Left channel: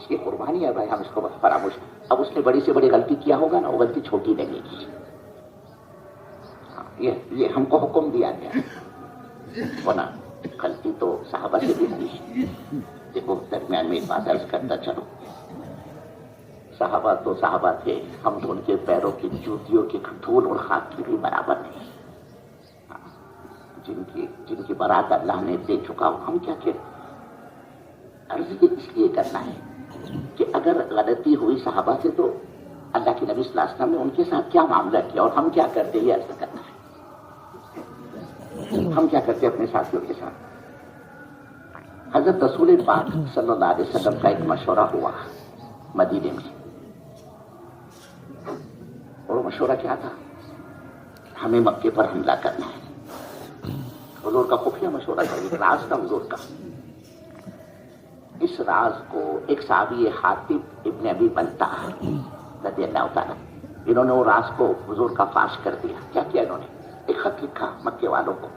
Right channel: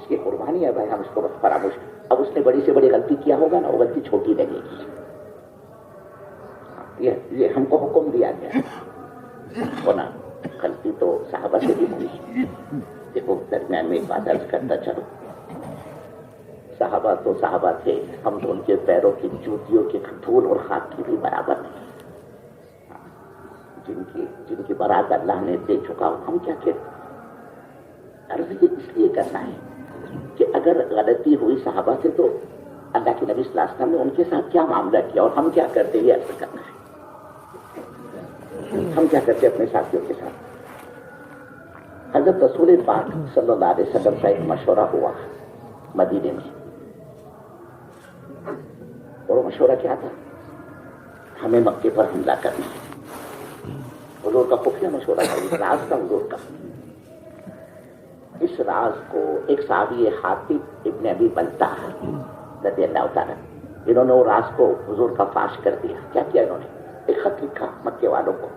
اس کی قربانی ہے بھائی، ہم اس کو فراموش. اب اس نے بڑی سے بڑی غلطی کیا ہوگا نا، وہ غلطی چھوٹی لگے گی. یہ ہم کو حکم دیا گیا ہونا، غلطی تو صحابہ سے بھی ہوئی. دیکھو درمیان میں ایک بات عرض کرتا چلو، صحابہ تو صحابہ تھے، ہم تو ان کے پیروں کی جوتیوں کے دھول اور خاک کی بھی برابر نہیں. جن کی برات اللہ نے دے چکا ہو، ہم کیا کہتے. عرض اس لیے کرنا ہے کہ اگر غلطی ہوئی صحابہ سے تو اللہ کے نبی صلی اللہ علیہ وسلم نے ان کے ساتھ کیا معاملہ کیا اور ہم کیا کرتے، یہ عرض کرنا ہے. ہم کیا کرتے اپنے ساتھیوں کے ساتھ. حضرت رسول پاک صلی اللہ علیہ وسلم کا ایک مشورہ ہوا مدینے میں، اور وہ مشورہ کیا تھا؟ ہمیں مکے پر حملہ کرنا ہے. حضور کا خفیہ مشورہ تھا، راز کا حضور کا. اس راز کو ایک صحابی حاتب ابن ابی بلتع رضی اللہ تعالیٰ، انہوں نے وہ راز کو حضور کا فاش کر دیا. کیا کیا انہوں نے؟ ایک خط لکھا مکے والوں کو،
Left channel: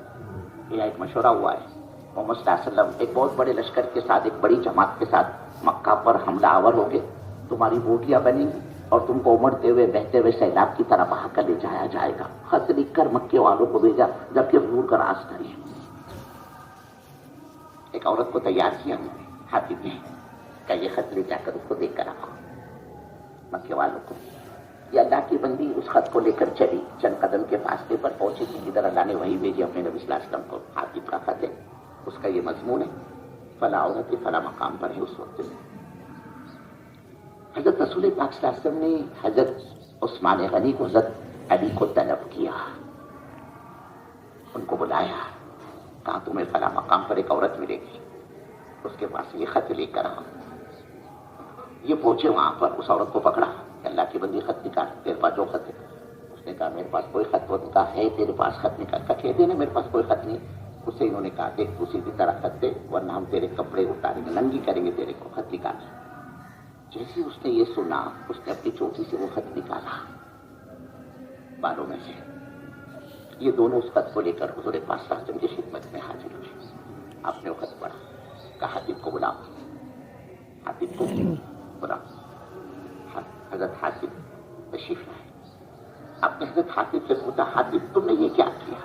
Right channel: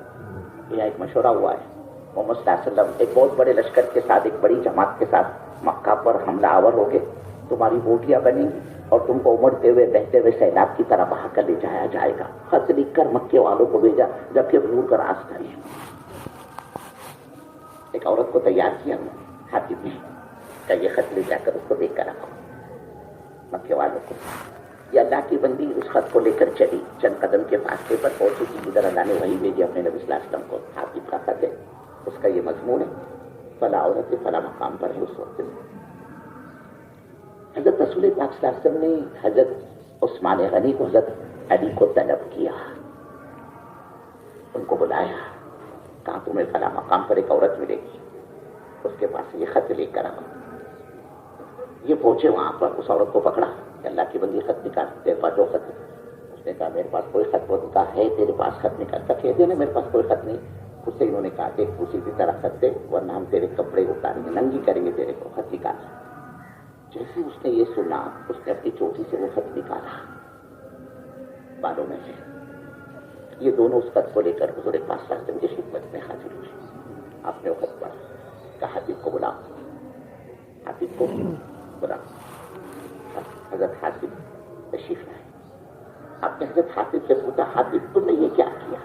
یہ ایک مشورہ ہوا ہے، محمد صلی اللہ علیہ وسلم ایک بہت بڑے لشکر کے ساتھ، ایک بڑی جماعت کے ساتھ مکہ پر حملہ آور ہو گئے. تمہاری بوٹیاں بنیں گی اور تم کو امڑتے ہوئے بہتے ہوئے سیلاب کی طرح بہا کر لے جایا جائے گا. خط لکھ کر مکے والوں کو بھیجا، جبکہ حضور کا راز تھا. ایک عورت کو تیار کیا حاتب نے کہ یہ خط لے جا کر اس کو دیکھ کر رکھو. مکے والوں کو یہ اللہ کی بندی اس خط کو لے کر چلی، چند قدم کے فاصلے پر پہنچی کہ ادھر اللہ نے وہی بھیجی اپنے نبی صلی اللہ علیہ وسلم کو. حاتب کا خط ہے، اس کا یہ مضمون ہے، فلاں عورت فلاں مقام پر ہے. اس وقت میں حضرت رسول پاک صلی اللہ علیہ وسلم نے حضرت عثمان غنی کو، حضرت علی کو طلب کیا، ان کو بلایا، کہا تمہیں فلاں مقام پر ایک عورت ملے گی، اس کے پاس یہ خط لے کر آؤ. یہ پہنچے وہاں پر، اس عورت کو پکڑا، اللہ کی بندی خط نکال، تیرے پاس جو خط ہے. اس نے کہا میرے پاس کوئی خط کہا ہے، تیرے پاس خط نکال. کہہ دینا میرے پاس کوئی خط نہیں. اس سے انہوں نے کہا دیکھ اسی کی طرح خط دے ورنہ ہم تیرے کپڑے اتاریں گے، ننگی کریں گے تیرے کو. خط نکال. جیسے اس نے یہ سنا، اس نے اپنی چوٹی سے وہ خط نکالا بالوں میں سے. یہ دونوں اس خط کو لے کر حضور پاک صلی اللہ علیہ وسلم کی خدمت میں حاضر ہوئے. آپ نے وہ خط پڑھا، کہا حاتب کو بلا، حاتب کو بلا. حضرت حاتب تشریف لائے. آپ نے حضرت حاتب سے پوچھا حاتب تم نے یہ کیا کیا؟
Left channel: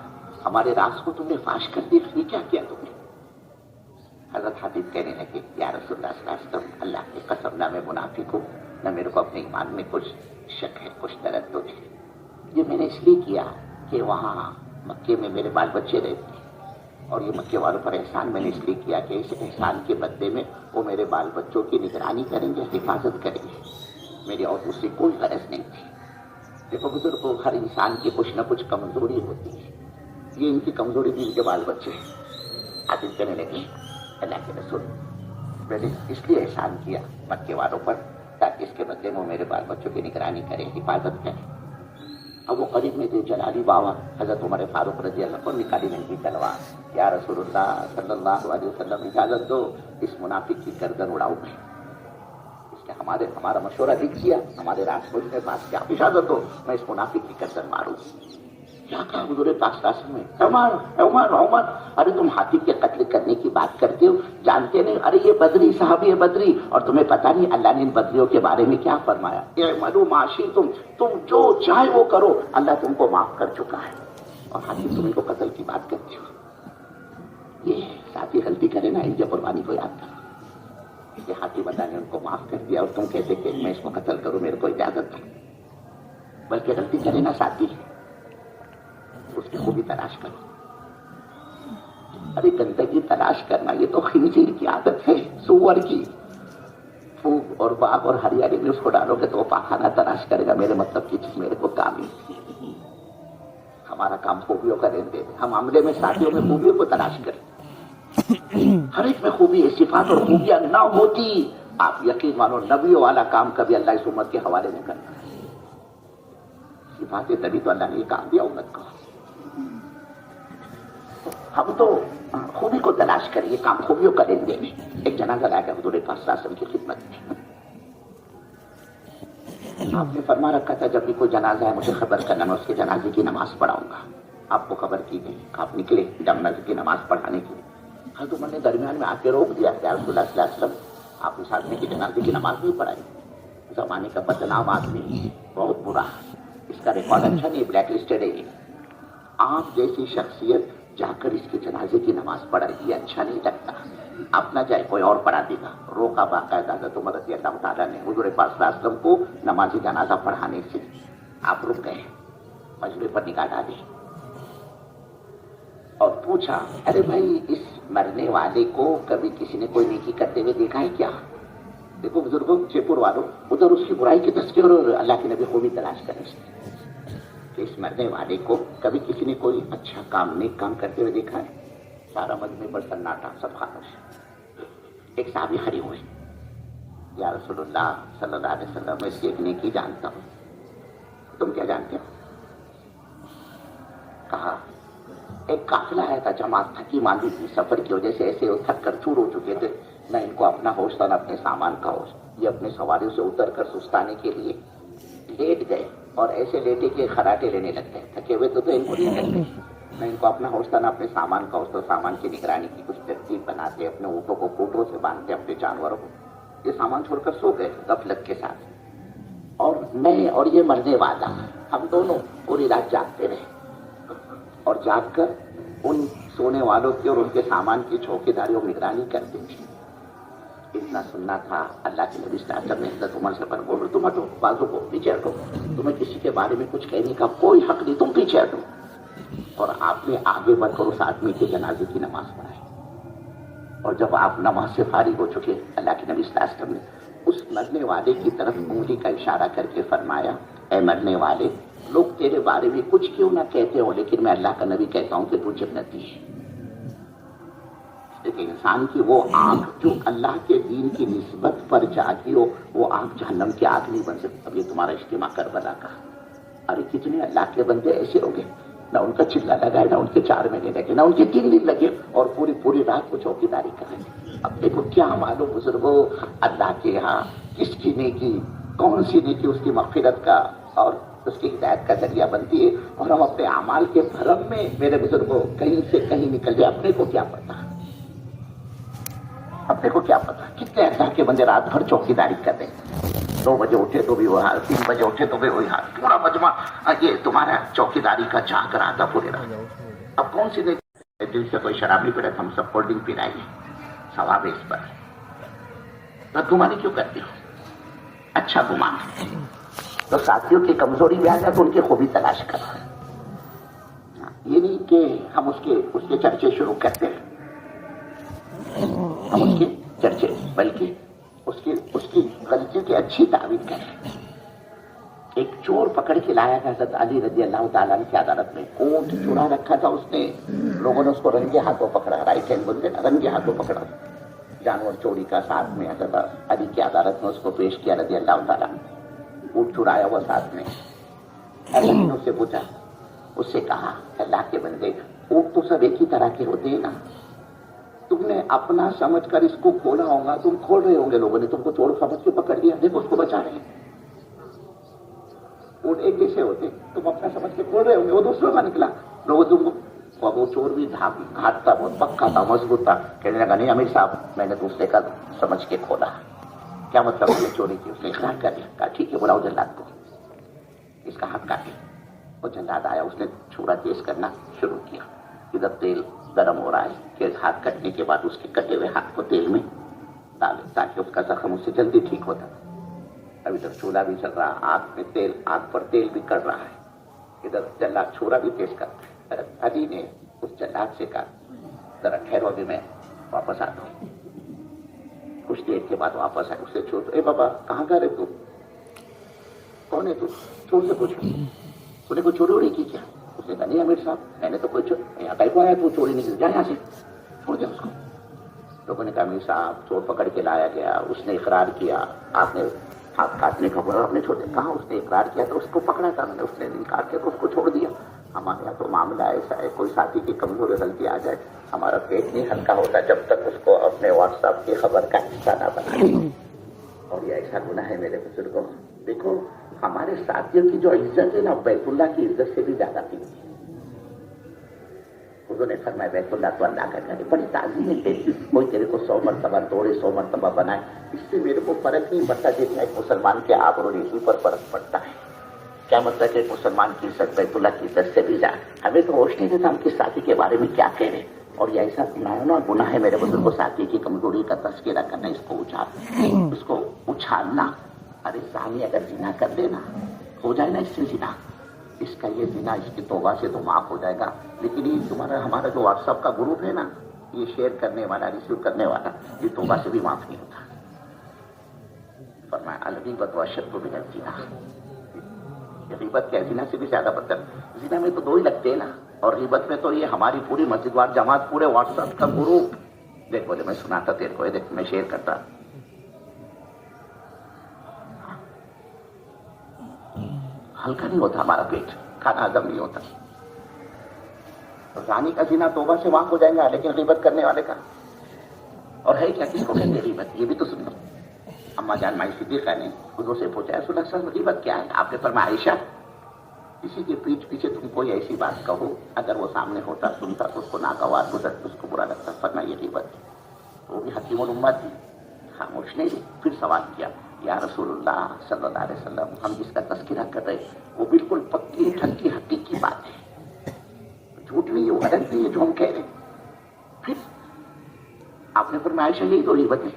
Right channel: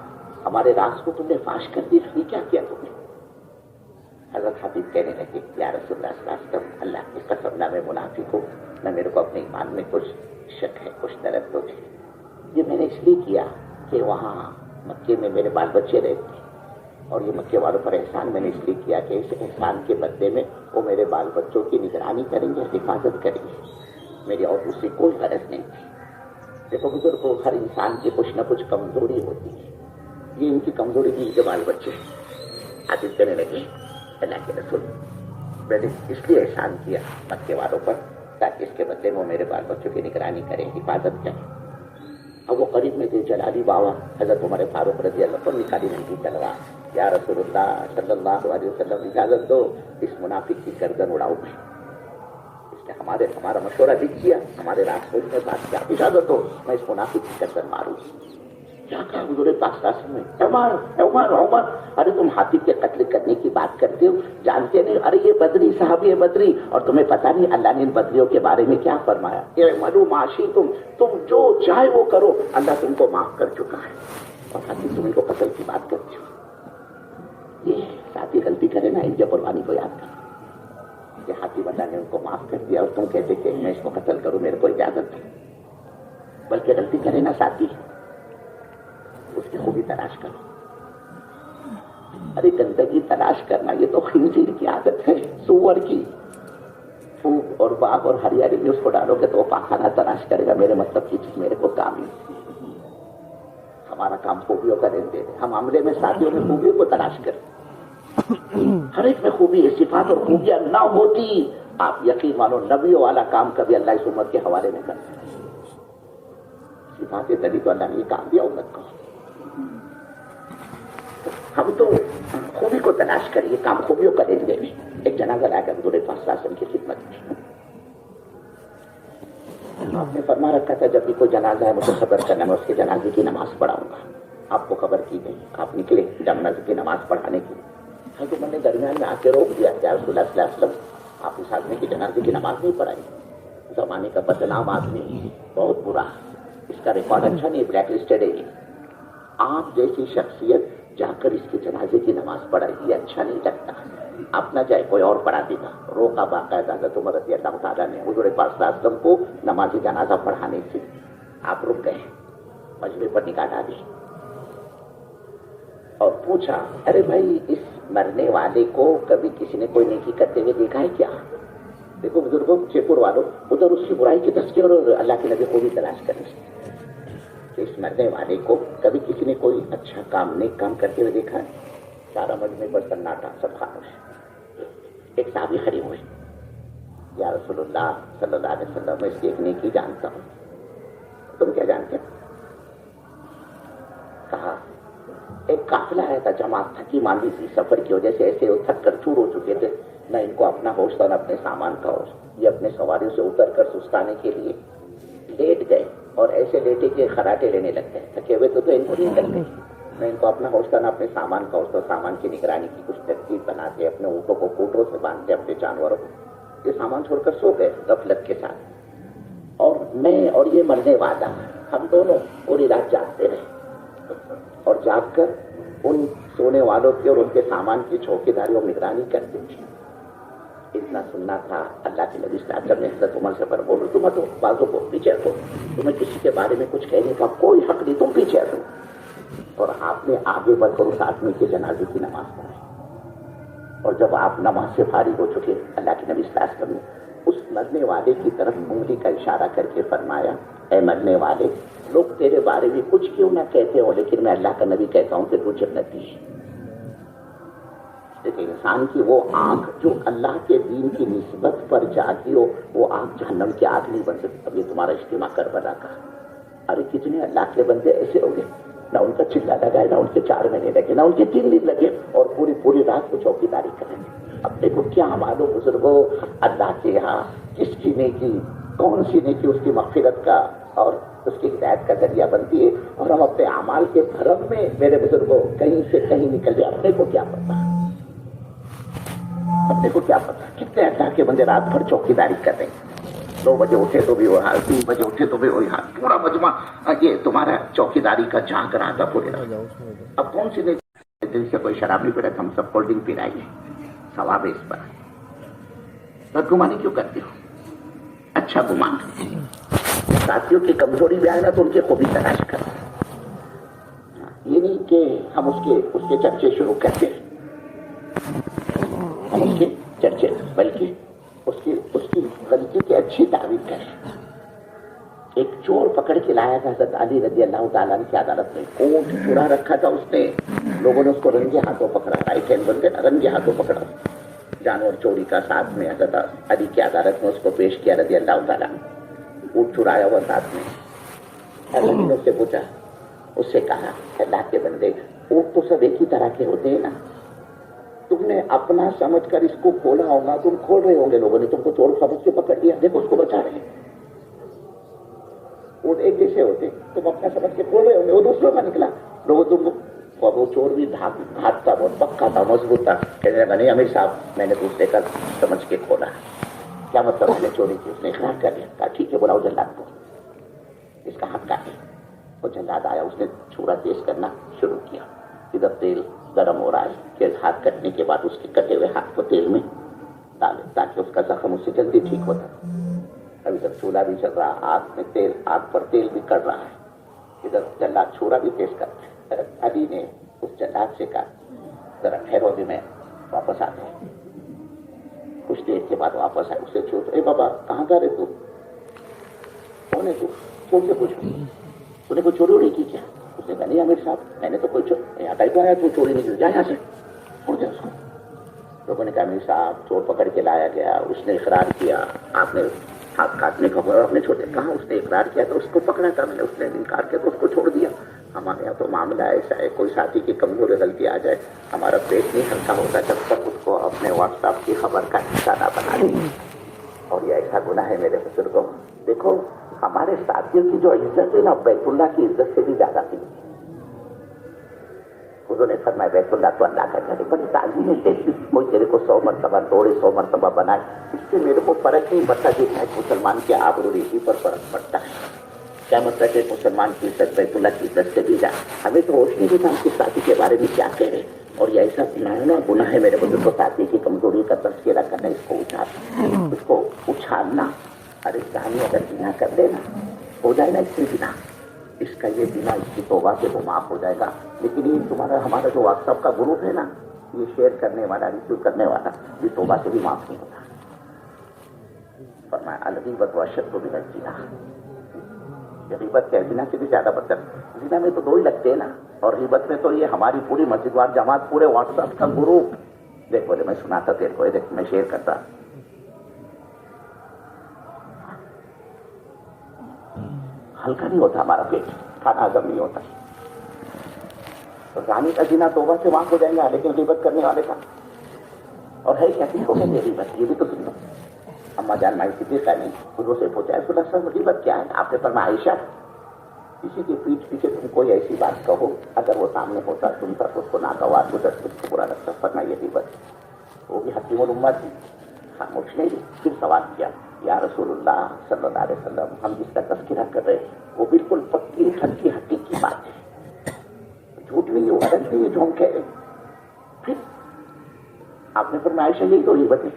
ہمارے راز کو تم نے فاش کر دیا، یہ کیا کیا تم نے؟ حضرت حاتب کہنے لگے یا رسول اللہ صلی اللہ علیہ وسلم، اللہ کی قسم نہ میں منافق ہوں، نہ میرے کو اپنے ایمان میں کچھ شک ہے، کچھ تردد ہے. یہ میں نے اس لیے کیا کہ وہاں مکے میں میرے بال بچے رہتے ہیں، اور یہ مکے والوں پر احسان میں نے اس لیے کیا کہ اس احسان کے بدلے میں وہ میرے بال بچوں کی نگرانی کریں گے، حفاظت کریں گے. میری اور دوسری کوئی غرض نہیں تھی. دیکھو بزرگوں، ہر انسان کی کچھ نہ کچھ کمزوری ہوتی ہے، یہ ان کی کمزوری تھی، ان کے بال بچے. حاتب کہنے لگے اللہ کے رسول، میں نے اس لیے احسان کیا مکے والوں پر تاکہ اس کے بدلے وہ میرے بال بچوں کی نگرانی کریں، حفاظت کریں. اب وہ قریب میں تھے جلالی بابا حضرت عمر فاروق رضی اللہ عنہ، نکالی ننگی تلوار. یا رسول اللہ صلی اللہ علیہ وسلم اجازت دو اس منافق کی گردن اڑاؤ میں. اس نے ہمارا مشورہ لکھ دیا، ہمارے راز کو میں بات کیا، اجازت دو میں اس منافق کی گردن ماروں. کیا کہا حضور پاک صلی اللہ علیہ وسلم؟ عمر ارے تم حاتب کے قتل کرنے کی بات کرتے ہو، جانتے نہیں؟ ارے یہ بدری صحابی ہے، بدری، اور تمہیں پتہ نہیں اللہ نے ان بدریوں کے بارے میں کیا فرمایا؟ اعملوا ما شئتم، تم جو چاہے وہ کرو، اللہ تم کو معاف کر چکا ہے. اور حاتب تم ان کو قتل کی بات کرتے ہو. یہ ساتھی غلطی کرے نا، ان کی قربانی کو یاد کر کہ حاتب اللہ نے ان کو معاف کر دیا اور تم کہتے کہ میں اس کو قتل کروں، میرے کو اجازت دو. بلکہ غلطی کرے نا ساتھی، اس کی خوبی تلاش کرو. ارے گندگی تلاش کرنا یہ تو خنزیر کی عادت ہے، سور کی. پھوک اور باغ اور ہریالی میں اس کو ڈالو گے تو وہ پاخانہ تلاش کرے گا. میرے مطلب کی چیز میرے کو کام ہی. ہمارا کام خوبیوں کا رہنے دے. ہم عملے میں ساتھیوں میں خوبیوں کو تلاش کریں. ہر ایک میں خوبی ہے، صفات اور خوبیاں نہ ہوتی آپ یقین مانو نبیوں والا کام کبھی اللہ اس امت کے حوالے نہیں کرتے. صفاتیں تبھی تو اللہ نے یہ کام دیا امت کو. ہم تو خوبی کو تلاش کریں، یہ کام خوبیوں کا رہنے دے. ایک جنازہ لایا گیا حضور پاک صلی اللہ علیہ وسلم کی خدمت میں. آپ نے فرما رکھا تھا جب بھی کوئی جنازہ ہے مجھے خبر کرنا، میں اس کے جنازے کی نماز پڑھاؤں گا. آپ کو خبر کی گئی، آپ نکلے جنازے کی نماز پڑھانے کے لیے. حضرت عمر نے درمیان میں آ کے روک دیا کہ رسول اللہ صلی اللہ علیہ وسلم آپ اس آدمی کی جنازے کی نماز نہیں پڑھائی. زمانے کا بدنام آدمی, بہت برا, اس کا ریکارڈ اچھا نہیں, بلیک لسٹڈ ہے. آپ جیسی شخصیت جا کر اس کے جنازے کی نماز پڑھائی, یہ اچھا نہیں لگتا. آپ نہ جائے, کوئی اور پڑھا دے گا. روکا باقاعدہ حضرت عمر رضی اللہ تعالیٰ نے حضور پاک صلی اللہ علیہ وسلم کو نماز جنازہ پڑھانے سے. آپ رک گئے, مجبوری پر نکاح ڈالی اور پوچھا, ارے بھائی اس مرنے والے کو کبھی کسی نے کوئی نیکی کرتے ہوئے دیکھا ہے کیا؟ دیکھو بزرگوں, جے پور والوں, ادھر اس کی برائی کی تذکر اور اللہ کے نبی کو بھی تلاش کریں کہ اس مرنے والے کو کبھی کسی نے کوئی اچھا کام, نیک کام کرتے ہوئے دیکھا ہے؟ سارا مجمع پر سناٹا, سب خاموش. ایک صحابی کھڑے ہوئے, یا رسول اللہ صلی اللہ علیہ وسلم, میں اس کی ایک نیکی جانتا ہوں. تم کیا جانتے ہو؟ کہا ایک قافلہ آیا تھا, جماعت تھکی ماندی تھی, سفر کی وجہ سے ایسے وہ تھک کر چور ہو چکے تھے, نہ ان کو اپنا ہوش تھا نہ اپنے سامان کا ہوش. یہ اپنے سواریوں سے اتر کر سستانے کے لیے لیٹ گئے, اور ایسے لیٹے کہ خراٹے لینے لگ گئے. تھکے ہوئے تو ان کو نہیں کرتے, نہ ان کو اپنا ہوش تھا نہ اپنے سامان کا ہوش. تو سامان کی نگرانی کی کچھ ترتیب بناتے, اپنے اونٹوں کو کوٹوں سے باندھتے, اپنے جانوروں کو. یہ سامان چھوڑ کر سو گئے غفلت کے ساتھ. اور میں اور یہ مرنے والا, ہم دونوں پوری رات جاگتے رہے, اور جاگ کر ان سونے والوں کی اور ان کے سامان کی چوکیداری اور نگرانی کرتے تھے. اتنا سننا تھا. اللہ کے نبی صلی اللہ علیہ وسلم نے حضرت عمر سے پر بولو, تم ہٹو, بازو کو پیچھے ہٹو, تمہیں کسی کے بارے میں کچھ کہنے کا کوئی حق نہیں, تم پیچھے ہٹو. اور آپ نے آگے بڑھ کر اس آدمی کے جنازے کی نماز پڑھائی. اور جب آپ نماز سے فارغ ہو چکے, اللہ کے نبی صلی اللہ علیہ وسلم نے اس مرنے والے کی طرف انگلی کا اشارہ کر کے فرمایا, اے مرنے والے, لوگ تیرے بارے میں کچھ کیوں نہ کہتے ہو, لیکن میں اللہ کا نبی کہتا ہوں کہ تو جنتی ہے. لیکن انسان کی وہ آنکھ جو اللہ کے دین کی نسبت پر جاتی ہو, وہ آنکھ جہنم کی آنکھ نہیں بن سکتی. اب یہ تمہارا اجتماع کربلا کا, ارے کتنے اللہ کے بندے ایسے ہو گئے, نہ ان کا چلا لگا ہے, نہ ان کے 4 مہینے لگے, نہ ان کے 3 دن لگے, اور پوری رات کو چوکیداری کریں گے. اب دیکھو کیا معلوم بزرگوں, اللہ کے یہاں کس کی نیکی, کون سی نیکی اس کی مغفرت کا اور اس کی ہدایت کا ذریعہ بنتی ہے. اور ہم اپنے اعمال کے بھرم میں میرے بزرگوں کہیں سے کہیں نکل جائے. اپنے کو کیا پتا, اپنے کو کیا پتا کتنے اللہ کے بندے رات بھر چوکیداری کر رہے ہیں. 2 بجے اٹھے تو بھی وہ حال, 3 بجے اٹھے تو بھی وہی حال, پورا مجمع یہ تمہارا چوکیداری کا جھانک رہا تھا پورے رات. اب کون سی دل سے کوئی شراب نہیں پی رہا تھا, ہم سب کولڈ ڈرنک پی رہے ہیں, ثواب ہے اس پر. بدگمانی کیوں کرتے ہو؟ اچھا گمان. تو ساتھیوں کی کمزوری بھی آئے نا تو ان کی خوبی تلاش کرو. یہ نہیں کہ ہم اس کے چرچے شروع کرتے ہیں, ہم اس کے چرچے, بلکہ اس کی غلطی کی اچھی تعریف کریں. ایک چور پکڑ کے لایا تھا حضرت علی رضی اللہ تعالیٰ کی عدالت میں. اونٹ چرا رکھا تھا اس نے, لوگوں نے اس کو رنگے ہاتھوں پکڑا, رائٹ ہینڈ بن کے رنگے ہاتھوں پکڑا. جانور چوری کا ساتھ میں حضرت علی کی عدالت میں اس کو پیش کیا رضی اللہ تعالیٰ. اونٹ چرایا ہوا ساتھ میں. انہوں سے پوچھا, اس سے کہا, اللہ کے بندے, اونٹ تو سب ایک ہی طرح کے ہوتے ہیں نا, تم نے اپنا سمجھ کر اس کو کھولا ہوگا, تم کھول رہے ہوں گے, لوگوں نے تم کو چور سمجھ کے پکڑ لیا, دیکھو اس کو بچا رہے. اونٹ ایک جیسے ہوتے, تم اپنا سمجھ کے کھول رہے ہوں گے, وہ دوسروں کا نکلا. لوگوں تم کو, وہ چور بھی گھاٹ تھا, بہت پکا تھا, مضبوط تھا. کہنے لگا, نہیں امیر صاحب, میں نے دوسرے کا سمجھ کے کھولا. کیا مطلب اس نے چوری کی؟ اس نے اقرار کر لیا. کہا ٹھیک ہے, بلاؤ جلاد کو, اس کا حق کاٹے. وہ جلاد آیا, اس نے چھرا تیز کرنا شروع کیا. ادھر تیل گرم ہو رہا ہے, کہ ہاتھ کٹنے کے بعد اس کے کٹے ہوئے ہاتھ کو تیل میں ڈالے تاکہ اس کا زخم اس سے جلدی ٹھیک ہوتا. ابھی تک چولہا بھی چل رہا, آگ پر تیل بھی کر رہا ہے. ادھر جلاد چھرا بھی تیز کر. علی نے اس جلاد سے کہا, ذرا ٹھہرو, بھی میں واپس آتا ہوں. کچھ دیر کے بعد واپس آئے. اس سے چھوٹ, اے بابا کہاں گئے رہے, تو کون ہے, تو سے پوچھو, تو نے کوئی چوری ووری کی کیا؟ اس نے کہا نہیں امیر صاحب, میں نے تو کوئی یہاں کہیں تو آیا, تو چوری نہیں کی, جا یہاں سے, چھوڑ دیا اس کو. لوگوں نے کہا امیر صاحب چور پکڑ کے لایا گیا, اس نے اقرار کیا, آپ نے ہاتھ کاٹنے کا بولا, آپ نے چھوڑ دیا. کہاں اس نے اقرار کیا تو اس کو پکڑا تھا میں نے, اس نے انکار کیا تو اس کو چھوڑ دیا. ہمارے یہاں تو معاملہ ایسا ہے, کوئی ساتھی کی کمزوری غلطی آ جائے, ہمارا پیٹ نہیں ہلکا ہوتا جب تک اس کو اپنے واٹس ایپ کی خبر کا حصہ نہ بنا لیں. اور یہ ایسا گناہ ہے میرے بزرگوں. دیکھو ہمارے ساتھیوں کی جو عزت ہے نا, بیت اللہ کی عزت سے بھی زیادہ قیمتی ہے. حضور نے فرمایا بیت اللہ تو اللہ کا گھر ہے، بڑی تعظیم ہے تیری، کوئی تیرے کو 100 مرتبہ توڑے 100 مرتبہ بنائے، اس سے میرے کو فرق نہیں پڑتا کہ ایک مسلمان کے آبرو ریشی پر فرق پڑتا ہے۔ کیا مطلب کہ مسلمان کی عزت بیت اللہ کی عزت سے بھی جائے، ہمیں تو ہوش نہیں دیتا ہم کے ساتھی کے بارے میں کیا کہہ رہے، اور یہ ایسا گناہ ہے میرے بزرگ کو ساتھی کی کمزوری کا تذکرہ کرنا، اس کو اچھالنا۔ ارے ثانی اگر بنا کر لینا ہو جائے نا اس سے بنا، اس کا یہ بنا اس کی توبہ سے تو معاف ہو جائے گا، لیکن یہ تمہارا ہمارا جو واٹس ایپ کا گروپ ہے نا، یہ شیئر کرنے والا ریسیو کرنے والا یہ توبہ سے بھی معاف نہیں ہوتا۔ فرمایا الغیبۃ اشد من الزنا، غیبت کے زنا سے بھی زیادہ بدتر۔ زنا میں تو 2 ہی لگتے ہیں نا، اور غیبت میں تو یہ ہماری پوری مسجد وار جماعت، پورے واٹس ایپ کا گروپ۔ دیکھ بولے میں سناتا تیرے کو، دیکھ میں شیئر کرتا، ہلکا نہیں ہوتا ہمارا پیٹ، کھانا ہضم نہیں ہوتا۔ زانی کا زنا توبہ سے معاف ہو جائے گا، لیکن غیبت کرنے والے کا، اور ہے کیا، کس کو کہتے ہیں غیبت، یہ بھی تو سن لو۔ اما جان مائی صدیقہ نے حضور سے پوچھا رسول اللہ صلی اللہ علیہ وسلم غیبت کیا ہے؟ آپ نے فرمایا عائشہ، کسی کی پیٹھ پیچھے تم کوئی ایسی بات کہو، اگر وہ سامنے ہوتا سنتا اس کو ناگوار گزر، اس کو برا لگتا، فرمایا یہ غیبت ہے۔ وہ بھی حکیم الامت تھی، خاموش نہیں تھی۔ پھر سوال کیا یا رسول اللہ صلی اللہ علیہ وسلم، ہم جس کا تذکرہ کر رہے وہ بالکل پکی ٹھنکی حقیقی بات ہے، جھوٹ نہیں ہے، وہ غلط نہیں ہے جو ہم کہہ رہے ہیں۔ پھر آپ نے فرمایا عائشہ یہی تو غیبت ہے،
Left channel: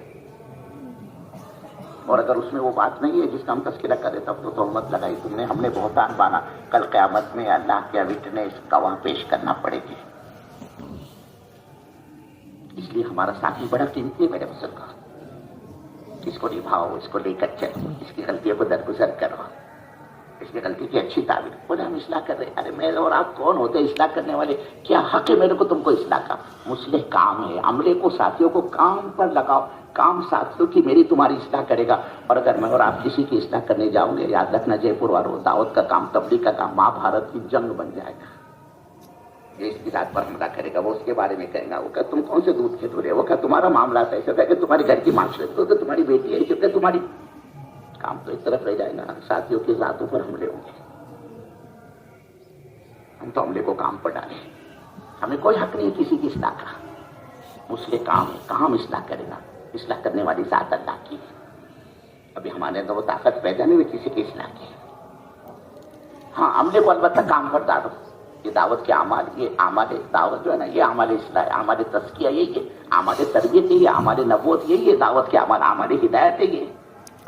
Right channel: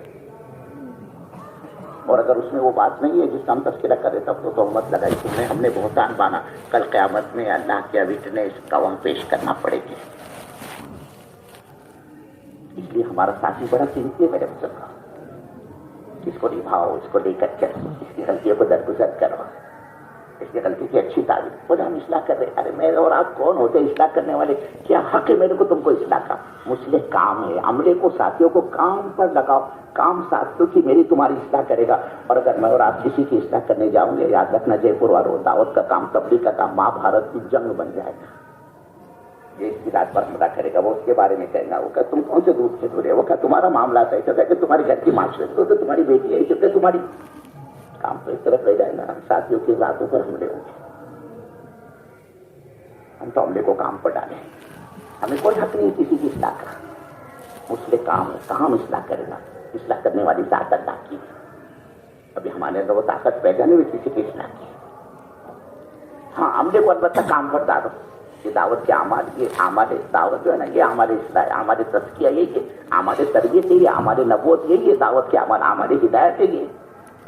اور اگر اس میں وہ بات نہیں ہے جس کا ہم تذکرہ کر رہے تب تو تہمت لگائی تم نے، ہم نے بہتان بانا، کل قیامت میں اللہ کے وٹنس گواہ پیش کرنا پڑے گی۔ اس لیے ہمارا ساتھی بڑا قیمتی ہے میرے بزرگ، اس کو نبھاؤ، اس کو لے کر چلو، اس کی غلطیوں کو درگزر کرو، اس کی غلطی کی اچھی تعبیر۔ بولے ہم اصلاح کر رہے، ارے میں اور آپ کون ہوتے اصلاح کرنے والے؟ کیا حق ہے میرے کو تم کو اصلاح کا؟ مصلح کام ہے، عملے کو ساتھیوں کو کام پر لگاؤ، کام ساتھیوں کی میری تمہاری اصلاح کرے گا۔ اور اگر میں اور آپ کسی کی اصلاح کرنے جاؤں گے، یاد رکھنا جے پور والوں، دعوت کا کام، تبلیغ کا کام مہا بھارت کی جنگ بن جائے گا۔ یہ اس کی ذات پر حملہ کرے گا، وہ اس کے بارے میں کہے گا، وہ کہ تم کون سے دودھ کے دورے، وہ کہ تمہارا معاملہ ایسا ہے کہ تمہاری گھر کی معاشرت تو تمہاری بیٹی ہے، کہ تمہاری کام تو ایک طرف رہ جائے گا، ساتھیوں کی ذاتوں پر حملے ہوں گے۔ ہم تو عملے کو کام پر ڈالیں، ہمیں کوئی حق نہیں کسی کی اصلاح کا، اس لیے کام ہے، کہاں ہم اصلاح کرے گا؟ اصلاح کرنے والی ذات اللہ کی، ابھی ہمارے اندر وہ طاقت پیدا نہیں ہوئی کسی کی اصلاح کی۔ ہاں عملے کو البتہ کام پر ڈالو، یہ دعوت کے اعمال، یہ اعمال دعوت جو ہے نا، یہ اعمال اصلاح ہے، اعمال تزکیہ یہی ہے، اعمال تربیت یہی ہے، اعمال نبوت یہی ہے، دعوت کے اعمال، اعمال ہدایت یہی ہے،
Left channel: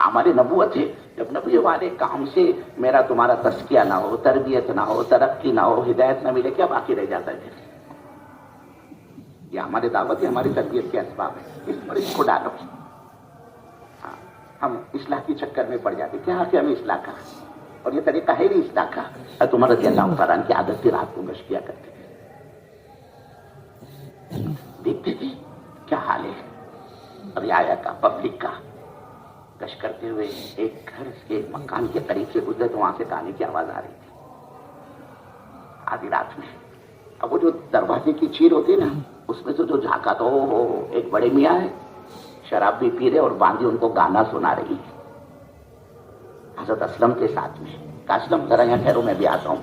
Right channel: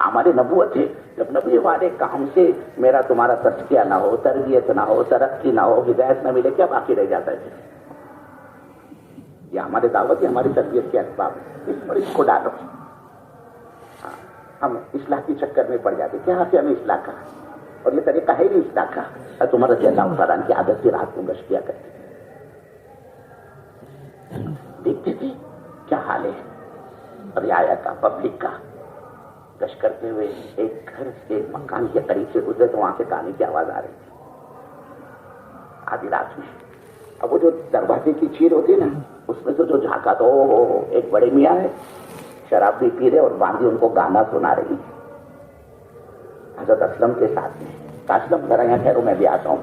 اعمال نبوت ہے۔ جب نبی والے کام سے میرا تمہارا تزکیہ نہ ہو، تربیت نہ ہو، ترقی نہ ہو، ہدایت نہ ملے، کیا باقی رہ جاتا ہے؟ یہ ہماری دعوت ہے، ہماری تربیت کے اسباب ہے، اس کو ڈالو۔ ہم اصلاح کی چکر میں پڑ جاتے، کیا حق ہے ہمیں اصلاح کا؟ اور یہ طریقہ ہے نہیں اصلاح کا۔ عمر رضی اللہ تعالیٰ کی عادت تھی، رات کو گشت کیا کرتے تھے، دیکھتے تھے کیا حال ہے رعایا کا، پبلک کا۔ گشت کرتے ہوئے ایک گھر کے مکان کے قریب سے گزرے تو وہاں سے گانے کی آواز آ رہی تھی آدھی رات میں۔ اب وہ جو دروازے کی چیر ہوتی ہے نا، اس میں سے جو جھانکا تو ایک بڑے میاں ہے، شراب بھی پی رہے اور باندھی ان کو گانا سنا رہی ہے حضرت اسلم کے ساتھ میں۔ اسلم ذرا یہاں ٹھہرو، میں بھی آتا ہوں۔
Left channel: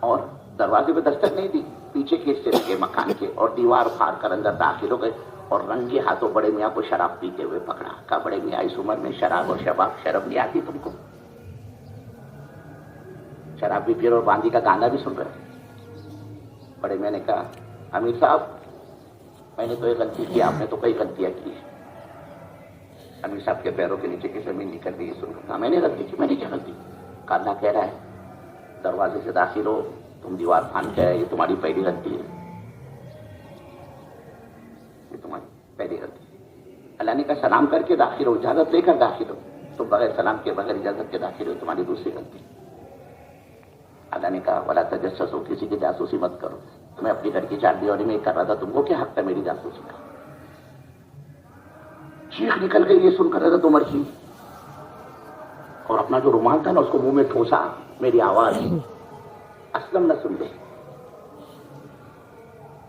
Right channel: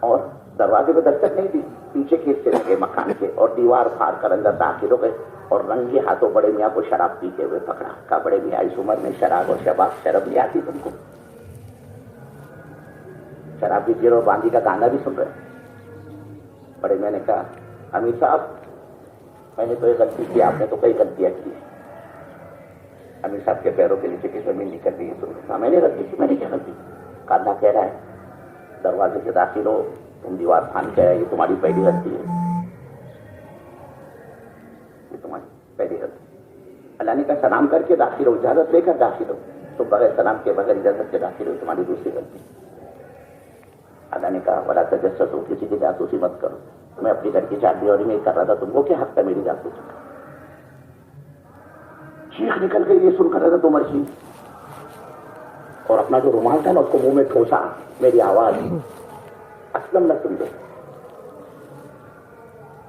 اور دروازے پہ دستک نہیں دی، پیچھے کے حصے لگے مکان کے، اور دیوار پھاڑ کر اندر داخل ہو گئے، اور رنگے ہاتھوں بڑے میاں کو شراب پیتے ہوئے پکڑا۔ کہا بڑے میاں اس عمر میں شراب اور شباب، شرم نہیں آتی تم کو؟ شراب بھی پی رہے اور باندھی کا گانا بھی سن رہے۔ بڑے میاں نے کہا امیر صاحب میں نے تو یہ غلطی کی، آپ نے تو کئی غلطیاں کی ہیں۔ امیر صاحب کے پیروں کے نیچے کی زمین نکل گئی، سن کہا میں نے غلطی کی، میں نے کیا غلطی؟ کہا اللہ کہہ رہا ہے دروازے سے داخل ہو، تم دیوار پھاڑ کے آئے، یہ تمہاری پہلی غلطی ہے، یہ تمہاری پہلی غلطی ہے۔ اللہ نے کہا سلام کر کے داخل ہو، اجازت لے کر داخل ہو، تم بغیر سلام کے، بغیر اجازت کے داخل ہو، تمہاری دوسری غلطی۔ اللہ نے کہا ولا تجسسوا، کسی کی جاسوسی مت کرو، میں اپنی گھر کی چار دیواری میں کر رہا تھا، تم کو کیا حق تھا میری جاسوسی کا؟ چیخ نکل گئی یہ سن کر حضرت عمر کی، اور اپنا جو رومال تھا نا اس کو منہ میں ٹھوسا، میری آواز اسلم نہ سن لے،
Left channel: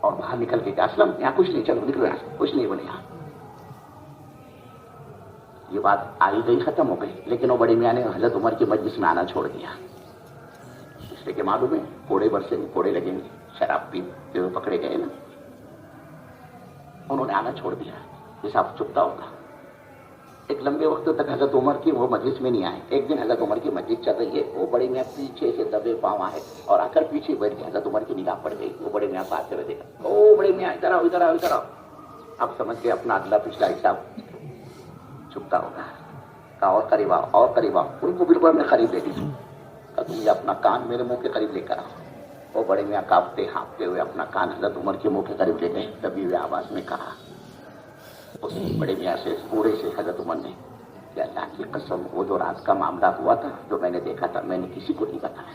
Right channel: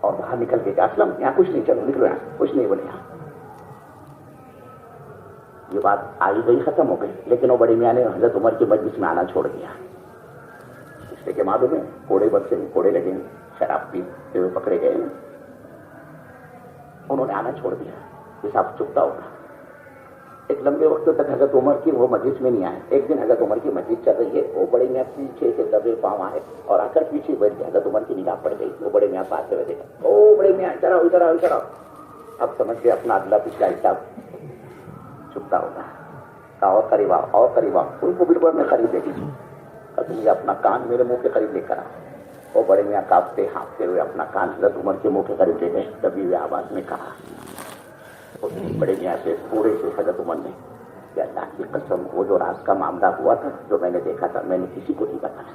اور باہر نکل کے کہا اسلم یہاں کچھ نہیں، چلو نکلو یہاں سے، کچھ نہیں بولے یہاں۔ یہ بات آئی گئی ختم ہو گئی، لیکن وہ بڑے میاں نے حضرت عمر کے مجلس میں آنا چھوڑ دیا، اس لیے کہ معلوم ہے کوڑے برسے کوڑے لگیں گے۔ شراب پیتے ہوئے پکڑے گئے نا, انہوں نے آنا چھوڑ دیا, حساب چکتا ہوگا. ایک لمبے وقت تک حضرت عمر کی وہ مجلس میں نہیں آئے. ایک دن حضرت عمر کی مجلس چل رہی ہے, وہ بڑے میاں پیچھے سے دبے پاؤں آئے اور آ کر پیچھے بیٹھ گئے. حضرت عمر کی نگاہ پڑ گئی. وہ بڑے میاں پاس سے دیکھا, او بڑے میاں ادھر آؤ ادھر آؤ ادھر آؤ. اب سمجھ گئے اپنا اگلا پچھلا حساب چکتا ہوتا ہے. کہا اور قریب آؤ اور قریب آؤ. ان کو بالکل اپنے قریب لے لی. تم یہ اپنا کان میرے منہ کے قریب لے کر آؤ. وہ بڑے میاں کانپتے ہانپتے ہوئے اپنا کان حضرت عمر کے منہ کے قریب لے گئے. دبی ہوئے آواز میں کہا, اس بڑے میاں سے پورے سے حضرت عمر نے, کہ اللہ کی قسم وہ جو رات کا معاملہ ہوا تھا, جو میں نے دیکھا تھا, میں نے کسی کو نہیں بتایا.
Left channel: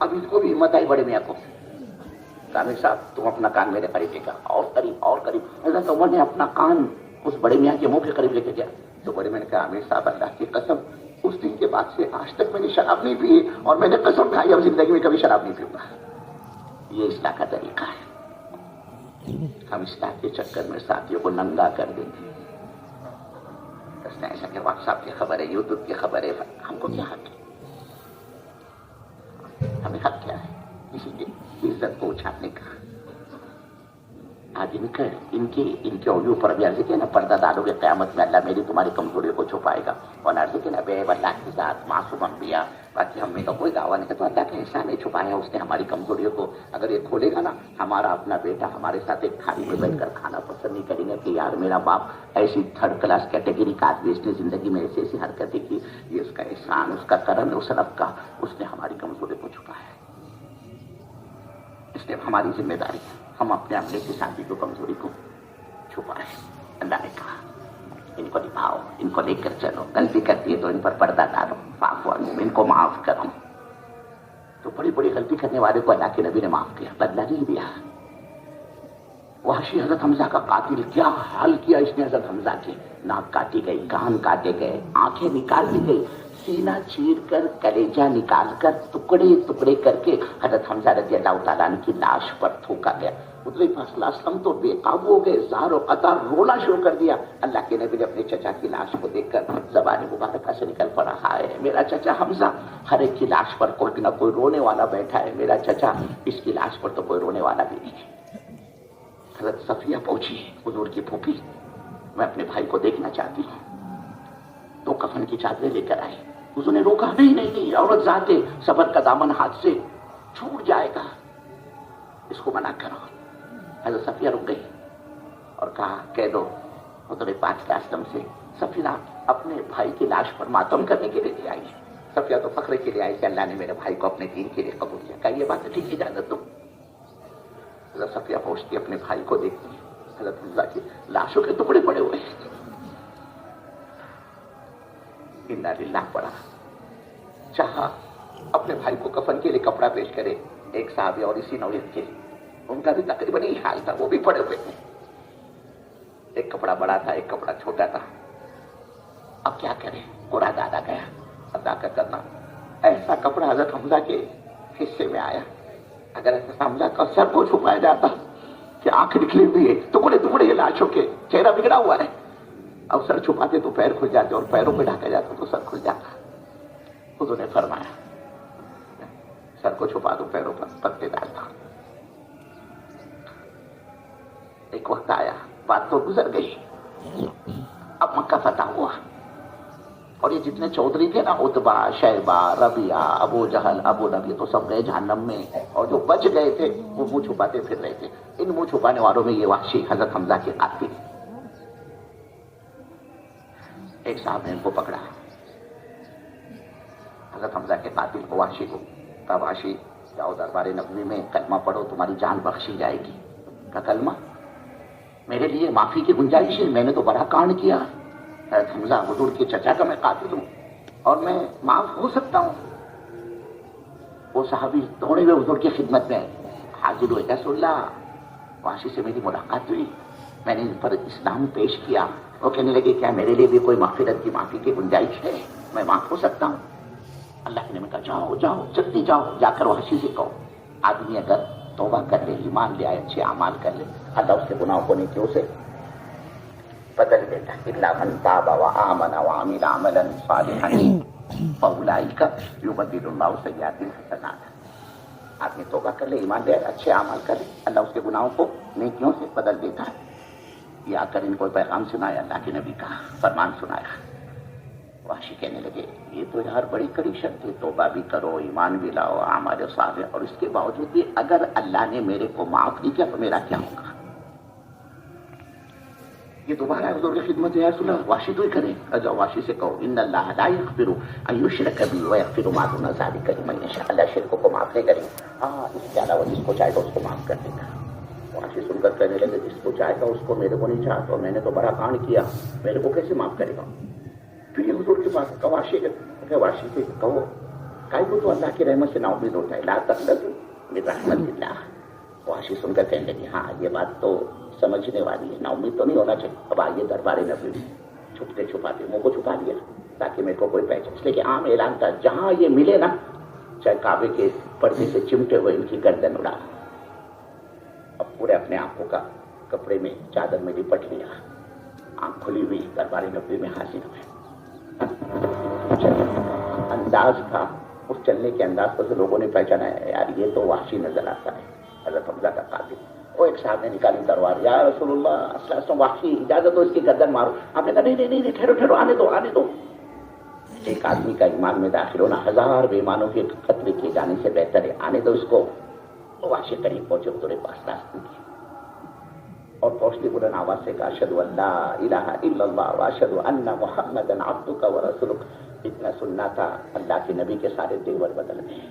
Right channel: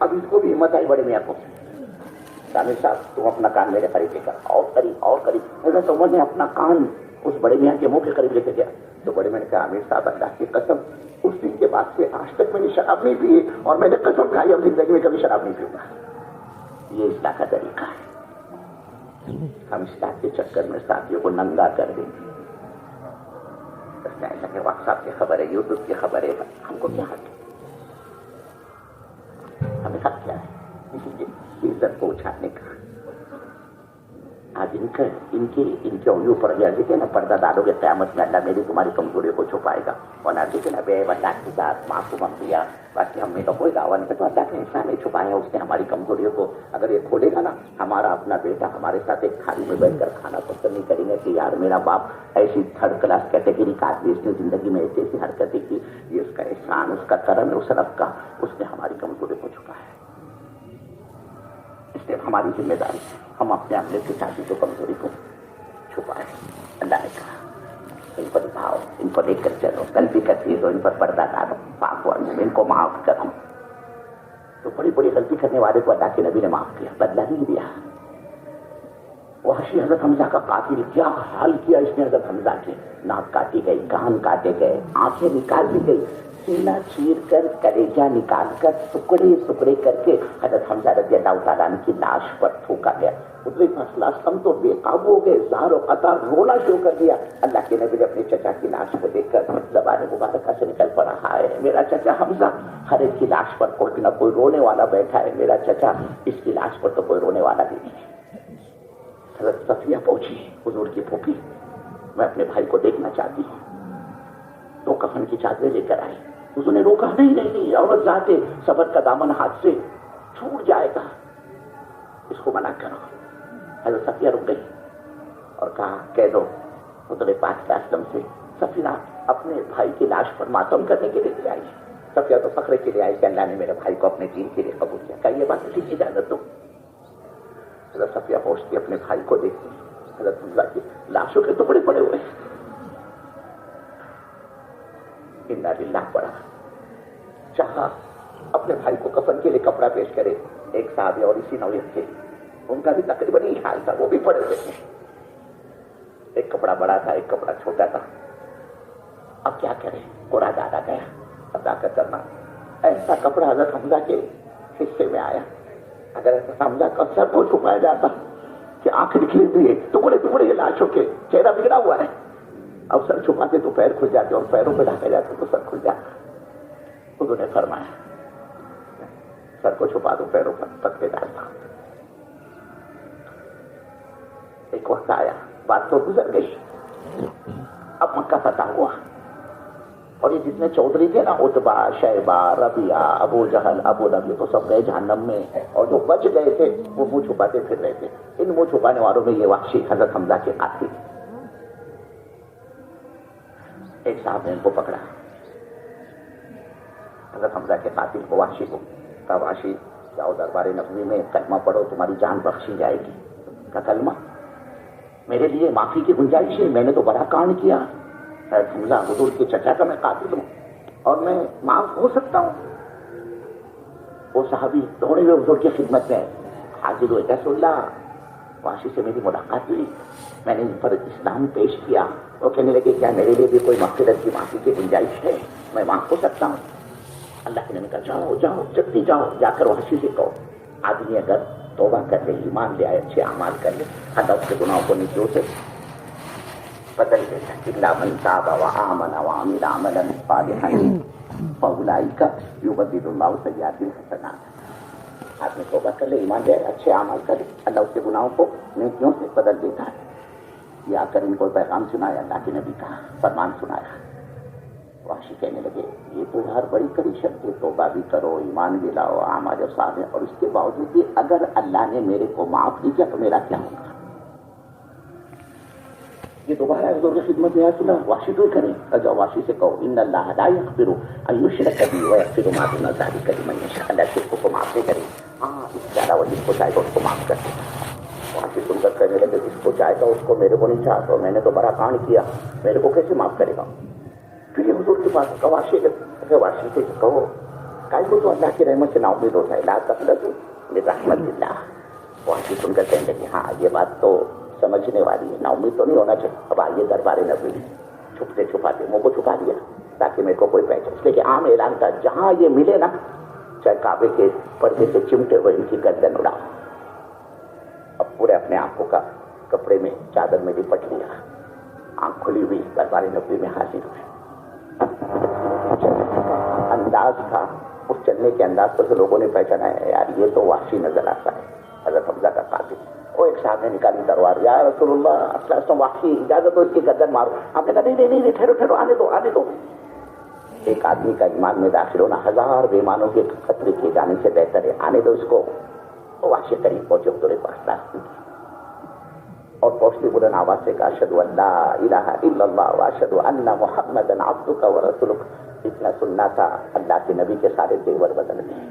اب اس کو بھی ہمت آئی بڑے میاں کو. عامر صاحب تم اپنا کان میرے قریب لے کر, اور قریب اور قریب. حضرت عمر نے اپنا کان اس بڑے میاں کے منہ کے قریب لے کے گیا. تو بڑے میاں نے کہا, عامر صاحب اللہ کی قسم اس دن کے بعد سے آج تک میں نے شراب نہیں پی, اور میں نے قسم کھائی اب زندگی میں کبھی شراب نہیں پیوں گا. یہ اصلاح کا طریقہ ہے. ہم اصلاح کے چکر میں ساتھیوں کو ننگا کر دیں گے. ایسا کہ واٹس ایپ کی خبر ہے, یوٹیوب کی خبر ہے, ہم کو کیا حق ہے؟ ہمیں حق کیا ہے کسی کی عزت کو اچھالنے کا؟ آج ان کے عیوں پر بھی عرض کے نا, پردہ ڈالو گے قیامت میں اللہ میری تمہاری کمزوریوں کو چھپائے گا. اور عرض کے نا بے اللہ کے ساتھ معصوم انبیاء, باقی ہم نے کا کوئی دعویٰ نہیں کہ تو اللہ کے احسان نہیں چھپائے, اس نے ہماری کمزوریوں کو اگر یہ کھولے گا نا, ہمارا اپنا بیٹا ہمارے ساتھ ایک تھالی میں بیٹھ کر کھانا پسند نہیں کریں گے کہ یار میرا باپ ایسی تھرڈ کلاس کیٹیگری کا آدمی, اس نے زندگی میں ایسی ایسی حرکتیں کی, یہ اس کا احسان, اس کا کرم ہے اس رب کا, اس نے ہماری کمزوری کو چھپایا ہے. اس لیے ہماری ذمہ داری ہے ہم اپنے عملے کے ساتھی کو کمزوری کو چھپائیں. اللہ نے کہا ان کو نبھاؤ, ان کو لے کر چلو, غلطی کرتی ہے تو ان پر پردہ ڈالو, معاف ان کو معاف کرو. تو بڑی بڑی غلطی کرنے والے کو اللہ کے نبی نے معاف کیا, بدلہ نہیں دیا. وحشی حضرت حمزہ کا قاتل کیا حال کیا اس نے حضرت حمزہ کے, ناک کاٹی گئی, کان کاٹے گئے, آنکھیں نکال دی گئی, سینہ چیر کر کلیجہ نکال کر ٹکڑے ٹکڑے کر کے حضرت حمزہ رضی اللہ تعالیٰ عنہ کی لاش پر تھوکا گیا. حضور صلی اللہ علیہ وسلم تو بے قابو ہو گئے, زار و قطار رونا شروع کر دیا. اللہ کے نبی نے اپنے چچا کی لاش کو دیکھ کر زبان مبارکہ سے نکل پڑا, ہے میرا چچا حمزہ, ہر ایک کی لاش پر کوئی نہ کوئی رونے والا بیٹھا ہے, میرا چچا, اس کی لاش پر تو کوئی رونے والا بھی نہیں ہے. حضرت صفیہ پہنچی, حضور کی پھوپھی, میں اپنے بھائی کو دیکھنا چاہتی ہوں. تو کفن کی چادریں لے کر آئی. حضور نے روکا, نہیں, عورت ذاتے صبر کا دامن ہاتھ سے چھوٹ جائے گا, اس کو منع کرو. حضرت صفیہ رک گئی اور کہا, کہہ دو حضور پاک صلی اللہ علیہ وسلم سے صفیہ اپنے بھائی کی لاش پر ماتم کرنے کے لیے لے آئی. صفیہ تو فخر کے لیے آئی کہ اللہ نے میرے بھائی کو اپنے دین کے لیے قبول کیا. کہا یہ بات ٹھیک اجازت دو. حضرت صفیہ پہنچتی اپنے بھائی کو دیکھتی, حضرت حمزہ کی لاشوں کے ٹکڑے پڑے ہوئے, انا للہ پڑا. چاہا اپنے بھائی کو کفن کے لیے کپڑا پیش کرے, ایک صحابی اور اسی نوعیت کے, ان کا بھی تقریباً یہی حال تھا, وہ بھی پڑے ہوئے تھے. ایک کپڑا بڑا تھا, ایک کپڑا چھوٹا تھا. اب کیا کریں, پورا دادا گیا, ادا کرنا. ایسا کپڑا حضرت حمزہ کے حصے میں آیا, اگر حمزہ کا سر کو چھپایا جاتا کہ آنکھ نکلی ہوئی ہے, ٹکڑے ٹکڑے یہ لاشوں کے, چہرہ بگڑا ہوا ہے, اب سر چھپاتے تو پیر کھل جاتے, اور پیروں پہ ڈھکا جاتا تو سر کھل جاتا. حضور نے فرمایا سر کو چھپا دو, پیروں پر پتے ڈالتا. ایک وقت آیا, بات تو گزر گئی, اب مکہ فتح ہوا, اور یہ جتنے چودھری تھے نا, عتبہ, شیبہ, ربیعہ, ابو جہل, ابو لہب, تو سب گئے جہنم میں, اور جو بچ گئے تھے وہ منہ چھپاتے پھر رہے تھے. ان منہ چھپانے والوں میں یہ وحشی حضرت حمزہ کے قاتل. ایک صاحب نے ان کو پکڑا, حضرت حمزہ کے قاتل کو, وحشی کو. کہا وحشی جاؤ دربار نبوی میں کلمہ پڑھو, تمہاری جان بخشی جائے گی. کا کلمہ, میرے لیے معافی کی گنجائش ہے, میں نے تو بڑا کانڈ کیا. حضرت حمزہ حضور کے چچا کا میں قاتل ہوں, اور میں معاف ہو سکتا ہوں. وہ صحابی دوڑے ہوئے حضور کی خدمت میں حاضر ہوئے, رسول اللہ وحشی سے میری ملاقات ہوئی, میں نے ان پر اسلام پیش کیا. وہ کہنے لگے کیا میرے لیے بھی کوئی مغفرت کی معافی کی گنجائش ہے, میں معاف ہو سکتا ہوں؟ اللہ کے نبی کہا جاؤ جاؤ جلدی جاؤ, جا کر وحشی سے کہو آدمی اگر توبہ کر لے, ایمان لے آئے, اچھے اعمال کر لے, اللہ اس کے گناہوں کو نیکیوں سے بدل دے گا. الا من تاب وآمن وعمل عملا صالحا فاولئک یبدل اللہ سیئاتہم حسنات. آدمی توبہ کر لے، ایمان لے، اچھے اعمال کرے، اللہ اس کے گناہوں کو نیکیوں سے بدل دیتا ہے. یہ آ کر ان کو پیغام سنایا، اللہ کے نبی کا فرمان سنایا. وحشی کہنے لگے یہ تو یار بڑی کڑی شرط ہے، توبہ بھی کرو، ایمان بھی لاؤ، اعمال صالح، اور اس کے باوجود بھی اگر اللہ نے میرے کو معاف نہیں کیا تو میرا کیا ہوگا؟ یہ دوبارہ حضور کی خدمت ہے، یا رسول اللہ وحشی تو ہی کریں. جاؤ وحشی سے کہو ان اللہ لا یغفر ان یشرک به ویغفر ما دون ذلک لمن یشاء. اللہ شرک کو معاف نہیں کرے، ہاں اس کے علاوہ جس کو چاہے گا اس کو معاف کر دیتا. وحشی سن کر کہنے لگے جس کو چاہے گا اس کو، میرے کو نہیں چاہتا، میں نے تو بڑا کانڈ کیا، میرے کو کیسے معاف کرے گا؟ پھر یہ حضور کے پاس وحشی سے کہو کائی کو تو اللہ کی رحمت سے نا امید ہوتا ہے، لا تقنطوا من رحمت اللہ. وحشی سن کر کہنے لگے ہاں یہ بات تو سمجھنے والی ہے، نا امید تو نہیں ہونا چاہیے. اب آئیے دربار نبوی، چھپتے چھپاتے منہ کو چھپا دیا تاکہ میرے کو کوئی پہچان، اس لیے کہ عام اعلان تھا جہاں یہ ملے نا چاہے کعبے کے پردے سے چمٹے ہوئے ان کی گردن اڑا. اب پورے اپنے آپ کو کپڑے میں چادر میں لپٹ لیا، آنکھ کھلی ہوئی دربار نبوی میں حاضر ہوئے. انداز تھا، اس چلنے کے انداز پر سے لوگوں نے پہچانا ہے یار یہ تو وحشی نظر آتا ہے، حضرت حمزہ کا قاتل. وہ ایک صاحب نے نکالی تلوار، یا رسول اللہ صلی اللہ علیہ وسلم وحشی اجازت دو اس کی گردن مارو. آپ نے کہا نہیں ٹھہرو آنے دو. ایک آدمی کا ایمان میں داخل ہونا 1000 بے ایمانوں کے قتل کیے جانے سے بہتر ہے، آنے دو اس کو. وہ وحشی قریب پہنچے حضور پاس راستے کی اور پہنچتی بلند آواز سے کہا اشہد ان لا الہ الا اللہ واشہد ان محمدا عبدک ورسولک. اتنا سننا تھا اللہ کے نبی کے سارے تیور بدل گئے.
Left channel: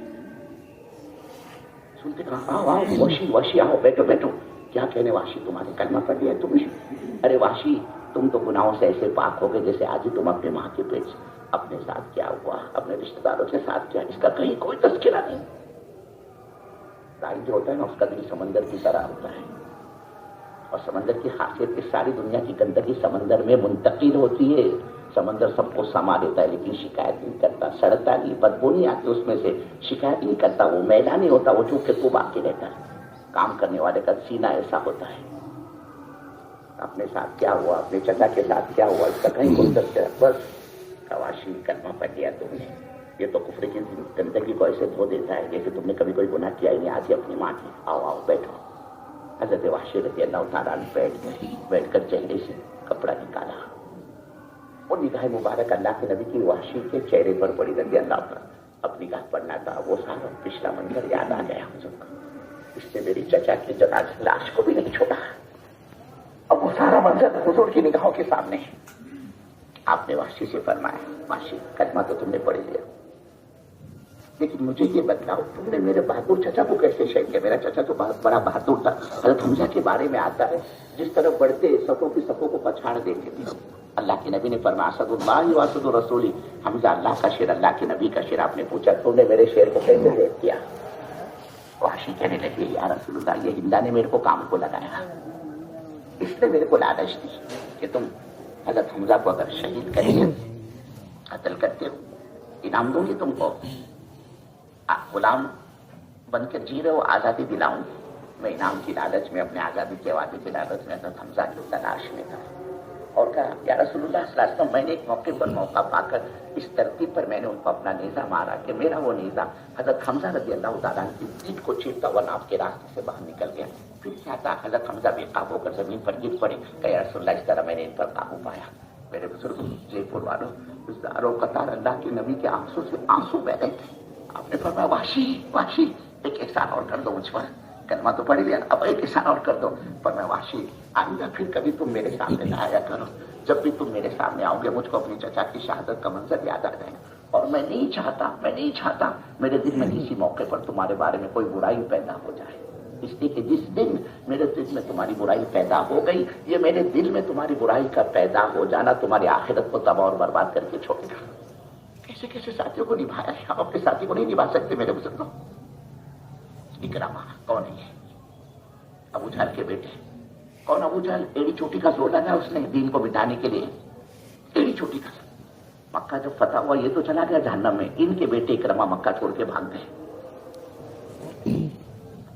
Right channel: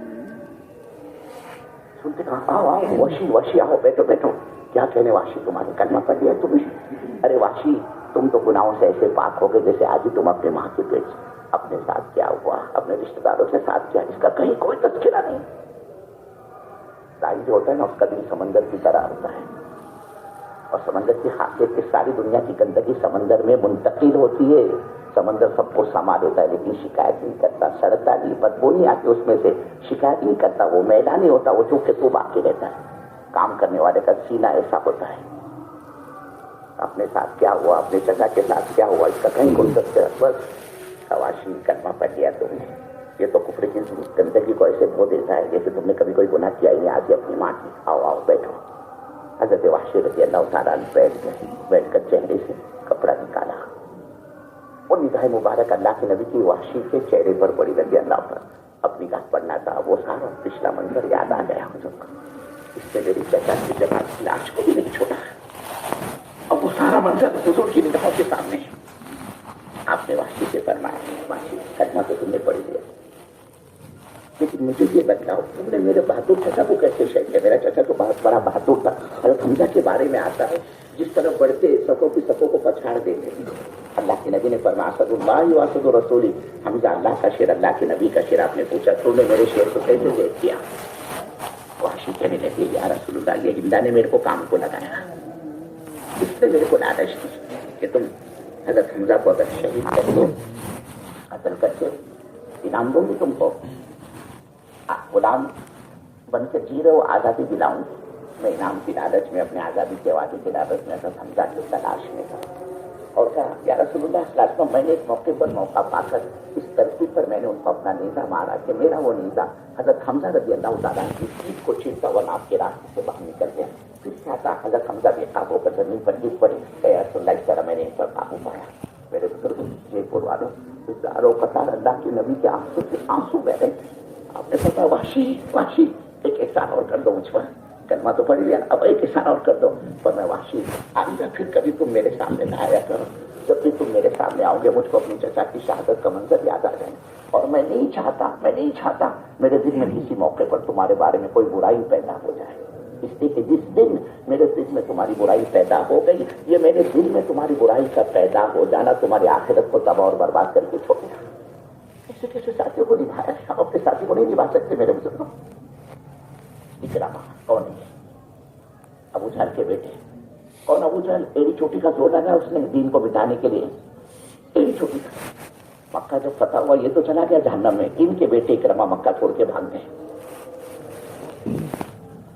سنتے کہا آؤ وحشی آؤ بیٹھو. کیا کہنے وحشی تمہارے کلمہ پڑھ لیا تم نے؟ ارے وحشی تم تو گناہوں سے ایسے پاک ہو گئے جیسے آج ہی تم اپنے ماں کے پیٹ سے. اپنے ساتھ کیا ہوا، اپنے رشتے داروں کے ساتھ کیا، اس کا کہیں کوئی تذکرہ نہیں. دائی جو ہوتا ہے نا اس کا دل سمندر کی طرح ہوتا ہے، اور سمندر کی خاصیت کہ ساری دنیا کی گندگی سمندر میں منتقل ہوتی ہے. سمندر سب کو سما دیتا ہے لیکن شکایت نہیں کرتا، سڑتا نہیں، بدبو نہیں آتی اس میں سے، شکایت نہیں کرتا، وہ میلا نہیں ہوتا، وہ چونکہ تو باقی رہتا ہے. کام کرنے والے کا سینہ ایسا ہوتا ہے. اپنے ساتھ کیا ہوا، اپنے چچا کے ساتھ کیا ہوا، اس کا کہیں کوئی تذکرہ. بس وحشی کلمہ پڑھ لیا تم نے. یہ تو کفر کی گندگی کو ایسے دھو دیتا ہے جیسے تم نے کبھی کوئی گناہ کیا ہی نہیں. آج اپنی ماں کی آؤ بیٹھو. حضرت وحشی رضی اللہ تعالیٰ عنہ بیٹھ کر چہرے سے کپڑا نکالا اور نگاہ مبارک اللہ کے نبی کی وحشی کے چہرے پر پڑی رضی اللہ پر. اب نگاہ پڑنا تھا، وہ سارا پچھلا منظر یاد آ گیا حضور کو. اس نے میری چچا کی جنازہ لاش کو بھی نہیں چھوڑا. اب وہ سارا منظر حضور کی نگاہوں کے سامنے ہے. آپ نے وحشی سے فرمایا وحشی کلمہ تو تم نے پڑھ لیا لیکن مجھے یہ بتلاؤ تم نے میرے بہادر چچا کو کیسے شہید کیا؟ میرا چچا تو بہت بڑا بہادر تھا. حضرت حمزہ کے بارے میں آتا ہے جس طرح بڑھتے صفوں کی صفوں کو پچھاڑ دیتے. اللہ کے نبی نے فرمایا اسد اللہ و اسد رسولی. حمزہ اللہ کا شیر، اللہ کے نبی کا شیر. آپ نے پوچھا تو نے میرے شیر کو کیسے دیکھ کیا؟ وحشی کہنے لگے یا رسول اللہ یہ ہندا نے میرے کو کام کو لگایا، اس نے میرے کو لالچ دی کہ تم حضرت حمزہ کو اگر شہید کرتے ہو، قتل کرتے ہو، انعام دوں گی تم کو. غلام بن کر جی رہے ہو، آزادی دلاؤں. میں انعام کی لالچ میں، اپنے آزادی کے وعدے کی لالچ میں حضرت حمزہ کی تلاش میں تھا. اور کہا یا رسول اللہ صلی اللہ علیہ وسلم میں نے ایک موقع پر موقع پا کر اس ترتیب پر میں نے ان کو اپنا نیزہ مارا کہ میرا وہ نیزہ حضرت حمزہ رضی اللہ تعالیٰ کی پیٹھ کو چیرتا ہوا آپ کے راستے سے باہر نکل گیا. پھر کیا تھا حضرت حمزہ بے قابو ہو کر زمین پر گر پڑے کہ یا رسول اللہ اس طرح میں نے ان پر قابو پایا. میرے بزرگ جے پور والوں ہزاروں قطار اللہ کے نبی کے آنسو سے آنسو بہ رہے تھے. آپ نے فرمایا وحشی ایک احسان اور کر دو مجھ پر. کلمہ تو پڑھ لیا، اب ایک احسان اور کر دو. فرمایا وحشی آئندہ پھر کبھی تم میرے سامنے نہ آیا کرو. جب بھی تم میرے سامنے آؤ گے مجھ کو اپنی چچا کی شہادت کا منظر یاد آ جائے گا. اور میں نہیں چاہتا میرے دل میں کسی موقع پر تمہارے بارے میں کوئی برائی پیدا ہو جائے. اس لیے کہ جس دن میرے دل میں تمہاری برائی پیدا ہو گئی، یہ میرے دل میں تمہاری برائی کا پیدا ہو جانا تمہاری آخرت کو تباہ اور برباد کر کے چھوڑے گا. کیسے ساتھیوں کو نبھایا ہے، آپ اپنے ساتھی کو نہیں نبھا سکتے میرے بزرگوں. اکرامہ کون ہے؟ ابو جہل کے بیٹے. کون ابو جہل؟ ایڑی چوٹی کا زور لگا اس نے دین کو مٹانے کے لیے. ایڑی چوٹی کا. مکہ جب فتح ہوا یہ تو چلا گیا جہنم میں. ان کے بیٹے اکرامہ مکہ چھوڑ کے بھاگ گئے.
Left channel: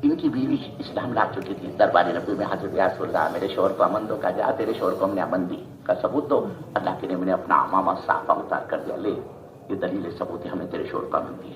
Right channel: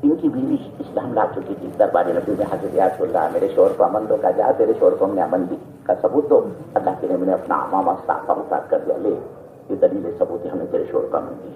ان کی بیوی اسلام لا چکی تھی. دربار نبی میں حضرت یا رسول اللہ میرے شوہر کو امن دو. کا جا تیرے شوہر کو ہم نے امن دی کا ثبوت دو. اللہ کے نبی نے اپنا عمامہ صافہ اتار کر دیا، لے یہ دلیل ثبوت ہے ہم نے تیرے شوہر کو امن دی.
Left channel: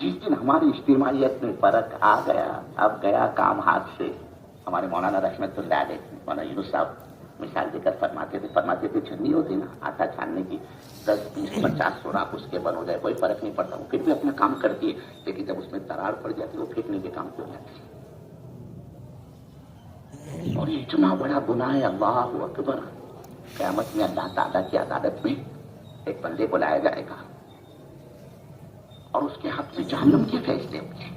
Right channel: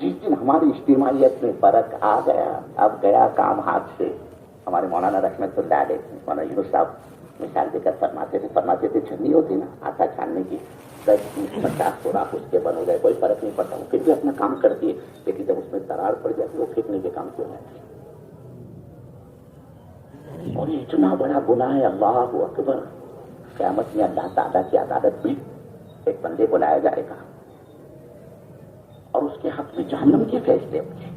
جس دن ہماری اجتماعیت میں فرق آ گیا، اب گیا کام ہاتھ سے. ہمارے مولانا رحمت اللہ علیہ مولانا یونس صاحب مثال دے کر فرماتے تھے چھنی ہوتی نا آٹا چھاننے کی، 10 20 50 سوراخ اس کے بن ہو جائے کوئی فرق نہیں پڑتا، وہ پھر بھی اپنا کام کرتی ہے. لیکن جب اس میں دراڑ پڑ جاتی ہے وہ پھینکنے کے کام کیوں جاتی ہے؟ اور یہ اتنا بڑا گناہ ہے. اللہ اکبر. قیامت میں اللہ تعالیٰ کی عدالت میں ایک بندے کو لایا جائے گا اور اس کے ہاتھ میں جہنم کے فیصلے ہوں گے.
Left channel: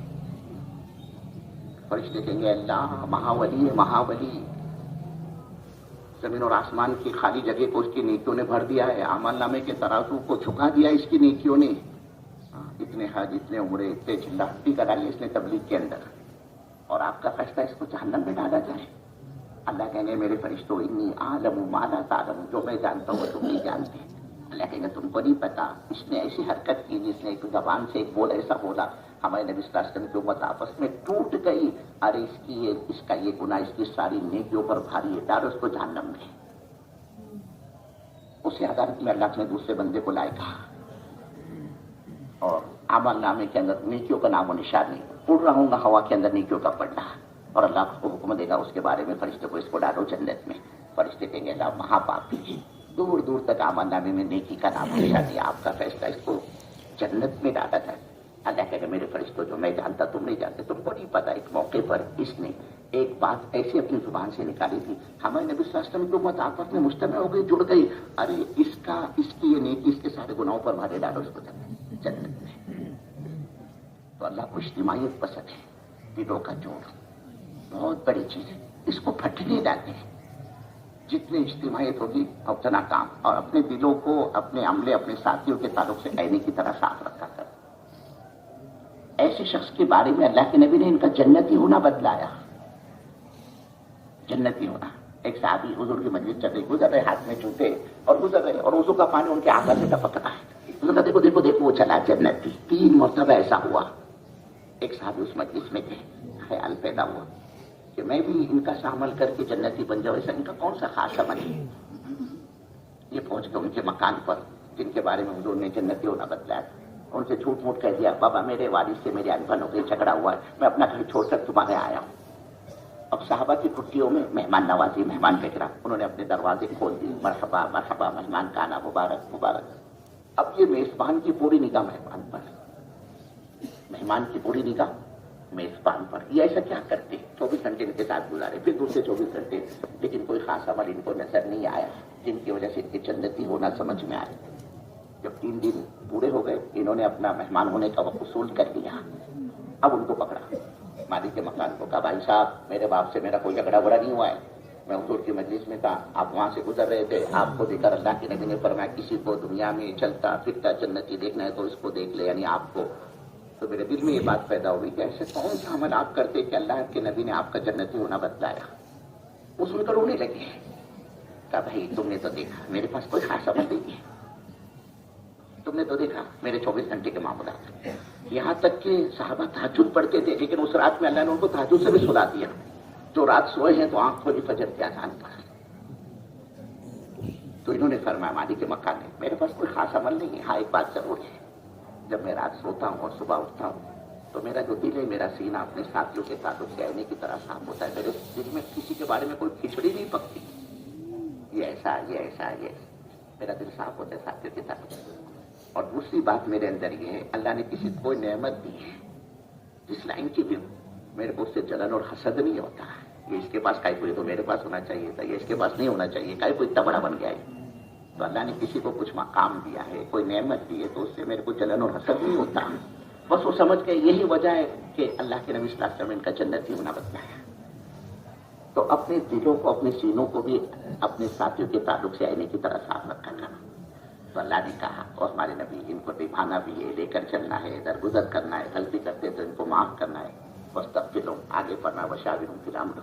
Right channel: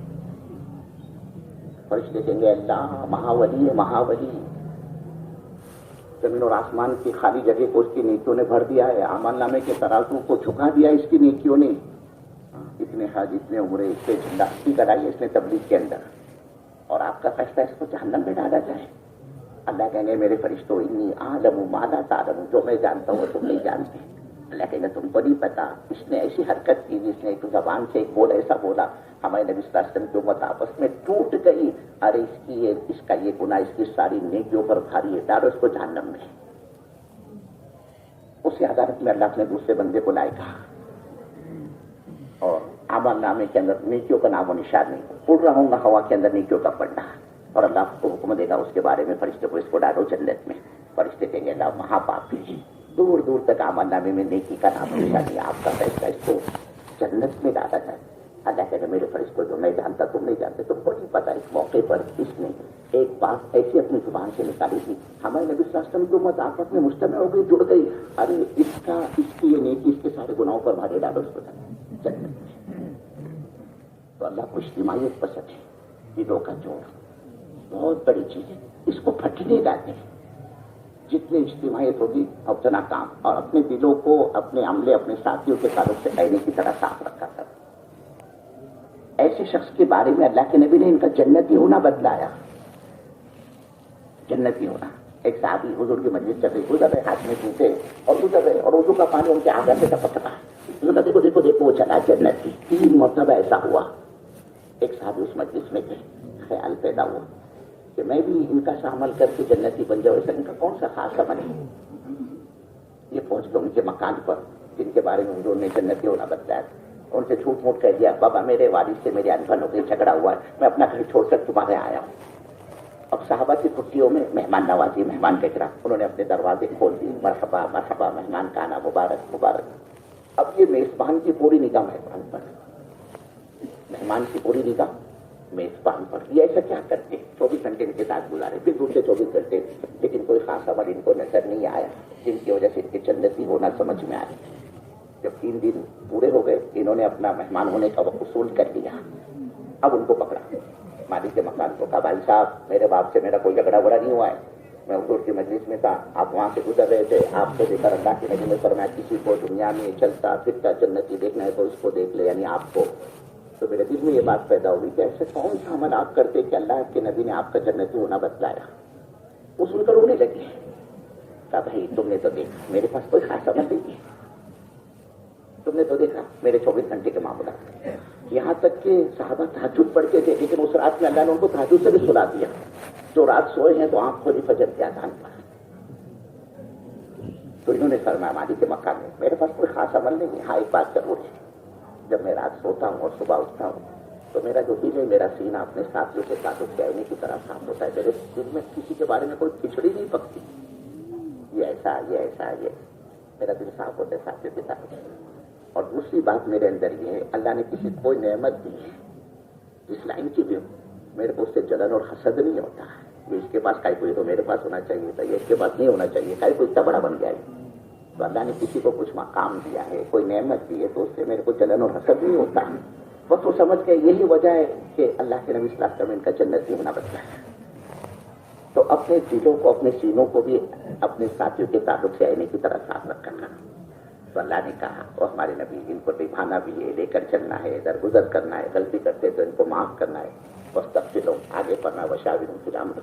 فرشتے کہیں گے اللہ مہاولی ہے مہاولی، زمین اور آسمان کی خالی جگہ کو اس کی نیکیوں نے بھر دیا ہے، اعمال نامے کے ترازو کو جھکا دیا اس کی نیکیوں نے. اتنے حج اتنے عمرے اتنے جلدی کرائی اس نے تبلیغ کے اندر، اور آپ کا فیصلہ اس کو جہنم میں ڈالا جائے. اللہ کہیں گے میرے فرشتوں انی عالم ما لا تعلمون، جو میں جانتا ہوں وہ تم نہیں جانتے. اللہ کہیں گے تم کو نہیں پتا اس نے ایسی حرکت کی جس نے ایک زبان سے ایک بول ایسا بولا ہمارے نبی صلی اللہ علیہ وسلم کی امت آپس میں ٹوٹ گئی. ارے اس کا یہ گناہ اس کی ساری نیکیوں پر بھاری ہے، ڈالو اس کو جہنم میں. اسی عدالت میں اللہ نے دوسرے بندے کو لائے گا اور اعمال نامے کے اندر نیکیوں کا نام و نشان نہیں. اڑ رہا ہوں گا ہوا کے اندر نیکیوں کا پڑنا، اور اللہ کو حکم دے گا اس کے بارے میں فرشتے کو اس کو ڈالو جنت میں. فرشتے کہیں گے اللہ مہا پاپی، دور دور تک اعمال نامے میں نیکی کا نام نشان نہیں، آپ کا فیصلہ اس کو جنت میں ڈالا جائے. اللہ کہے گا میرے فرشتوں جو میں جانتا تم نہیں جانتے، تم کو نہیں پتا. ایک موقع پر اس نے ایک بات ایسی اپنی زبان سے نکالی تھی، ہمارے نبی صلی اللہ علیہ وسلم کی امت آپس میں مجتمع ہو گئی، جڑ گئی. ارے اس کی یہ نیکی اس کے سارے گناہوں پر بھارے ڈالو اس کو جنت میں. تو اللہ کو اجتماعیت پسند ہے، دلوں کا جوڑ بہت بڑی چیز ہے، اس کو پھٹنے ڈالتے ہیں. جتنی اجتماعیت ہوگی اتنا کام، اور اپنے دلوں کو اپنے عملے اپنے ساتھیوں کے تعلق سے آئینے کی طرح صاف رکھا کر. ایسے شخص کے بارے میں اللہ کے نبی نے ان کا جنتی ہونا بتلایا. جنتی ہونا. ایک صحابی حضور کی مجلس چل رہی، گزر رہے ہاتھ میں جوتے اور گزر رہے، اور وضو کا پانی ان کے آگے سے ٹپک رہا ہے. دیکھو دیکھو دیکھو وہ چلا جنتی. 3 مرتبہ ایسا ہوا. ایک صحابی اس مجلس میں تھے، خیال پیدا ہوا کہ میں بھی ان کا سا عمل کر کے جنتی بن جاؤں. ایسا ان کا کون سا خاص عمل ہے؟ یہ پہنچ گئے ان کے مکان پر جن کے بارے میں حضور نے جنتی ہونا بتلایا. ان سے جھوٹ موٹ کہہ دیا بابا میرے والد سے میرے انبن ہو گئی، جھگڑا ہوا ہے، میں اپنا گھر چھوڑ کر تمہارے آیا ہوں. اب صحابہ کی چھٹیوں میں مہمان نوازی، مہمان بچرا، انہوں نے اپنے دروازے کھول دیے، مرحبا مرحبا مہمان کا آنا مبارک مبارک. اب یہ میزبان کی پوری نگاہ مہمان پر، مہمان کی پوری نگاہ میزبان پر. یہ ایسا کیا کرتے 24 گھنٹے ان کے ساتھ گزارے، پھر دوسرے 24 گھنٹے لیکن کوئی خاص عمل ان کو نظر نہیں آیا جن کی وجہ سے ان کی جنتی ہونا سمجھ میں آئے. جب 3 دن پورے ہو گئے انہوں نے اپنا مہمان ہونے کا وقت وصول کر لیا. اب ان کو پکڑا، مالک کے مکان کو کہا بھائی صاحب میرے باپ سے میرا کوئی جھگڑا وڑا نہیں ہوا ہے، میں حضور کی مجلس میں تھا، آپ وہاں سے گزر رہے تھے، آپ کو دیکھ کر اللہ کے نبی نے فرمایا کسی کو دنیا میں چلتا پھرتا جنتی دیکھنا ہے تو اس کو دیکھ لے، یعنی آپ کو. تو میرے دل میں یہ بات پیدا ہوئی کہ ایسے کون سا عمل آپ کرتے کہ اللہ کے نبی نے آپ کا جنتی ہونا بتلایا. وہ سن کر رونے لگے. کہا بھائی تم نے تو دیکھا میرے پاس کوئی خاص عمل نہیں ہے، تم نے تو دیکھا میرے 24 گھنٹے کے معاملات. یہاں تک کہ صحابہ تہجد پڑھتے تھے لیکن اس رات میں اللہ نے ان کو تہجد سے بھی سلا دیا. جو رات سوئے ہیں تو آنکھ کھولی فجر کے اذان پر. تو انہوں نے فرمایا مالک کے مکان میں میرے پاس کوئی خاص عمل نہیں ہے، ہاں ایک بات ضرور ہے، جب میں رات سوتا ہوں اور صبح اٹھتا ہوں تو میرا جو دل ہے میرا سینہ اپنے ساتھیوں کے تعلق سے آئینے کی طرح صاف ہوتا ہے. میرے دل میں کسی کے بارے میں کوئی کھچڑی نہیں پکتی، یہ ایسا یہ ایسا یہ، میرا دل صاف ہوتا ہے ساتھیوں کے تعلق سے. اور دوسری بات میرے اندر یہ ہے اللہ نے کسی کوئی نعمت دی ہے جس لائن کی بھی میرے کو اس سے جلن اور حسد نہیں ہوتا ہے. یہ اس کے پاس کائی کوئی تو میرے پاس ہونا چاہیے تھا، یہ اس کے پاس نہیں ہونا چاہیے، کائی کوئی اتنا بڑا بن گیا ہے. تو اللہ نے کسی کو کچھ مقام دیا ہے، کوئی نعمت دی ہے تو اس سے میرے کو جلن اور حسد نہیں ہوتا. بس وہ سمجھ کے یہی وجہ ہے کہ اللہ کے نبی صلی اللہ علیہ وسلم ان کا جنتی ہونا بتلایا. تو اپنے دلوں کو اپنے سینوں کو بھی اپنے ساتھیوں کے تعلق سے آئینے کی طرح صاف رکھا کرنا. تو اللہ نے کہا اور ہمارے نبی ان کو نبھانا بھی ہے، لے کر چلنا ہے، درگزر کرنا ہے، غلطی کرتے تو ان کو معاف کرنا ہے، واستغفروا آگے پڑھنا وشاورہم فی الامر.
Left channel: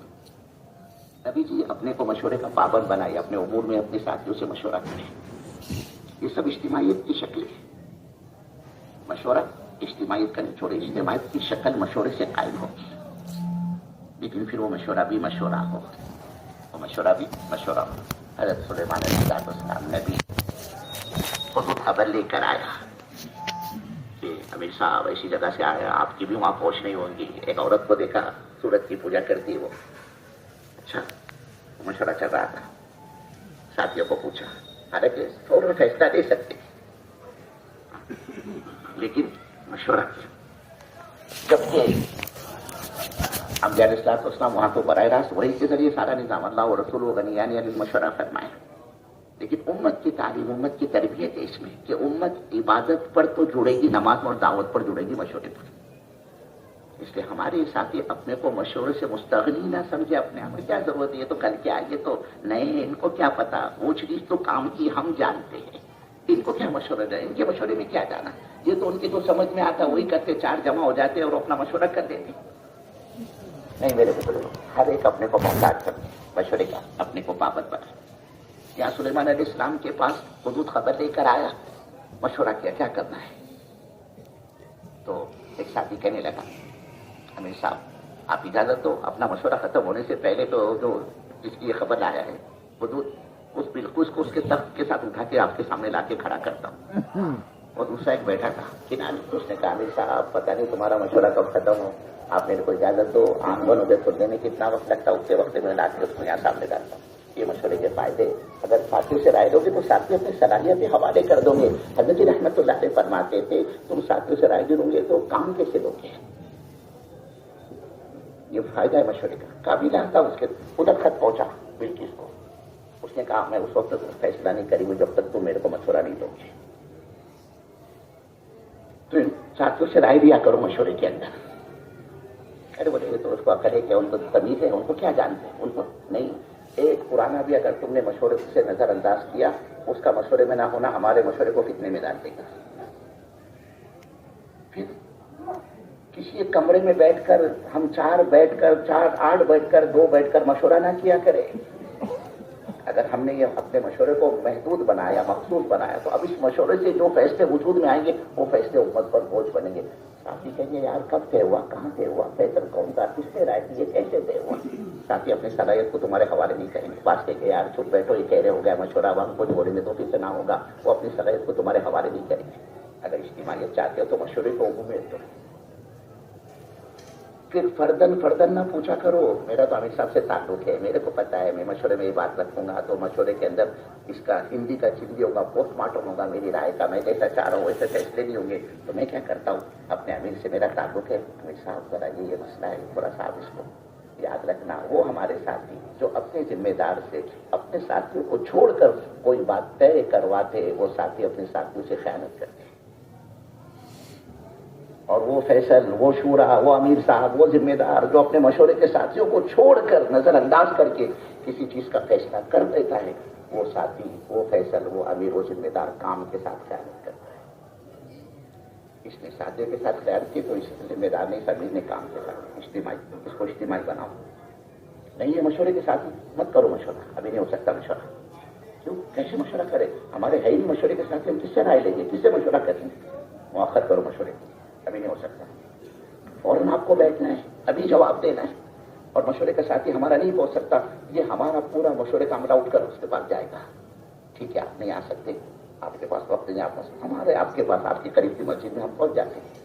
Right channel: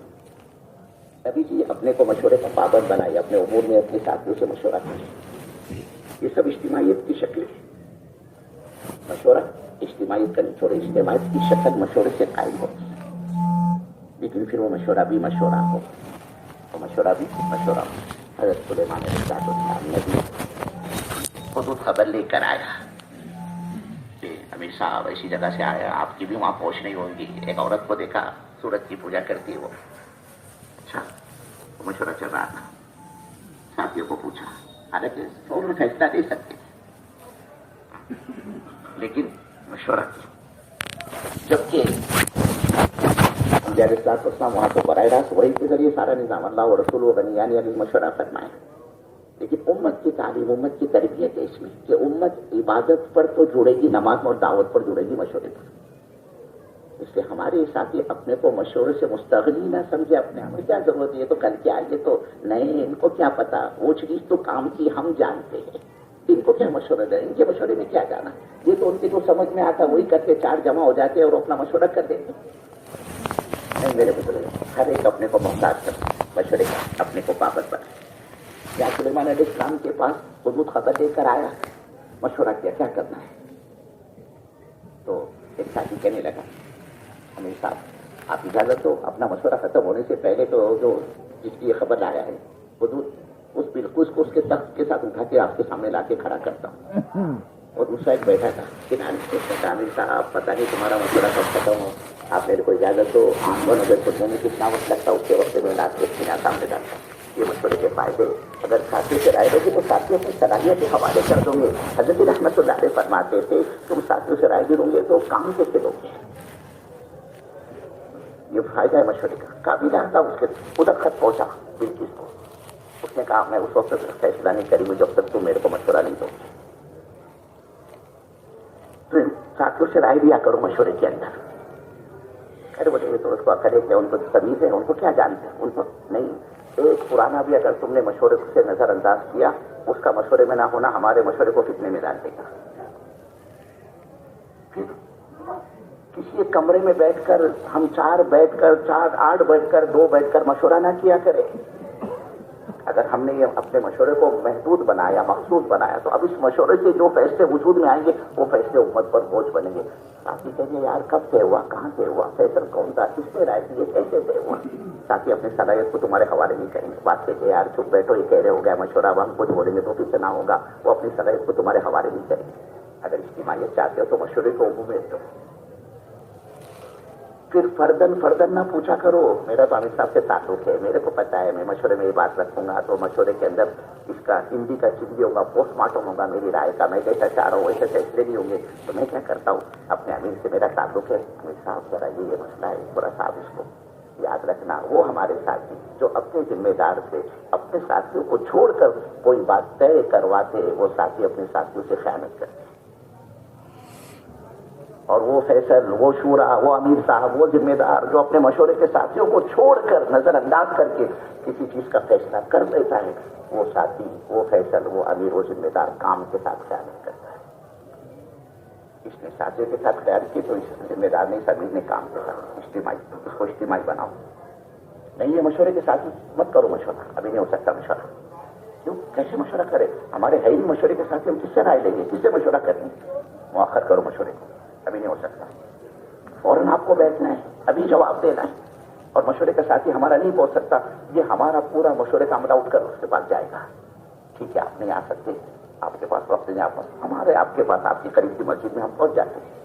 نبی جی اپنے کو مشورے کا پابند بنائے، اپنے امور میں اپنے ساتھیوں سے مشورہ کریں. یہ سب اجتماعیت کی شکل ہے. مشورہ اجتماعیت کا چھوڑے، اجتماعیت کی شکل مشورے سے قائم ہوگی، لیکن پھر وہ مشورہ بھی مشورہ ہو، وہ مشورہ بھی مشورہ ہو. حضرت سلیمان علیہ السلام نے بھی بہت خبر لے کر آیا، امیر صاحب ایسی جگہ سے آیا, آپ کی بھی وہاں پہنچ نہیں ہوگی. ایک عورت کو دیکھا سورج کی پوجا کرتی ہے وہ. اچھا مشورہ چل رہا تھا, ساتھیوں کو پوچھا, حالانکہ فوراً فیصلہ دے سکتے لیکن مشورہ کیا. جبکہ انبیاء علیہ السلام وہاں کو براہ راست وحی کے ذریعے سارا نظام اللہ و رسول و غنیان علی مشورہ فرمائے, لیکن امت کی تعلیم, امت کی تربیت ہے اس میں کہ امت عبادت پر تو جڑے گی, نماز اور دعوت پر جڑے گی, مشورے پر. اس لیے ہمارے ساتھی اپنے کو مشورے سے مستغنی نہ سمجھے. اپنے آپ میں کیا ضرورت ہے, یہ تو کل کے آئے تو نئے, ان کو کیا پتا, وہ چیز تو کام کی ہم جانتے ہیں, ان کو کیا مشورہ ہے, ان کے مشورے میں کیا جانا. یہ تو ان کی جو سمجھ میں آتا وہی کرتے, چار جمع ہو جاتے اور اپنا مشورہ کر دیتے. نہیں میرے بزرگ, ہر ایک اپنے کو محتاج کرتا, مشورے کا اپنے کو پابند بنائے. یا سلیمان علیہ السلام کے پاس حدود خبر لے کر آیا, مشورہ کیا کیا کرنا ہے. تو ایک ساتھی کہنے لگا, امیر صاحب آپ اجازت دو, اپنا مشورہ ختم ہونے سے پہلے تو جو جس کی یہ خبر لایا ہے حدود, اس بالکل کو اس کے تخت کے ساتھ اٹھا کے آپ کے سامنے لا کے کھڑا کرتا ہوں. اور دوسرا ایک بیٹھا تھا کنارے, اس نے کہا امیر صاحب پتہ نہیں تمہارا مشورہ کب ختم ہو, آپ میرے کو اجازت دو, آنکھ اور نظر سے میں کتنا وقت لگتا ہے اس کے وقت میں لا کے اس کے یہاں سامنے ڈالتا ہوں. یہ مشورے کے فائدے, اگر ساتھی سے رائے لوگے تو ساتھی اپنی صلاحیت کے حوالے کر دوں گے. حضرت رحمت اللہ علیہ فرماتے تھے تم ساتھیوں سے رائے لوں گے تو کام کیسے لوگے. یہ فائدہ ہے مشورے کا. قابل آتا اس کے ادھر خط پہنچا بلکیس کو, اس نے کہا میں اس وقت فیصلہ نہیں کروں گی جب تک تم میرے کو مشورہ نہیں دو گے. تو ساتھیوں سے رائے دیا کرو مشورے کے اندر. ارے بولے تو اس کو عقل ہے کہ ان کو تمیز ہے, ان کو کیا جانتے ہیں, ان کو نہیں. ایک پرانا بھی اگر تم نے مشورے سے نظر انداز کیا, اس کا مشورے میں نہ ہونا ہمارے مشورے کو کتنے میں ڈال دے گا. پھر کسی ایک کمرے میں بیٹھ کر ہم چار آٹھ بیٹھ کر 2 بیٹھ کر مشورہ نہ کیا کرے. اگر ہم نے یہ اپنے مشورے کو محدود بنایا, مخصوص بنایا, تو اب اس مشورے سے جو فیصلے وجود میں آئیں گے وہ فیصلے امت پر بوجھ بنیں گے. ساتھی کہیں گے یار کب طے ہوا, کہاں طے ہوا, فیصل کون تھا, کس نے رائے دی, کیسے طے ہوا. ساتھی اپنی صلاحیت کو تمہارے حوالے نہیں کریں گے. بات کہ یار چپ بیٹھو, یہ کہہ رہے ہو گیا مشورہ, اب ہم کچھ بولیں گے تو کس سے نہ ہوگا. وہ اپنی صلاحیت کو تمہارے حوالے نہیں کریں گے. اگر اجتماعیت چاہتے ہو تو مشورے کو عموم میں دو. پھر فردن نہ پوچھا کرو, میرا تو امیر صاحب سے تعلق ہے, میرے کو پتا ہے, میں مشورے میں یہ بات رکھوں گا تو مشورے کے اندر اس کا ہندی کا چندی ہوگا, پوسٹ مارٹم ہوگا میری رائے کا, میں جیسا چاہ رہا ہوں ویسے فیصلے نہیں ہوں گے. تو میں کیا کرتا ہوں, اپنے امیر سے میرا تعلق ہے, امیر صاحب ذرا یہ مسئلہ ہے, تھوڑا صاحب اس کو یاد رکھنا. وہ ہمارے ساتھی جو اپنے ذمہ دار سے اپنے ساتھیوں کو چھوڑ کر کوئی بات طے کرواتے, وہ ساتھی اپنے ساتھیوں سے خیانت کرتے. اور وہ فیصل, وہ شورا, وہ امیر صاحب, وہ ذمہ دار جو اپنے مشورے کے ساتھیوں کو چھوڑ کر نظر انداز کر کے کسی چیز کا فیصلہ کر دیتا ہے, وہ ساتھی, وہ فیصل, وہ امیر, وہ ذمہ دار کام کے ساتھ خیانت کرتا ہے. اس نے ساتھی کے ساتھ خیانت کی تو اس ذمہ دار نے, امیر نے کام کے ساتھ اجتماعی, اس کو اجتماعی بناؤ. نہیں یہ مشورے کے ساتھی مت کرو مشورہ, ابھی نہیں ہو سکتا مشورہ. کیوں, کیسے مشورہ کرے, ہمارے ہے ہی مشورے کے ساتھ, ہم کس سے رائے لیں گے, کس سے مشورہ کریں گے. مؤخر کرو مشورے کو, ابھی نہیں ہو سکتا. فوراً آپ کو بیٹھنا ہے, ابھی جواب دینا ہے. اور مشورے کا ساتھی ہمارا نہیں پہنچ سکتا, یہ ہمارا پورا مشورے کا عملہ اٹھ کر اس کے پاس جائے گا. ٹھیک ہے آپ نہیں آ سکتے, آپ کے پاس وقت نہیں, آپ ہمارے آپ کے پاس آپ کی قریب کی مسجد میں ہم پہنچ جاتے ہیں.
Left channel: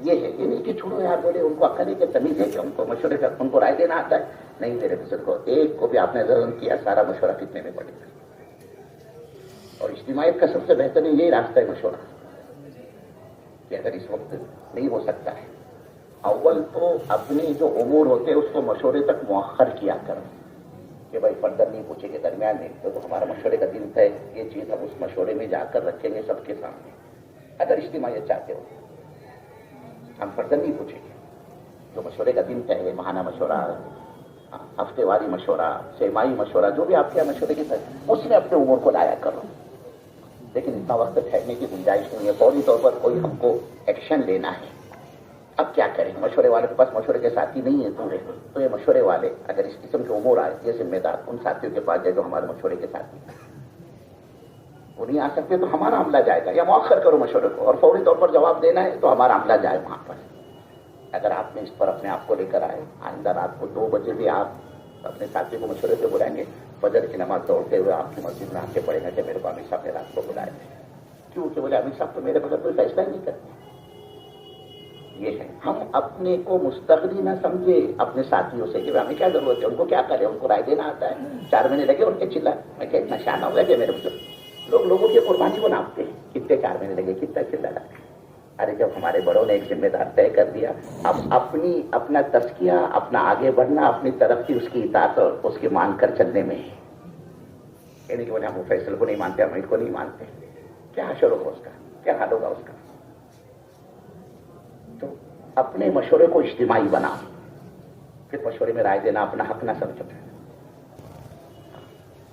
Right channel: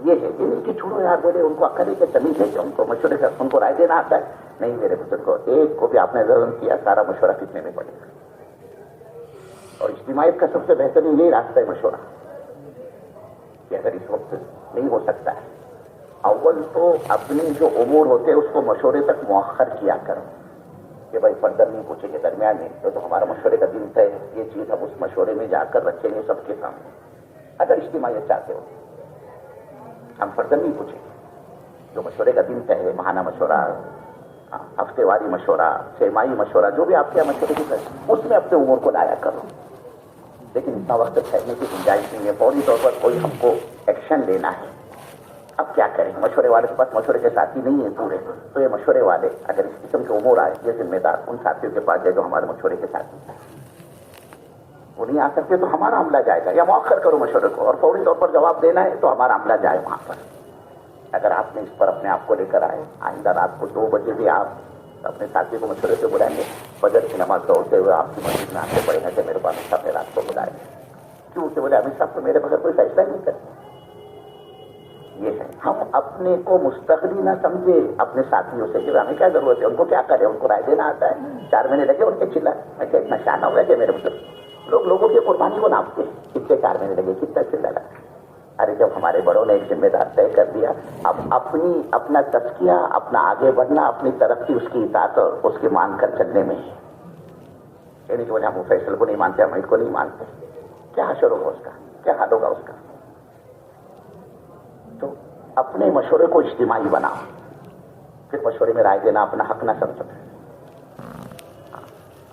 یہ ہے یہ نہیں کہ چھوڑو یار, بولے ان کو عقل ہے کہ تمیز ہے کہ ان کو مشورے کا ان کو رائے دینا آتا ہے. نہیں میرے بزرگ کو, ایک کو بھی آپ نے ظلم کیا, سارا مشورہ کتنے میں پڑے گا. اور اجتماعیت کا سب سے بہترین یہی راستہ ہے مشورہ, کہ اگر اس وقت نہیں ہو سکتا ہے, اول تو اپنی جو امور ہوتے ہیں اس کو مشورے تک مؤخر کیا کرو, کہ بھائی فردر نہیں پوچھیں گے درمیان میں, تو ہمارا مشورے کا دن ہے, یہ چیز ہم اس مشورے میں جا کر رکھیں گے سب کے سامنے. اگر اجتماعیت چاہتے ہو ہم فردر نہیں پوچھیں گے, جو مشورے کا دن ہے, ماہانہ مشورہ, ہفتے واری مشورہ, سیمائی مشورہ, جو بھی آپ کے مشورے کی اس میں اپنے امور کو لایا کرو. لیکن اتنا وقت ٹھہرنے کی گنجائش نہیں ہے, فوری طور پر کوئی ہم کو ایکشن لینا ہے. اب کیا کریں, مشورے والے کے پاس مشورے کے ساتھی نہیں ہے پورے, تو یہ مشورے والے اگر اس قسم کے امور آئے, یہ ذمہ دار ان ساتھیوں کے پاس جائے جو ہمارے مشورے کے ساتھی ہیں. وہ نہیں آ سکتے تو ہمارا عملہ جائے گا, یا مؤخر کرو مشورے کو, اور فوری طور پر جواب دینا ہے تو ہمارا عملہ جائے وہاں پر. اگر آپ نے اس پر اپنے آپ کو لے کر آئے, آئندہ رات کو 2 بجے بھی آپ اپنے ساتھی کو مشورے سے بلائیں گے, فجر کی نماز دوڑتے ہوئے آپ کی مسجد میں آتے پڑے گا کہ میرے کو امیر صاحب نے رات کو بلائے. کیوں, کہ بولے امیر صاحب تو میرے بغیر کوئی فیصلہ ہی نہیں کرتے, یہ ہے ہم اپنے کو مستغنی نہ سمجھے اپنے ساتھیوں سے کہ ہمیں کیا ضرورت ہے، ان کو کیا کرے، ان کو رائے دینا آتا ہے، 4 مہینے لگے ان کے چلا، میں کہ اتنا شانہ ہوا کہ میرے مطلب لوگوں کی قربانی کو ناپتے ہیں، کتنے 4 مہینے لگے، کتنا چلا لگا۔ ارے جب ہمارے بڑوں نے ایک ذمہ دار طے کر دیا، اب اپنا تزکیہ، اپنا آگے بڑھنا، اپنی ترقی اس کی اطاعت اور اس کے مان کر چلنے میں ہے، یعنی کہ وجہ ہم فیصل کو نہیں مانتے، ہم کو نہیں مانتے، کیا حشر ہوگا اس کا، کیا حال ہوگا اس کا؟ تو اپنے مشورے کو اجتماعی بناؤ، پھر مشورے میں رائے دینا اپنا حق نہ سمجھو۔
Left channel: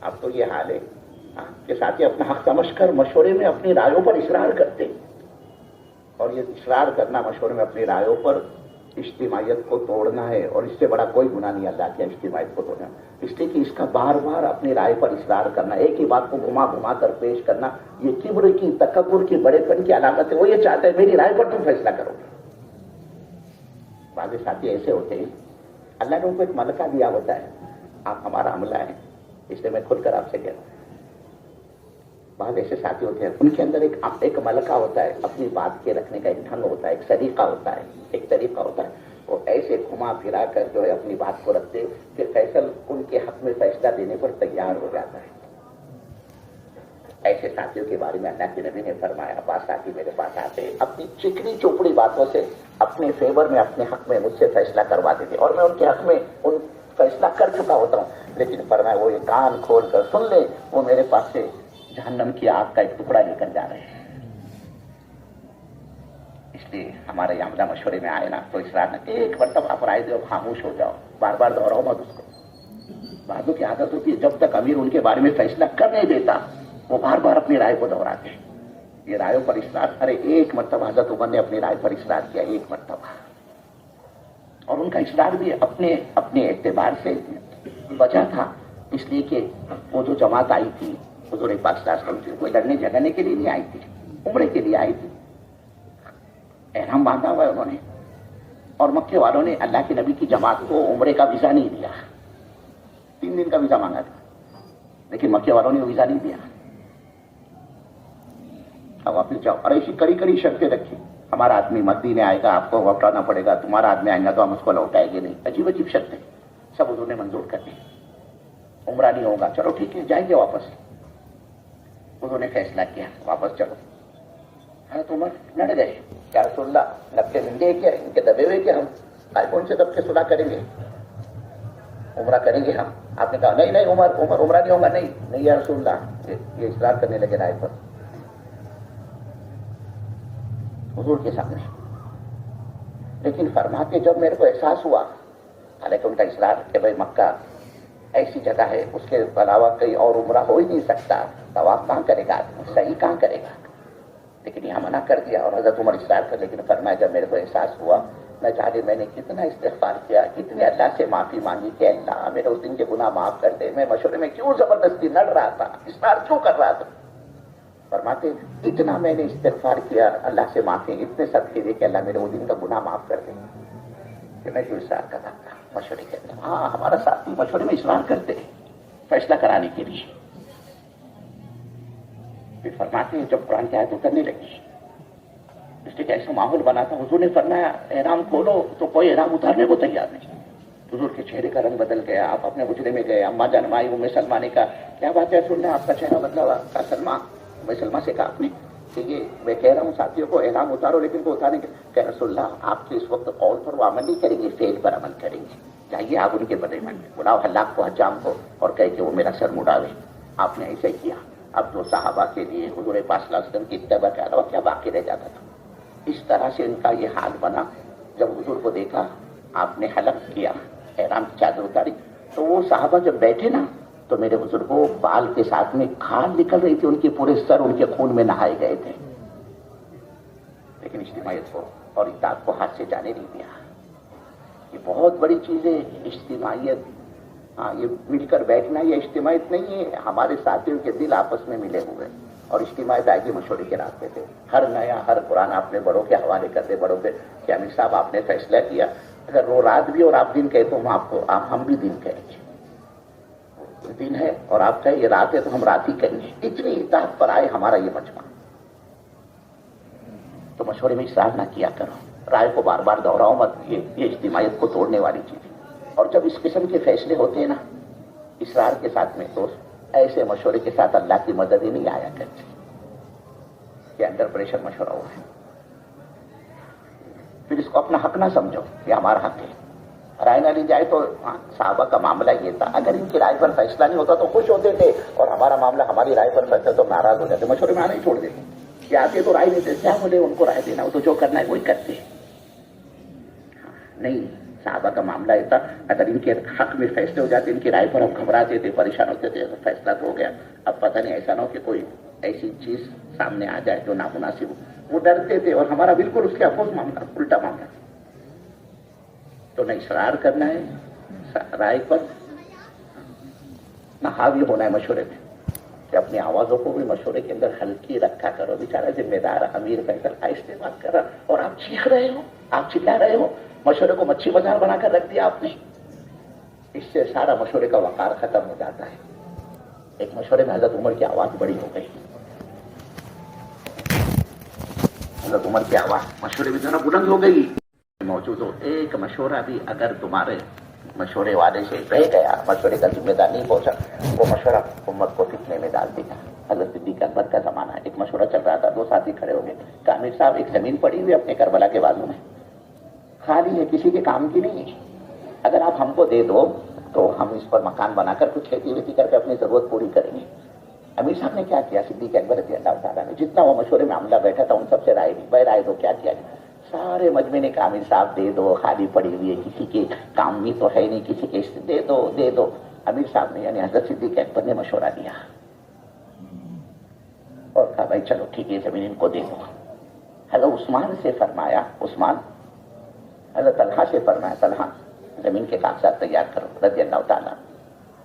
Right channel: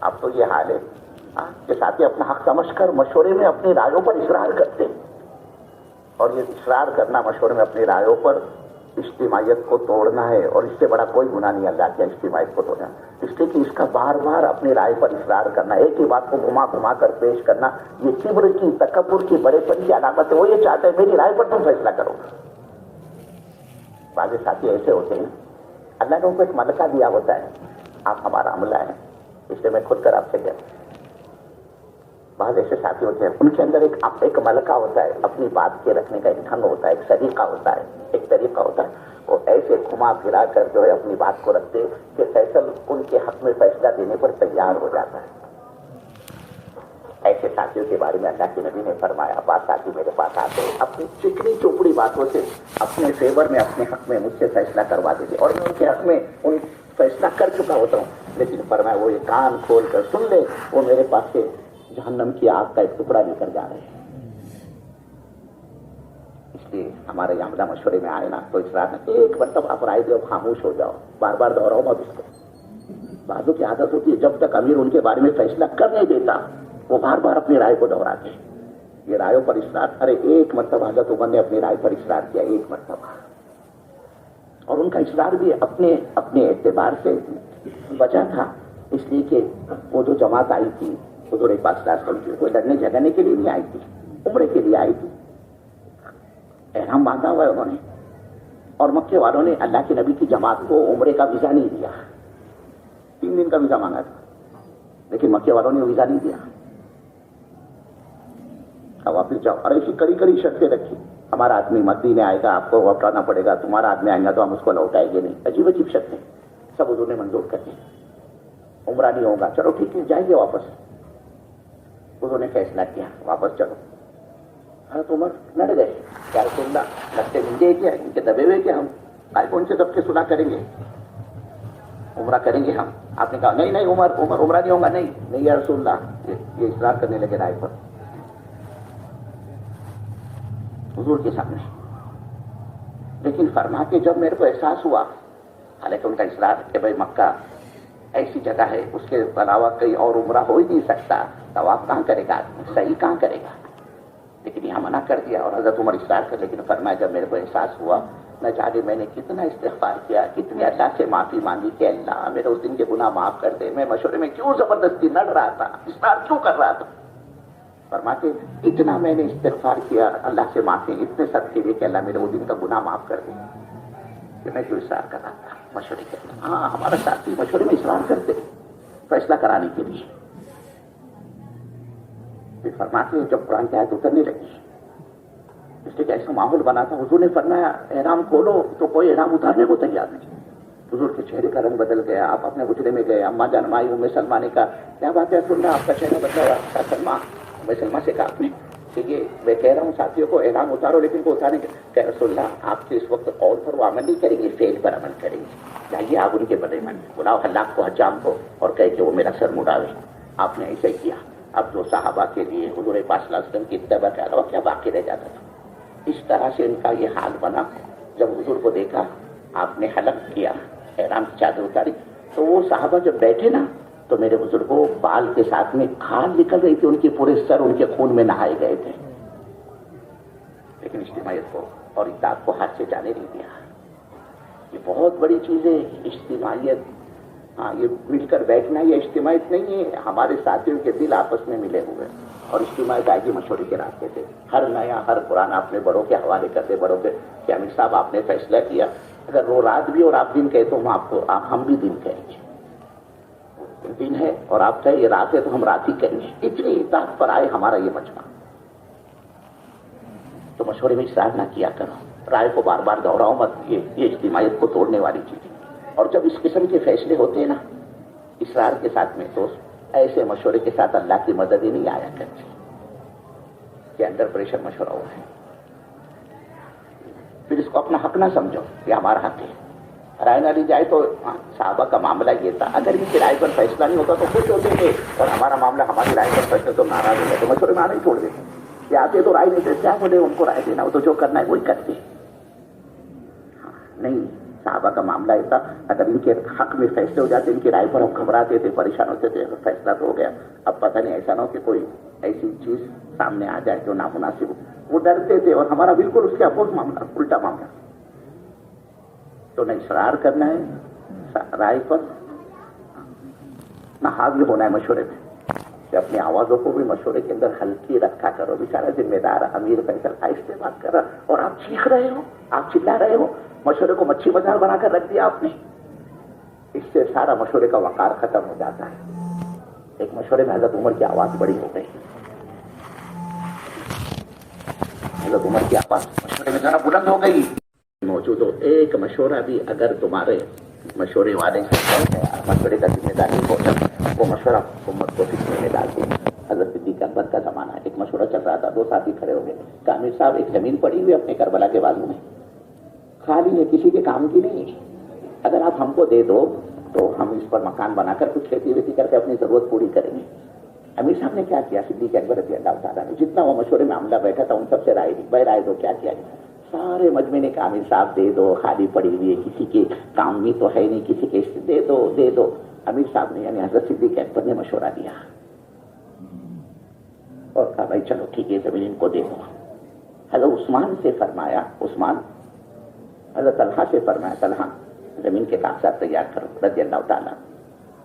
اب تو یہ حال ہے کہ ساتھی اپنا حق سمجھ کر مشورے میں اپنی رائےوں پر اصرار کرتے ہیں، اور یہ اصرار کرنا مشورے میں اپنی رائےوں پر اجتماعیت کو توڑنا ہے، اور اس سے بڑا کوئی گناہ نہیں اللہ کے اجتماعیت کو توڑنا، اس لیے کہ اس کا بار بار اپنی رائے پر اصرار کرنا، ایک ہی بات کو گھما گھما کر پیش کرنا، یہ کبر کی، تکبر کی، بڑے پن کی علامت ہے۔ وہ یہ چاہتے ہیں میری رائے پر تم فیصلہ کرو۔ بعض ساتھی ایسے ہوتے ہیں، اللہ نے ان کو ایک ملکہ دیا ہوتا ہے، آپ ہمارا عملہ ہے، اس لیے میں خود کر آپ سے کہتا ہوں، بعض ایسے ساتھی ہوتے ہیں ان کے اندر ایک ملکہ ہوتا ہے، اپنی بات کے رکھنے کا ایک ڈھنگ ہوتا ہے، ایک طریقہ ہوتا ہے، وہ ایسے گھما پھرا کر جو ہے اپنی بات کو رکھتے کہ فیصل ان کے حق میں فیصلہ دینے پر تیار ہو جاتا ہے۔ ایسے ساتھیوں کے بارے میں اللہ کے نبی نے فرمایا، بعض ساتھی میرے پاس آتے اپنی چکنی چوپڑی باتوں سے اپنے فیور میں، اپنے حق میں مجھ سے فیصلہ کروا دیتے، اور میں ان کے حق میں فیصلہ کر چکا ہوتا ہوں، لیکن فرمایا وہ یہ کان کھول کر سن لے، وہ میرے پاس سے جہنم کی آگ کا ایک ٹکڑا لے کر جا رہے ہیں۔ اس لیے ہمارے یہاں عملہ مشورے میں آئے نا تو اصرار نہ، ایک مرتبہ آپ رائے دو، خاموش ہو جاؤ، بار بار دہراؤ مت اس کو۔ بعضوں کی عادت ہوتی ہے جب تک امیر ان کے بارے میں فیصلہ کر نہیں دیتا وہ بار بار اپنی رائے کو دہراتے ہیں۔ یہ رائےوں پر اصرار، ارے ایک مرتبہ حضرت عمر نے اپنی رائے پر اصرار کیا، ایک مرتبہ، اور ان کا اصرار بھی اپنے اعتبار سے وجہ تھا، اس لیے کہ وہ جو جماعت آئی تھی حضور پاک صلی اللہ علیہ وسلم کوئی لڑنے جھگڑنے کے لیے نہیں آئی تھی، عمرے کے لیے آئی تھی، احرام باندھا ہوا ہے انہوں نے، اور مکے والوں نے اللہ کے نبی کی جماعت کو عمرے کا ویزا نہیں دیا، 3 دن کا ویزا مانگا تھا، لیکن مکے والوں نے ویزا نہیں دیا۔ اب واپس جاؤ، اور ایسی کڑی کڑی شرطیں رکھی، ہمارا آدمی مدینے آئے گا آپ کو لوٹانا پڑے گا، تمہارا آدمی آئے گا تو ہم اس کو لوٹائیں گے نہیں، عجیب عجیب شرطیں سب حضور نے منظور کر دی۔ عمرہ نہیں ہوگا، چلو ٹھیک ہے جائیں گے واپس، انہوں نے فیصلہ کیا واپس چلو۔ حضرت عمر لڑ گئے، یا رسول اللہ لگتے ملیں کیا، ان کے دبے ہوئے کیا، ہم کون سے دب کے صلح کریں گے، عمرہ کریں گے ہم؟ آپ نے کہا نہیں عمر عمرہ نہیں ہوگا، نہیں یا رسول اللہ، یہ اصرار کرنے لگے رائے پر حضور کے سامنے۔ لیکن فرماتے جب میرے کو احساس ہوا، حالانکہ ان کا اصرار کہ بھائی مکہ ایسی جگہ ہے اس کے علاوہ کہیں اور عمرہ ہو ہی نہیں سکتا، طواف کہاں کرے گا آدمی، صحیح کہاں کرے گا، لیکن یہاں منع کر دیا، اور حضرت عمر اصرار کر، لیکن فرمایا جب میرے کو احساس ہوا، نہ جانے میں نے کتنا استغفار کیا، کتنی اللہ سے معافی مانگی کہ اللہ میرے اس دن کے گناہ معاف کر دے، میں مشورے میں کیوں زبردستی لڑ رہا تھا، اصرار کیوں کر رہا تھا۔ فرماتے اتنا میں نے استغفار کیا اللہ سے معافی، اتنے صدقے دیے کہ اللہ میرے وہ دن کا گناہ معاف کر دے، کہ میں کیوں اصرار کر رہا تھا مشورے کرتا۔ ہاں ہمارا ساتھی مشورے میں اصرار کرتے فیصلہ کرانے کے لیے۔ پھر فرماتے ہیں جب قرآن کی آیت اترنے لگی، اس لیے کہ ایسا ماحول بنا تھا، حضور نے فرمایا احرام کھولو تو کوئی احرام اتارنے کو تیار نہیں۔ حضور کے چہرے کا رنگ بدل گیا، آپ اپنے حجرے میں گئے، اماں جان مائی ام سلمہ نے کہا کیا بات ہے سننا، آپ کا چہرہ بدلا ہوا، کیا سلمہ سلمہ سے کہا آپ نے کہ یہ میں کہہ رہا ہوں ساتھیوں کو احرام اتارو، لیکن وہ اتارنے کہ رسول اللہ آپ کے اس وقت قول پر وہ عمل نہیں کریں گے، فعل پر عمل کریں گے، چاہیے آپ ان کے بدلے من بلاؤ حلاق کو حجام کو اور کہے کہ وہ میرا سر مڑاوے۔ آپ نے ایسے کیا۔ اب جو صحابہ کے لیے حضور پاک صلی اللہ علیہ وسلم کی اتباع کے علاوہ کیا باقی رہ جاتا تھا، اس طرح سے ان کا یہ حال بنا۔ جب حضور کو دیکھا آپ نے حلق کیا، احرام کی چادر اتاری، تو وہ صحابہ جب بیٹھے نا تو میرے بزرگوں بال کے ساتھ میں کھال نکل رہی تھی، ان کے پورے سر ان کے خون میں نہائے گئے تھے، لیکن اجتماعیت کو اور اطاعت کو ہاتھ سے جانے نہیں دیا۔ یہ بہت بڑی چیز ہے اجتماعیت۔ ہاں یہ مل کر بیٹھنا یہ اجتماعیت نہیں ہے، ہمارے ساتھیوں کے دل آپس میں ملے ہوئے، اور اجتماعیت آئے گی مشورے کے راستے سے۔ ہر نیا ہر قرآن اپنے بڑوں کے حوالے کرتے، بڑوں کے کہ امیر صاحب آپ نے فیصلہ کیا، اگر وہ رات بھی اور آپ دن کہے تو ہم بھی دن کہیں گے، دن ہے اور آپ کہیں یہ رات ہے تو ہم رات ہی کہیں گے۔ اتنی اطاعت پر آئے ہمارا یہ مجمع، تو مشورے میں اصرار نہ کیا کرو۔ رائے کو بار بار دوہراؤ مت، یہ اجتماعیت کو توڑنے والی چیز ہے۔ اور جب اس قسم کے فیصلے ہوتے ہیں نا اسرار کے ساتھ میں، تو ایسے مشورے کے ساتھ اللہ کی مدد ہی نہیں آیا کرتی کہ انڈر پریشر مشورہ ہو ہے۔ پھر اس کو اپنا حق نہ سمجھو کہ ہمارا حق ہے، رائے نہ لی جائے تو صحابہ کا معاملہ یہ تھا، اگر ان کی رائے پر فیصلہ نہیں ہوتا تو خوش ہوتے تھے، اور ہمارا معاملہ ہماری رائے پر فیصلہ تو ناراض ہو گیا تو مشورے میں آنا ہی چھوڑ دیتے، کہ آتے تو رائے نہیں دیتے، کیا بولے ان کو رائے دینا، وہ تو جو کرنا ہے وہی کرتے۔ نہیں، صحابہ کا معاملہ یہ تھا، اگر ان کے حق میں فیصلے ہو جاتے، ان کی رائے پر ہم گھبراتے تھے، پریشان ہوتے تھے، فیصلہ تو ہو گیا، اب پتہ نہیں ایسا نہ ہو کہ کوئی ایسی چیز سامنے آ جائے جو نامناسب ہو، وہ ڈرتے تھے، اور ہمارا بالکل اس کے اپوز معاملہ، الٹا معاملہ۔ تو نہ اصرار کرنا ہے رائے پر، نہ حاوی ہونا ہے مشورے میں، کہ اپنی آوازوں کو بھی مشورے کے اندر ہلکی رکھا کرو، بیچارہ ذمہ دار امیر فیصل آہستہ بات کر رہا، اور آپ چیخ رہے ہو، آپ چلا رہے ہو، مشورے کو مچھی بازار بنا کر رکھ دیا آپ نے۔ اس سے سارا مشورے کا وقار ختم ہو جاتا ہے۔ ایک مشورے میں حضرت عمر کی آواز بڑی ہو گئی، حضرت عمر کی آواز مشورے میں ذرا بلند ہو گئی، موجود ہو ایک مشورہ بھی اگر تمہارے مشورے والے سے کہہ گیا، مشورے کا ذمہ دار نہیں پہنچا، وہ مشورہ امت کو فتنے میں ڈال دیا۔ حضرت صدیق اکبر کا زمانہ ہے، ایک مشورہ چل رہا تھا، دو ساتھی کھڑے ہو گئے، کہ امیر صاحب ایک زمین پڑی ہوئی اپنے کربلا کے بازو میں، خالی ہے، کسی کے کام کی نہیں ہے، اگر آپ ہم کو دے دو تو ہم اس پر مکان بنا کر کچھ کھیتی ویتی کر کے اپنی ضرورت پوری کریں گے۔ امیر صاحب نے کیا کیا، صدیق اکبر رضی اللہ تعالیٰ نے جتنا وہ مشورے میں عملہ بیٹھا تھا ان سب سے رائے دی، بھائی رائے دو، کیا کیا گیا؟ سارے مجمع نے کہا امیر صاحب دے دو، خالی پڑی ہوئی ہے، کسی کے کام بھی تو ہے نہیں، کسی کے دے دو دے دو۔ امیر صاحب نے یعنی حضرت صدیق اکبر نے مشورہ دیا اور کہا بھائی چلو ٹھیک ہے زمین ان کو دے دو۔ حضرت عثمان سے فرمایا، عثمان، حضرت طلحہ سے فرمایا، طلحہ زمین کے کاغذات تیار کرو رضی اللہ تعالیٰ،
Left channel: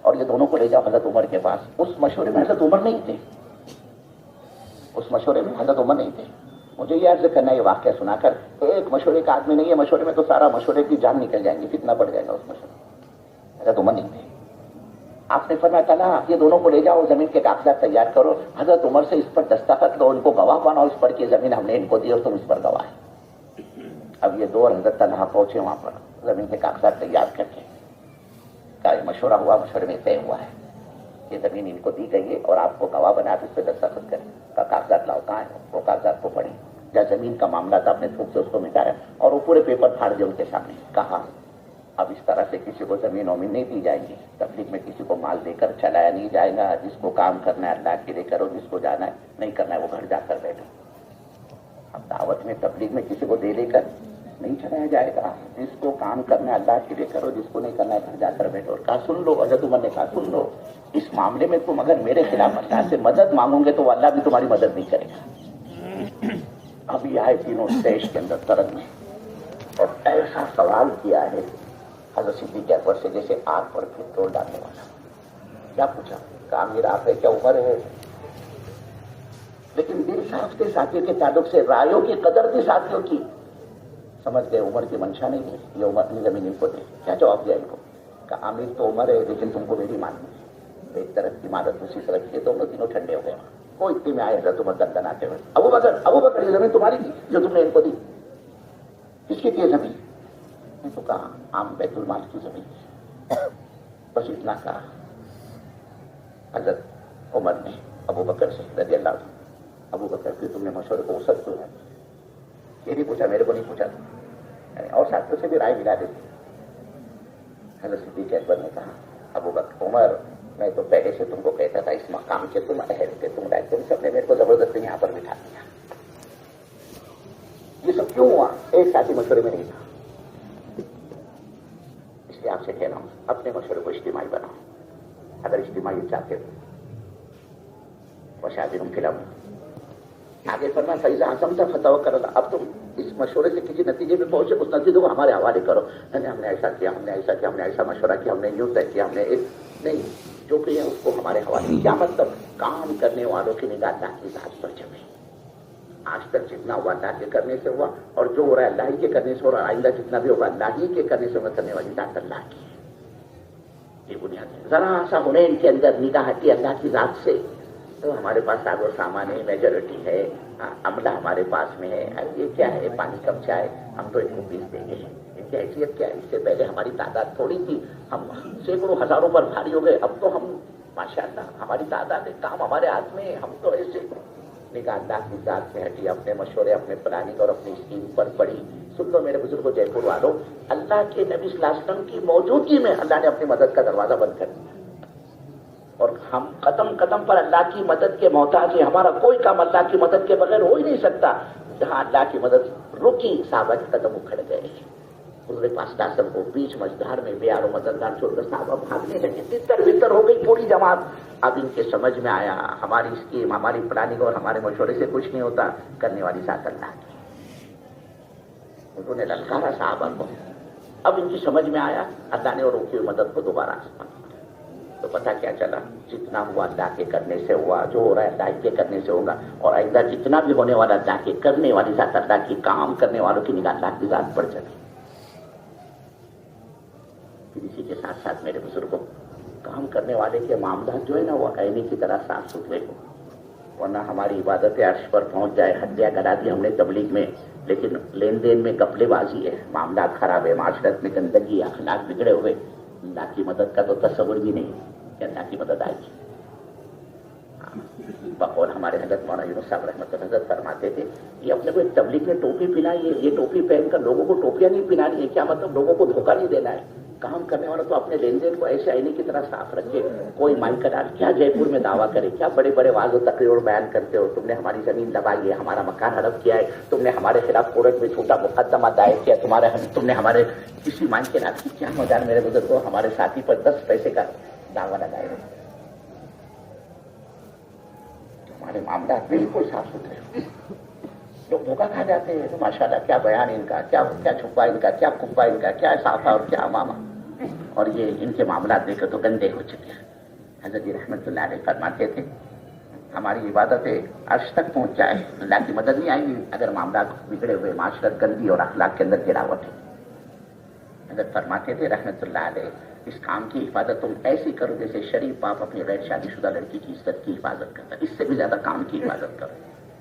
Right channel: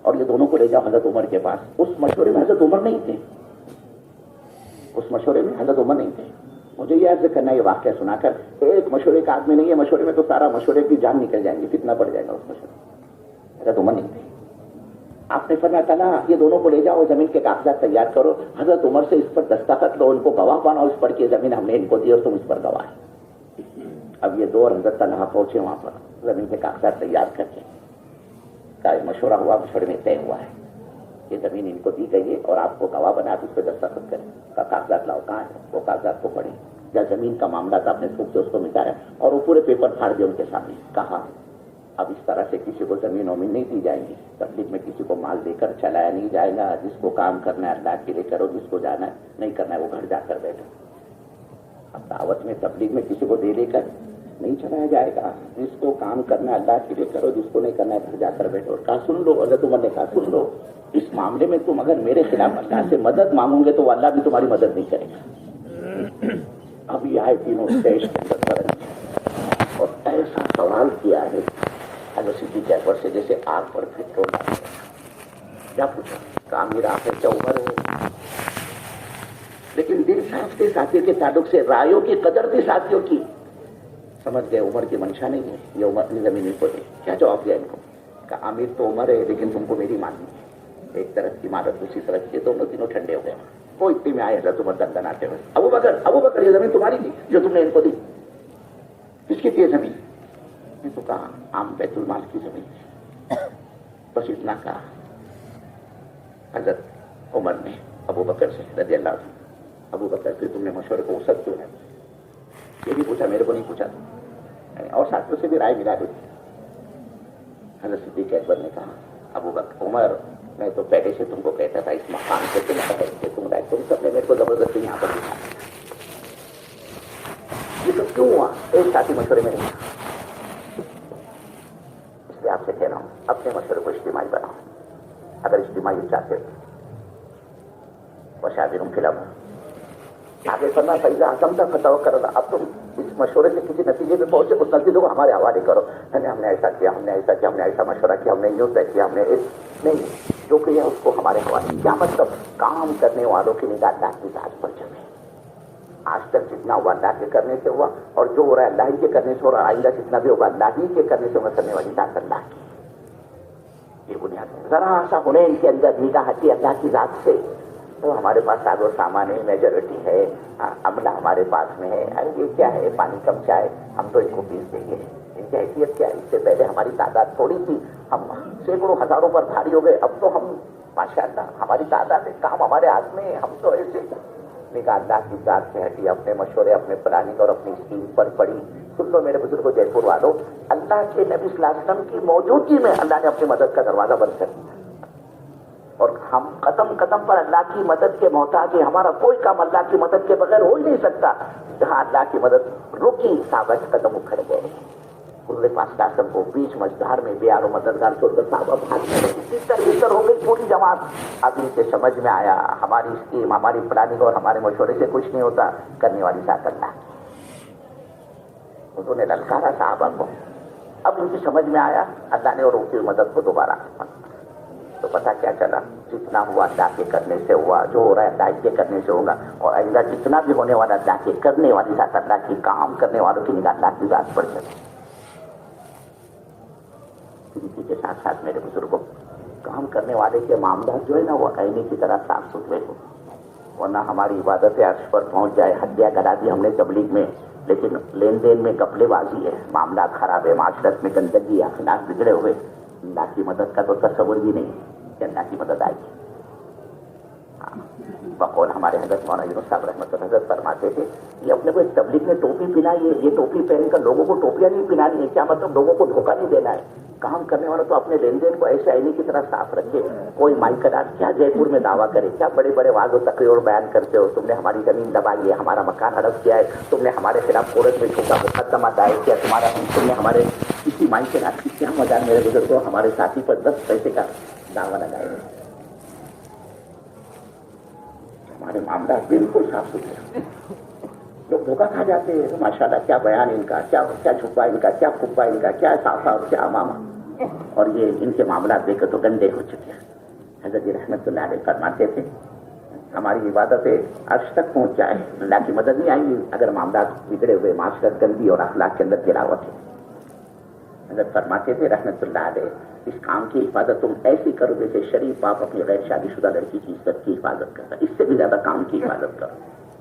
اور یہ دونوں کو لے جاؤ حضرت عمر کے پاس۔ اس مشورے میں حضرت عمر نہیں تھے، اس مشورے میں حضرت عمر نہیں تھے۔ مجھے یہ عرض کرنا ہے، یہ واقعہ سنا کر، ایک مشورے کا آدمی نہیں ہے، مشورے میں تو سارا مشورے کی جان نکل جائے گی، کتنا بڑھ جائے گا اس مشورے۔ حضرت عمر نہیں تھے، آپ نے فرمایا طلحہ یہ دونوں کو لے جاؤ، زمین کے کاغذات تیار کرو، حضرت عمر سے اس پر دستخط دو، ان کو گواہ بناؤ اس پر کہ زمین ہم نے ان کو دی اور تم اس پر گواہ ہے۔ اب یہ دو حضرت طلحہ پہنچے وہاں پر زمین کے کاغذات تیار کر کے، کا مشورہ ہوا، مشورے میں طے ہوا ہے یہ زمین ان کو دی گئی ہے اور آپ کو گواہ بنا کے اس پہ دستخط کریں، کا کاغذات لاؤ، کہاں ہے وہ کاغذات کو پڑھی، یا زمین کا معاملہ تھا اپنے خوب سے اس کو مٹایا اور وہ پورے پیپر پھاڑ دے ان کے سامنے، کہا اب اس طرح سے کسی کو زمین ومین نہیں دی جائے گی، تبلیغ میں کسی کو مال دے کر چلایا نہیں جائے گا، جس کو کام کرنا ہے اللہ کے لیے کرو، جس کو جانا ہے نہیں کرنا ہے وہ گھر جا کر بیٹھے۔ اب دعوت میں تبلیغ میں کسی کو دے کر نہیں چلایا جائے گا، جس کو کام کرنا ہے اللہ کے لیے کرو، جس کو نہیں کرنا ہے گھر جا کر بیٹھو۔ کہا سن لو، حضرت عمر نے کہا سن لو، اس معاملے میں تم اگر میرے خلاف اللہ سے مدد مانگو گے تو اللہ بھی تمہاری مدد نہیں کرے گا۔ اب یہ ہے تینوں دیش کے اندر فرق ہے، اور ایسا سوال کیا ہے حضرت صدیق اکبر سے جیسے آگ پر پیٹرول ڈالا ہوا تھا۔ کیا پوچھا؟ کہا امیر آپ ہے کیا عمر ہو؟ لیکن دل صاف کے ساتھیوں کے تعلق سے رایوں کی قدر بھی ساتھیوں کی، سمجھ گئے عمر کی منشا نہیں ہے، یہ عمر اپنی زمین کو دے۔ کیا جواب دیا ان کو؟ کہا امیر تو عمر ہے لیکن تم کو میری ماننی ہے، ایک طرف عمارت دوسری طرف یہ دونوں تینوں ٹھنڈے ہو گئے، وہ اتنی میں آئے حضرت عمر دندن آتے ہوئے، ابو بکر یہ زمین تمہاری تھی جو تم نے ان کو دی؟ کس کی تھی زمین؟ میں تو کہا عام بیت المال کی زمین تھی، بس اتنا کہا۔ حضرت عمر نے ابو بکر سے رضی اللہ عنہ، ابو بکر پھر تم نے مشورے کو وسعت کیوں ہے؟ یہ بھی پوچھا، میرے کو نہیں پوچھا، اور ساتھیوں سے بھی رائے ملا دی۔ حضرت صدیق اکبر نے کہا ابو بکر، عمر میں تو پہلے سے تم کو کہتا تھا اس مقام سے تم رائے، تم سب نے میرے کو زبردستی یہاں پر دکھا، یہ سب کیوں ہوا؟ ایک ساتھی مشورے میں نہیں، اس لیے آپ سے کہہ رہا ہوں اپنے مشورے کو اجتماعی بناؤ، اگر اجتماعی چاہتے ہو۔ وشاورہم فی الامر، آگے پڑھنا فیضا حکمت فتوکل علی اللہ، اب تم اس مشورے سے کسی نتیجے پہ پہنچے، اس نتیجے کو ہمارے حوالے کرو، ہم نے ایسا کیا، ہم نے ایسا کیا، ہم نے ایسا مشورہ کیا، ہم نے یوں طے کیا، ہم نے نہیں، جو کیا اس کو ہمارے حوالے کیا۔ مطلب کام کرنے والوں کی نگاہ اللہ کی ذات پر جمے، آج تک جتنا ہوا اللہ کے کرنے سے ہوا، اور جو ہو رہا ہے اللہ ہی کے کرنے سے ہو رہا ہے، آئندہ جتنا بھی ہوگا اللہ ہی کے کرنے سے کرنے والی ذات اللہ کی ہے، یہ بنیاد ہے۔ ذرا سا حنین کے اندر نگاہ ہٹی اللہ کی ذات سے، تو ہمارے پاس ساز و سامان ہے، میجورٹی ہے، عملہ ہمارے پاس میں ہے، ارے یہ کیا ہے، پانی کم چائے، ہم تو ان کو پیس دیں گے، ان کی حیثیت کیا ہے؟ اس سے پہلے ہماری تعداد تھوڑی تھی، ہم سینکڑوں ہزاروں پر بھاری ہو گئے، اب تو ہم ماشاءاللہ ہماری تعداد ہے، کام ہمارے ہاتھ میں ہے، ہم تو ایسے نگاہ اللہ کی ذات سے ہٹی، اپنے مشورے، اپنے پلاننگ اور اپنی اسکیم پر پڑی۔ سن لو میرے بزرگوں، جے پور والوں، اللہ کے نبی صلی اللہ علیہ وسلم کی موجودگی میں اللہ نے اپنی مدد کا دروازہ بند کر دیا، اور ہم قدم قدم پر اللہ کی مدد کے محتاج ہیں۔ ہمارا کوئی کام اللہ کی مدد کے بغیر ہو ہی نہیں سکتا۔ جہاں اللہ کی مدد رکی، صحابہ کے قدم اکھڑ گئے، حضور پاک صلی اللہ علیہ وسلم کو بیچ مجدار میں بے و مددگار چھوڑ کر صحابہ بھاگنے لگے، تتر بتر ہو گئی پوری جماعت۔ اب ان کے سمجھ میں آیا ہماری اسکیم، ہماری پلاننگ اور ہمارے مشورے سے کچھ نہیں ہوتا، کرنے والی ذات اللہ کی۔ انہوں نے للکارا صحابہ کو، اب ان کی سمجھ میں آیا، اللہ نے اور روکی ہوئی مدد کو دوبارہ آسمان کیا۔ تو پتہ کیا چلا، جتنا ہوا اللہ کے کرنے سے ہوا، جو ہو رہا ہے اللہ کے کرنے سے ہوگا، اور آئندہ جتنا بھی ہونے والا اللہ کے کرنے والی ذات اللہ کی، کام کرنے والوں کی نگاہ اللہ کی ذات پر چلے۔ اسی کے ساتھ ساتھ میرے بزرگوں، کام کرنے والے کے معاملات جو ہے نا وہ آئینے کی طرح صاف ستھرے ہو، ورنہ ہماری عبادت عرش پر پہنچ جائے۔ ہتھیار کرا دی ہم نے تبلیغ میں، لیکن لین دین میں گپلے بازی ہے، معاملات خراب ہے، معاشرت میں گندگی، اخلاق بگڑے ہوئے، اللہ کی مدد کا تو تصور بھی نہیں کہ اللہ کی مدد آئے گی۔ بقول ہمارے حضرت مولانا یونس صاحب رحمۃ اللہ حضرت فرماتے تھے، یہ اپنے کو ایک تبلیغ میں ٹوپی پہنائی ہے، یہ ٹوپی پہن کر لوگوں کو ٹوپیاں نہیں پہنانی ہے، کیا مطلب لوگوں کو دھوکہ نہیں دینا ہے۔ کام کرنے والا تو اپنے لین دین کو ایسے آئینے کی طرح صاف رکھے۔ کوئی مائک ڈال کیا جے پور میں دعویٰ کرے، کیا بڑے بڑے واعظ و تقریر اور بیان کرتے ہو، تم نے ہماری زمین دبائی ہے، ہمارا مکان ہڑپ کیا ہے، تم نے ہمارے خلاف کورٹ میں جھوٹا مقدمہ دائر کیا، تم نے ہمارے کسی مائک کے ڈال کی کیا مدار میرے بزرگ کو ہمارے ساتھی پر 10 پیسے کا دعویٰ لگائے۔ ہمارے معاملات بالکل صاف ستھرے، لوگ دھوکہ کھا جاتے ہیں۔ ماشاءاللہ کیا بیان ان کا، کیا چھپا ان کا، کیا پھپا ان کا، کیا صافہ اور کیا امامہ، اور یہ ان کے معاملات دیکھو تو گندے ہو چکے ہیں۔ حضرت رحمت اللہ علیہ فرماتے تھے، ہماری عبادتیں عرش تک پہنچ جائے، اللہ کی مدد نہیں آئیں گی اگر معاملات بگڑے ہوئے، معاشرت گندی اور اخلاق کے اندر گراوٹ ہے۔ حضرت فرماتے تھے رحمت اللہ علیہ، اس کام کی حفاظت تم ایسی کرو جیسے شریف باپ اپنی غیر شادی شدہ لڑکی کی عزت کی حفاظت کرتا ہے، اس سے بھی زیادہ کام کی حفاظت کرو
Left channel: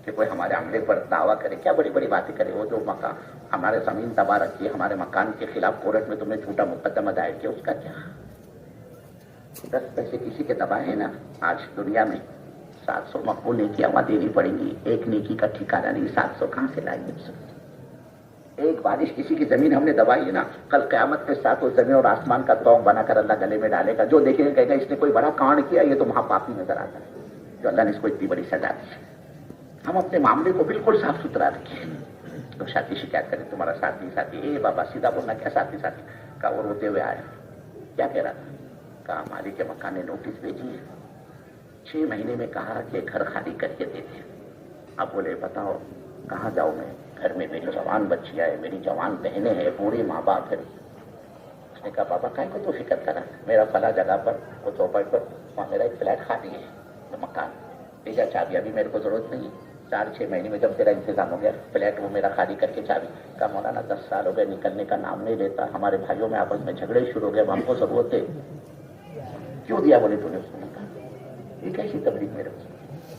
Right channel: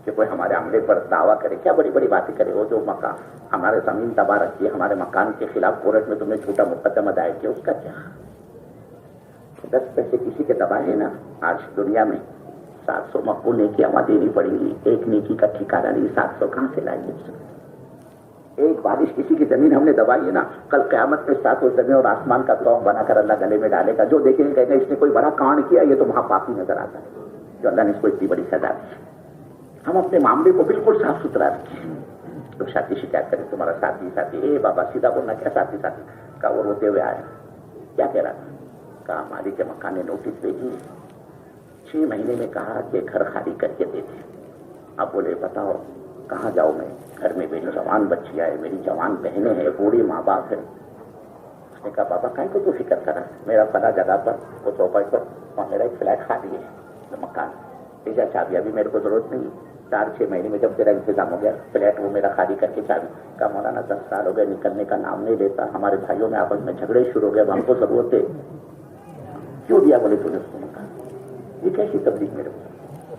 کہ کوئی ہمارے عملے پر دعویٰ کرے، کیا بڑی بڑی باتیں کرے، وہ جو مکان ہمارے زمین دبا رکھی ہے، ہمارے مکان کے خلاف کورٹ میں تم نے جھوٹا مقدمہ دائر کیا، اس کا کیا؟ 10 پیسے کسی کے دبائے نا، آج دنیا میں 700 مقبول نیکیاں دینی پڑیں گی، ایک نیکی کا ٹھکانہ نہیں، 700 کہاں سے لائیں گے؟ ایک بارش کسی کی زمین ہم نے دبائی ہے نا، کل قیامت کے ساتھ وہ زمین اور آسمان کا توق بنا کر اللہ گلے میں ڈالے گا، جو دیکھے گا کہے گا اس نے کوئی بڑا کانڈ کیا، یہ تو وہاں پاپی نظر آتا ہے جو اللہ نے اس کو اتنی بڑی سزا دی۔ ہم اپنے معاملے کو بالکل صاف ستھرا رکھیں۔ تو ساتھی شکایت کرے تمہارا ساتھی، اے بابا سیدھا بولنا، کیا ساتھی کا وہ روتے ہوئے آیا، کیا کہہ رہا تھا؟ کہا مالک کے مکان نے نوٹس بھیجی، 6 مہینے میں کہا کہ گھر خالی کر کے دے دے۔ اب بولے بتاؤ کہاں جاؤں میں، گھر میں میری جوان بچیاں ہے، میری جوان بہنیں ہیں، بوڑھی ماں باپ ہے۔ اس نے کہا بابا کہیں کو تو فکر کرا، میرا فلاں جگہ پر وہ چوپٹ پر اور میرا ایک فلیٹ خالی ہے، مکان لے جا چابی، ابھی میرے کو ضرورت نہیں، 4-6 مہینے میں جب تیرا انتظام ہو گیا فلیٹ وہ میرا خالی کر کے چابی۔ کہا مولانا 10 سال ہو گئے نکلنے کا نام نہیں لیتا، ہمارے بھائیوں میں آپس میں جھگڑے شروع ہو گئے، اب ہم کو ضرورت ہے، کیوں دیا؟ بولے تو نے اس نے کہا یہ کیسی تبلیغ میرے کو؟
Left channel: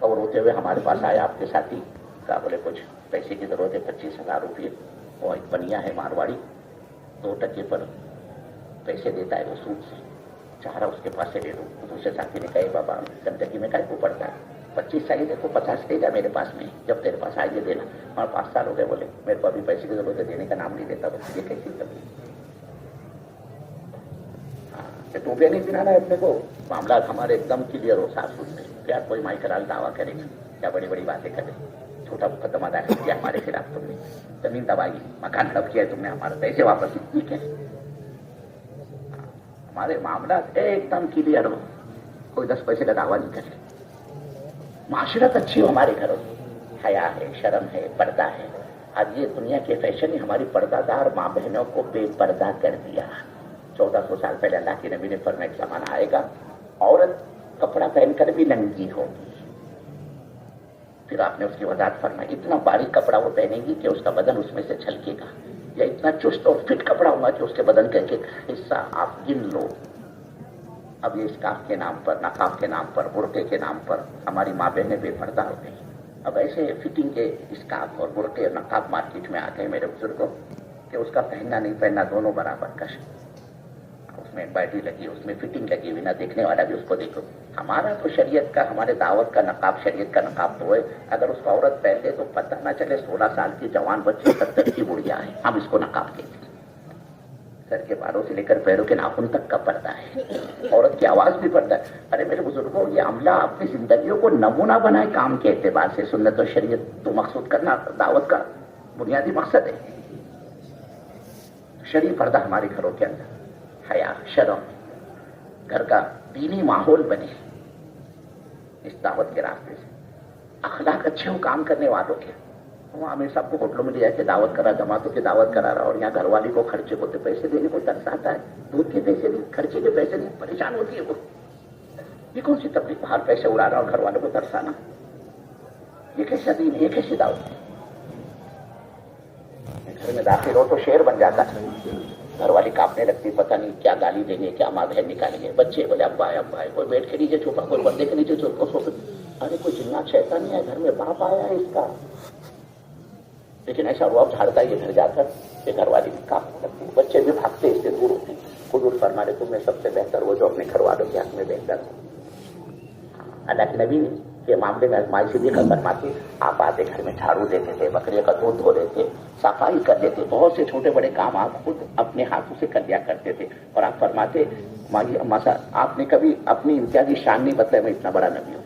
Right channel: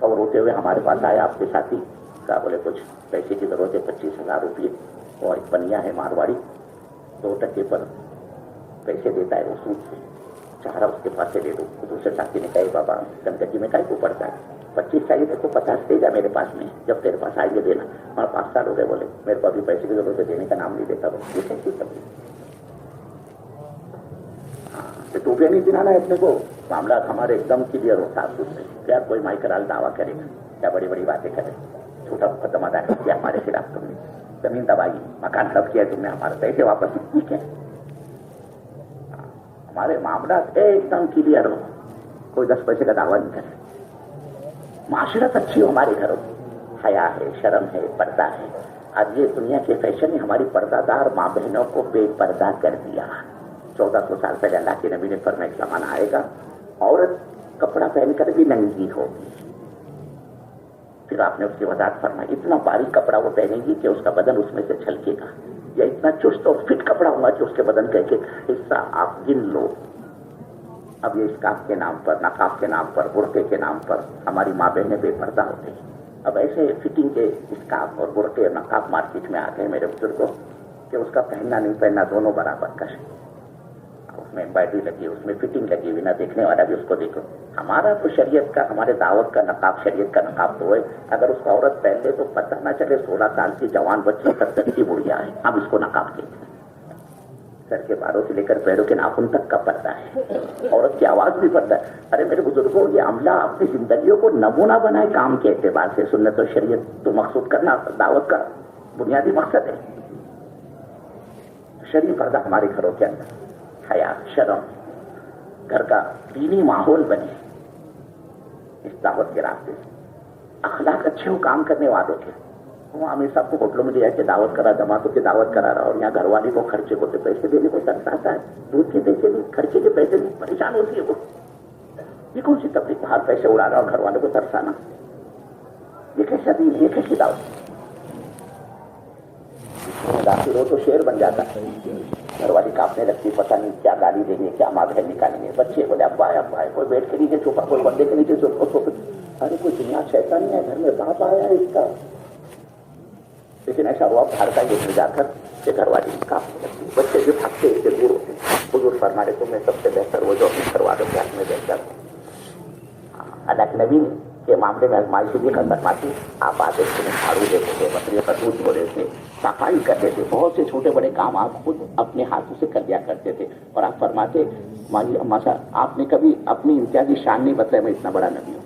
اور روتے ہوئے ہمارے پاس آیا آپ کے ساتھی، کہا بولے کچھ پیسے کی ضرورت ہے، 25,000 روپئے، اور ایک پنیا ہے مارواڑی 2% پر پیسے دیتا ہے وہ سود سے، چاہ رہا اس کے پاس سے دے دو۔ دوسرے ساتھی نے کہا بابا گندگی میں کہیں کو پڑتا ہے، 25 سال سے کو 50 دے جا میرے پاس میں، جب تیرے پاس آئیں گے دینا۔ ہمارا 5 سال ہو گئے، بولے میرے کو ابھی پیسے کی ضرورت ہے، دینے کا نام نہیں دیتا، یہ کیسی تبلیغ؟ ٹوپیاں نہیں پہنانا ہے اپنے کو، معاملات ہمارے ایک دم کلیئر ہو، صاف ستھرے، کیا کوئی مائکرال دعویٰ کرے گا، کیا بڑی بڑی باتیں کرے، چھوٹا مقدمہ دائر کیا ہمارے خلاف، تم نے زمین دبائی، مکان ہڑپ کیا، تم نے ہمارے پیسے واپس ٹھیک ہے، ہمارے معاملات ایک دم کلیئر ہو، کوئی 10 پیسے کا دعویٰ نہیں کرے، معاشرت اچھی ہو ہمارے گھروں، حیا ہے، شرم ہے، پردہ ہے۔ اب یہ دنیا کے فیشن نے ہماری پردہ دار ماں بہنوں کو بے پردہ کر دیا۔ 1400 سال پہلے اللہ کے نبی نے فرمایا ایک زمانہ آئے گا عورت کپڑا پہن کر بھی ننگی ہوگی، پھر آپ نے اس کی وضاحت فرمائی اتنا باریک کپڑا وہ پہنے گی کہ اس کا بدن اس میں سے چھلکے گا، یا اتنا چست اور فٹ کپڑا ہوگا کہ اس کے بدن کا ایک ایک حصہ آپ گن لو اب یہ اسکارف کے نام پر، نقاب کے نام پر، برقعے کے نام پر ہماری ماں بہنیں بے پردہ ہو گئی. اب ایسے فٹنگ کے اسکارف اور برقعے اور نقاب مارکیٹ میں آ گئے میرے بزرگوں کہ اس کا پہننا نہیں پہننا دونوں برابر کا ہے. اس میں امبرائڈری لگی، اس میں فٹنگ لگی ہوئی، نہ دیکھنے والا بھی اس کو دیکھو. ہمارا تو شریعت کا، ہمارے دعوت کا نقاب شریعت کا نقاب تو ہے. اگر اس کو عورت پہن لے تو پتہ نہ چلے 16 سال کی جوان بچی تک کی بڑھیا ہے. ہم اس کو نقاب کہتے ہیں. سر کے بالوں سے لے کر پیروں کے ناخن تک کا پردہ ہے. عورت کی آواز بھی پردہ ہے. ارے میرے بزرگوں، یہ عملہ اپنی زندگیوں کو نمونہ بنائے کام کے اعتبار سے. سنت و شریعت تو مقصود کرنا دعوت کا بنیادی مقصد ہے. شریف پردہ ہمارے گھروں کے اندر، حیا، شرم، گھر کا دینی ماحول بنے اس دعوت کے راستے سے. اخلاق اچھے ہو کام کرنے والوں کے. وہ ہمیں سب کو ہوٹلوں میں لے جا کے دعوت کرا، دماغوں کی دعوت کرا رہا، اور یہاں گھر والی کو خرچے کو تو پیسے دینے کو ترس آتا ہے. دودھ کے پیسے نہیں، خرچے کے پیسے نہیں، پریشان ہوتی ہے وہ. یہ کون سی تبلیغ؟ باہر پیسے اڑا رہا اور گھر والوں کو ترسانا، یہ کیسا دین، یہ کیسی دعوت؟ داخل ہو تو شیر بن جاتا. گھر والی کاپنے لگتی، پتہ نہیں کیا گالی دیں گے، کیا ماں بہن نکالیں گے. بچے بولے ابا ہے ابا ہے، کوئی بیٹھ کے نیچے چھپا، کوئی پردے کے نیچے چھپا. ارے کوئی جنیا شیطان نہیں ہے گھر میں، باپ آیا ہے اس کا. لیکن ایسا ہوا گھر کا یہ جا کر کہ گھر والی کاپنے لگتی، بچے بھی بھاگتے اس سے دور ہوتے. حضور فرما رہے تمہیں سب سے بہتر وہ جو اپنے گھر والوں کے ہاتھ میں بہتر. اللہ کے نبی کے معاملے میں ازمائشی بھی فرماتی. آپ آتے تھے، جھاڑو دیتے تھے، بکریوں کا دودھ دھو رہے تھے، صفائی کرتے تھے، بہت سے چھوٹے بڑے کام آپ خود اپنے ہاتھوں سے کر دیا کرتے تھے. اور آپ فرماتے آپ نے کبھی اپنی امتیازی شان نہیں بتایا میں اتنا بڑا نبی ہوں.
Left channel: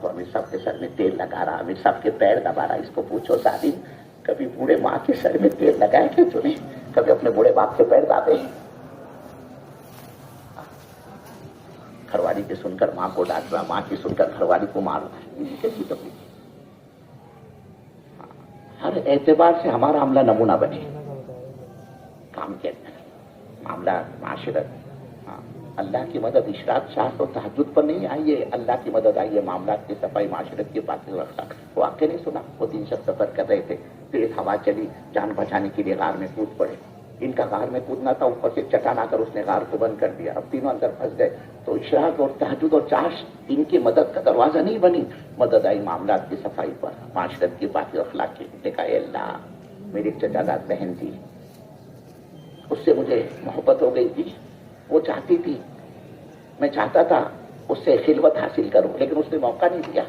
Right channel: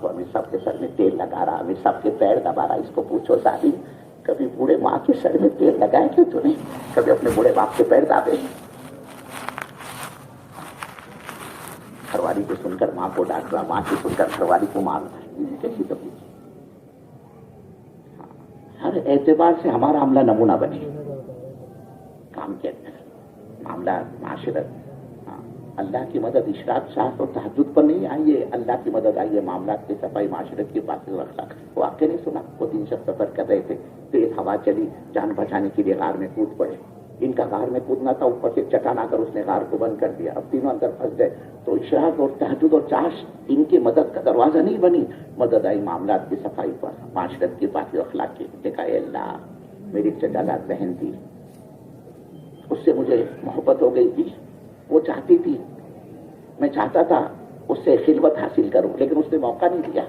تو ہمیں سب کے سر میں تیل لگا رہا، ہمیں سب کے پیر دبا رہا. اس کو پوچھو شادی کبھی بوڑھے ماں کے سر میں تیل لگائے کہ تو نہیں؟ کبھی اپنے بوڑھے باپ کے پیر دابے؟ گھر والی کو سن کر ماں کو ڈانٹنا، ماں کی سن کر گھر والی کو مارنا، کیسی تکلیف. ہر اعتبار سے ہمارا عملہ نمونہ بنے کام کے اندر، معاملہ، معاشرت. اللہ کی مدد اشراق شاہ و تہجد پر نہیں آئیے، اللہ کی مدد آئیے معاملات کی صفائی، معاشرت کی باتیں رکھا. وہ آپ کے نہیں سنا، وہ 3 شخص سفر کر رہے تھے، تیز ہوا چلی، جان بچانے کے لیے غار میں کود پڑے. ان کا غار میں کودنا تھا، اوپر سے چٹان آ کر اس نے غار کو بند کر دیا. اب تینوں اندر پھنس گئے. تو اشراق اور تہجد اور چاش ان کی مدد کا دروازہ نہیں بنی. مدد آئی معاملات کی صفائی پر، معاشرت کی باتیں اخلاق کی. دیکھا اے اللہ، میری چچا بہن تھی، اس سے مجھے محبت ہو گئی تھی. وہ چاہتی تھی، میں چاہتا تھا اس سے خلوت حاصل کروں، لیکن اس نے موقع نہیں دیا.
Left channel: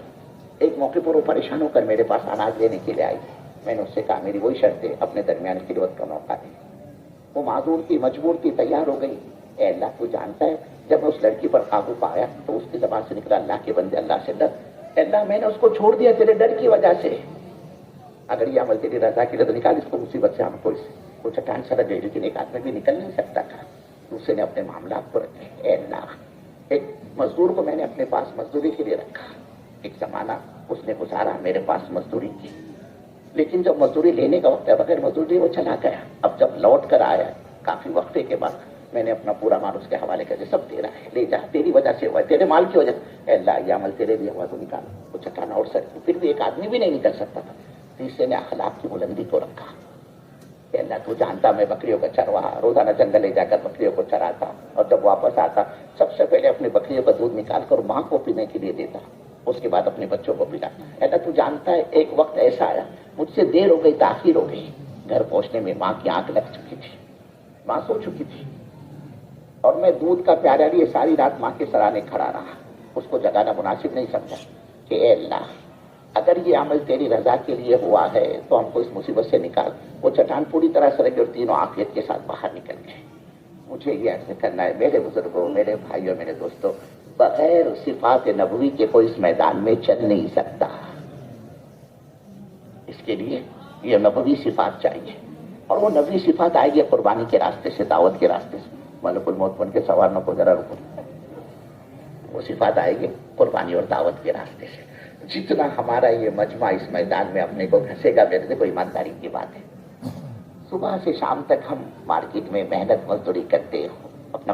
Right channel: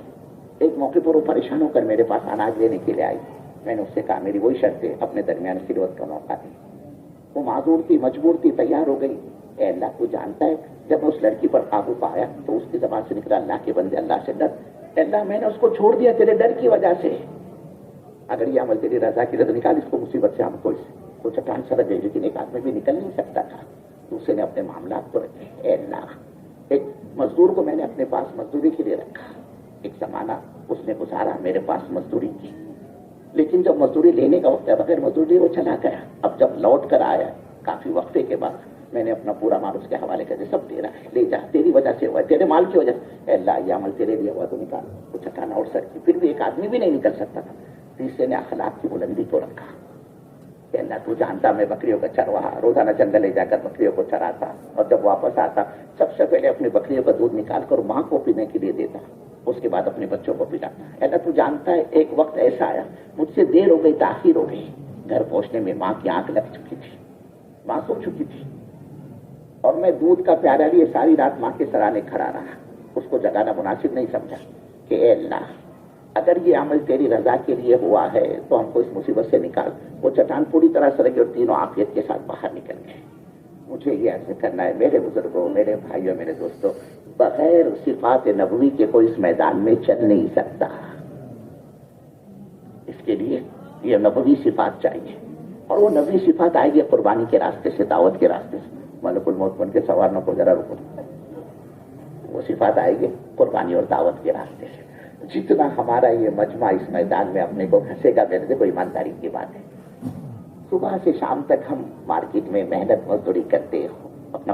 ایک موقع پر وہ پریشان ہو کر میرے پاس اناج لینے کے لیے آئی. میں نے اس سے کہا میری وہی شرط ہے، اپنے درمیان خلوت کا موقع دے. وہ معذور تھی، مجبور تھی، تیار ہو گئی. اے اللہ تو جانتا ہے، جب میں اس لڑکی پر قابو پایا تو اس کی زبان سے نکلا اللہ کے بندے اللہ سے ڈر. اے اللہ میں نے اس کو چھوڑ دیا تیرے ڈر کی وجہ سے. اگر یہ عمل تیری رضا کی رضا نکال اس کو مصیبت سے ہم کو. وہ چٹان سر گئی، لیکن ایک آدمی بھی نکل نہیں سکتا تھا. دوسرے نے اپنے معاملات کو رکھے. اے اللہ، ایک مزدور کو میں نے اپنے پاس مزدوری کے لیے رکھا. ایک زمانہ اس نے گزارا میرے پاس مزدوری کی، لیکن جب مزدوری لینے کا وقت ہے بغیر مزدوری وہ چلا گیا. اب جب لوٹ کر آیا کافی وقفے کے بعد، میں نے اپنا پورا مال اس کے حوالے کر دیا. سب تیرا ہے، لے جا، تیری وجہ سے ہوا، تیرے مال کی وجہ سے. اے اللہ یہ عمل تیرے بھی ہوا تو نکال. وہ چٹان اور سکتی، پھر بھی ایک آدمی بھی نہیں نکل سکتا تھا. تیسرے نے اخلاق کی بلندی کو رکھا. اے اللہ تو جانتا میں بکریوں کا چرواہا، روزانہ جنگل لے جا کر بکریوں کو چراتا، اور جب واپس آتا سب سے پہلے اپنے بکریوں کا دودھ نکال کر ماں کو پینے کے لیے دیتا، اس کے بعد اپنے بچوں کو پلا. اے اللہ تو جانتا ہے ایک وقت ایسا آیا مجھ سے دیر ہو گئی، تاخیر ہو گئی. گھر پہنچنے میں ماں کی آنکھ لگ چکی تھی، ماں سو چکی تھی، اور میں دودھ کا پیالہ لیے ساری رات ماں کے سرانے کھڑا رہا. اس کو جگانا مناسب نہیں سمجھا کہ اے اللہ اگر یہ عمل تیری رضا کے لیے ہوا ہے تو ہم کو اس مصیبت سے نکال. وہ چٹان پوری طرح سرک اور تینوں عافیت کے ساتھ باہر نکل گئے. مجھے یہ عرض کرنا ہے میرے بزرگوں، میرے بھائیوں، میرے دوستوں، بغیر صفات نبوی کے کوئی اس میدان میں چل نہیں سکتا. اس کے لیے یہ نبوی صفات چاہیے، اور وہ نبوی صفات آئے گی قربانی کے راستے سے، دعوت کے راستے سے. ملک الموت بن کے سوارنا کو ذرا رکو. وہ صفات آئے گی قربانی اور دعوت کے راستے سے. جتنا ہمارا یہ مجمع اس میدان میں اپنے کو گھسے گا، میرے سے کوئی ایمانداری کی بات ہے. صبح سے شام تک ہم مارکیٹ میں محنت مزدوری کرتے، اپنا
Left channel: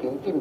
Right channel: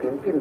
3-3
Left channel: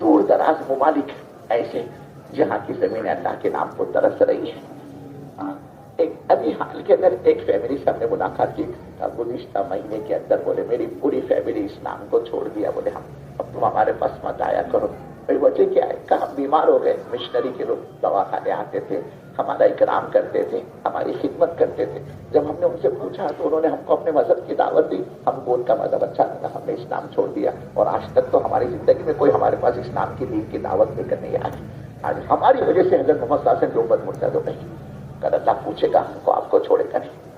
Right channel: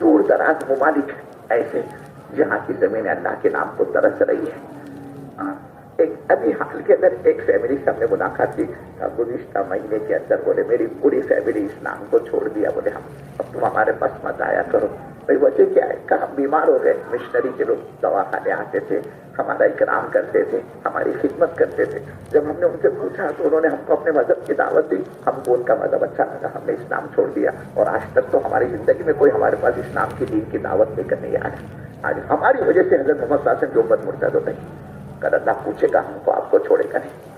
دور دراز ممالک ایسے جہاں کی زمین اللہ کے نام کو ترس رہی ہے۔ ایک ابھی حال کے اندر ایک فیملی سے ہم نے ملاقات کی، گزشتہ مہینے کے اندر بولے میری پوری فیملی اسلام کو چھوڑ دیا، بولے اب تم ہمارے پاس مت آیا کرو۔ بھائی وجہ کیا ہے؟ کہ ہم بیمار ہو گئے، مشنری کے لوگ دواخانے آتے تھے، ہمارا اکرام کرتے تھے، ہماری خدمت کرتے تھے۔ جب ہم نے ان سے پوچھا تو انہوں نے ہم کو اپنے مذہب کی دعوت دی، ہم کو ان کا مذہب اچھا لگا، ہم نے اسلام چھوڑ دیا، اور آج تک تو ہماری زندگی میں کوئی ہمارے پاس اسلام کی دین کی دعوت لے کر نہیں آیا۔ آج ہماری وجہ سے حضرت محمد صلی اللہ علیہ وسلم کی امت مرتد ہو گئی، کل اللہ پوچھے گا ہم کو آپ کو چھوڑے گا نہیں۔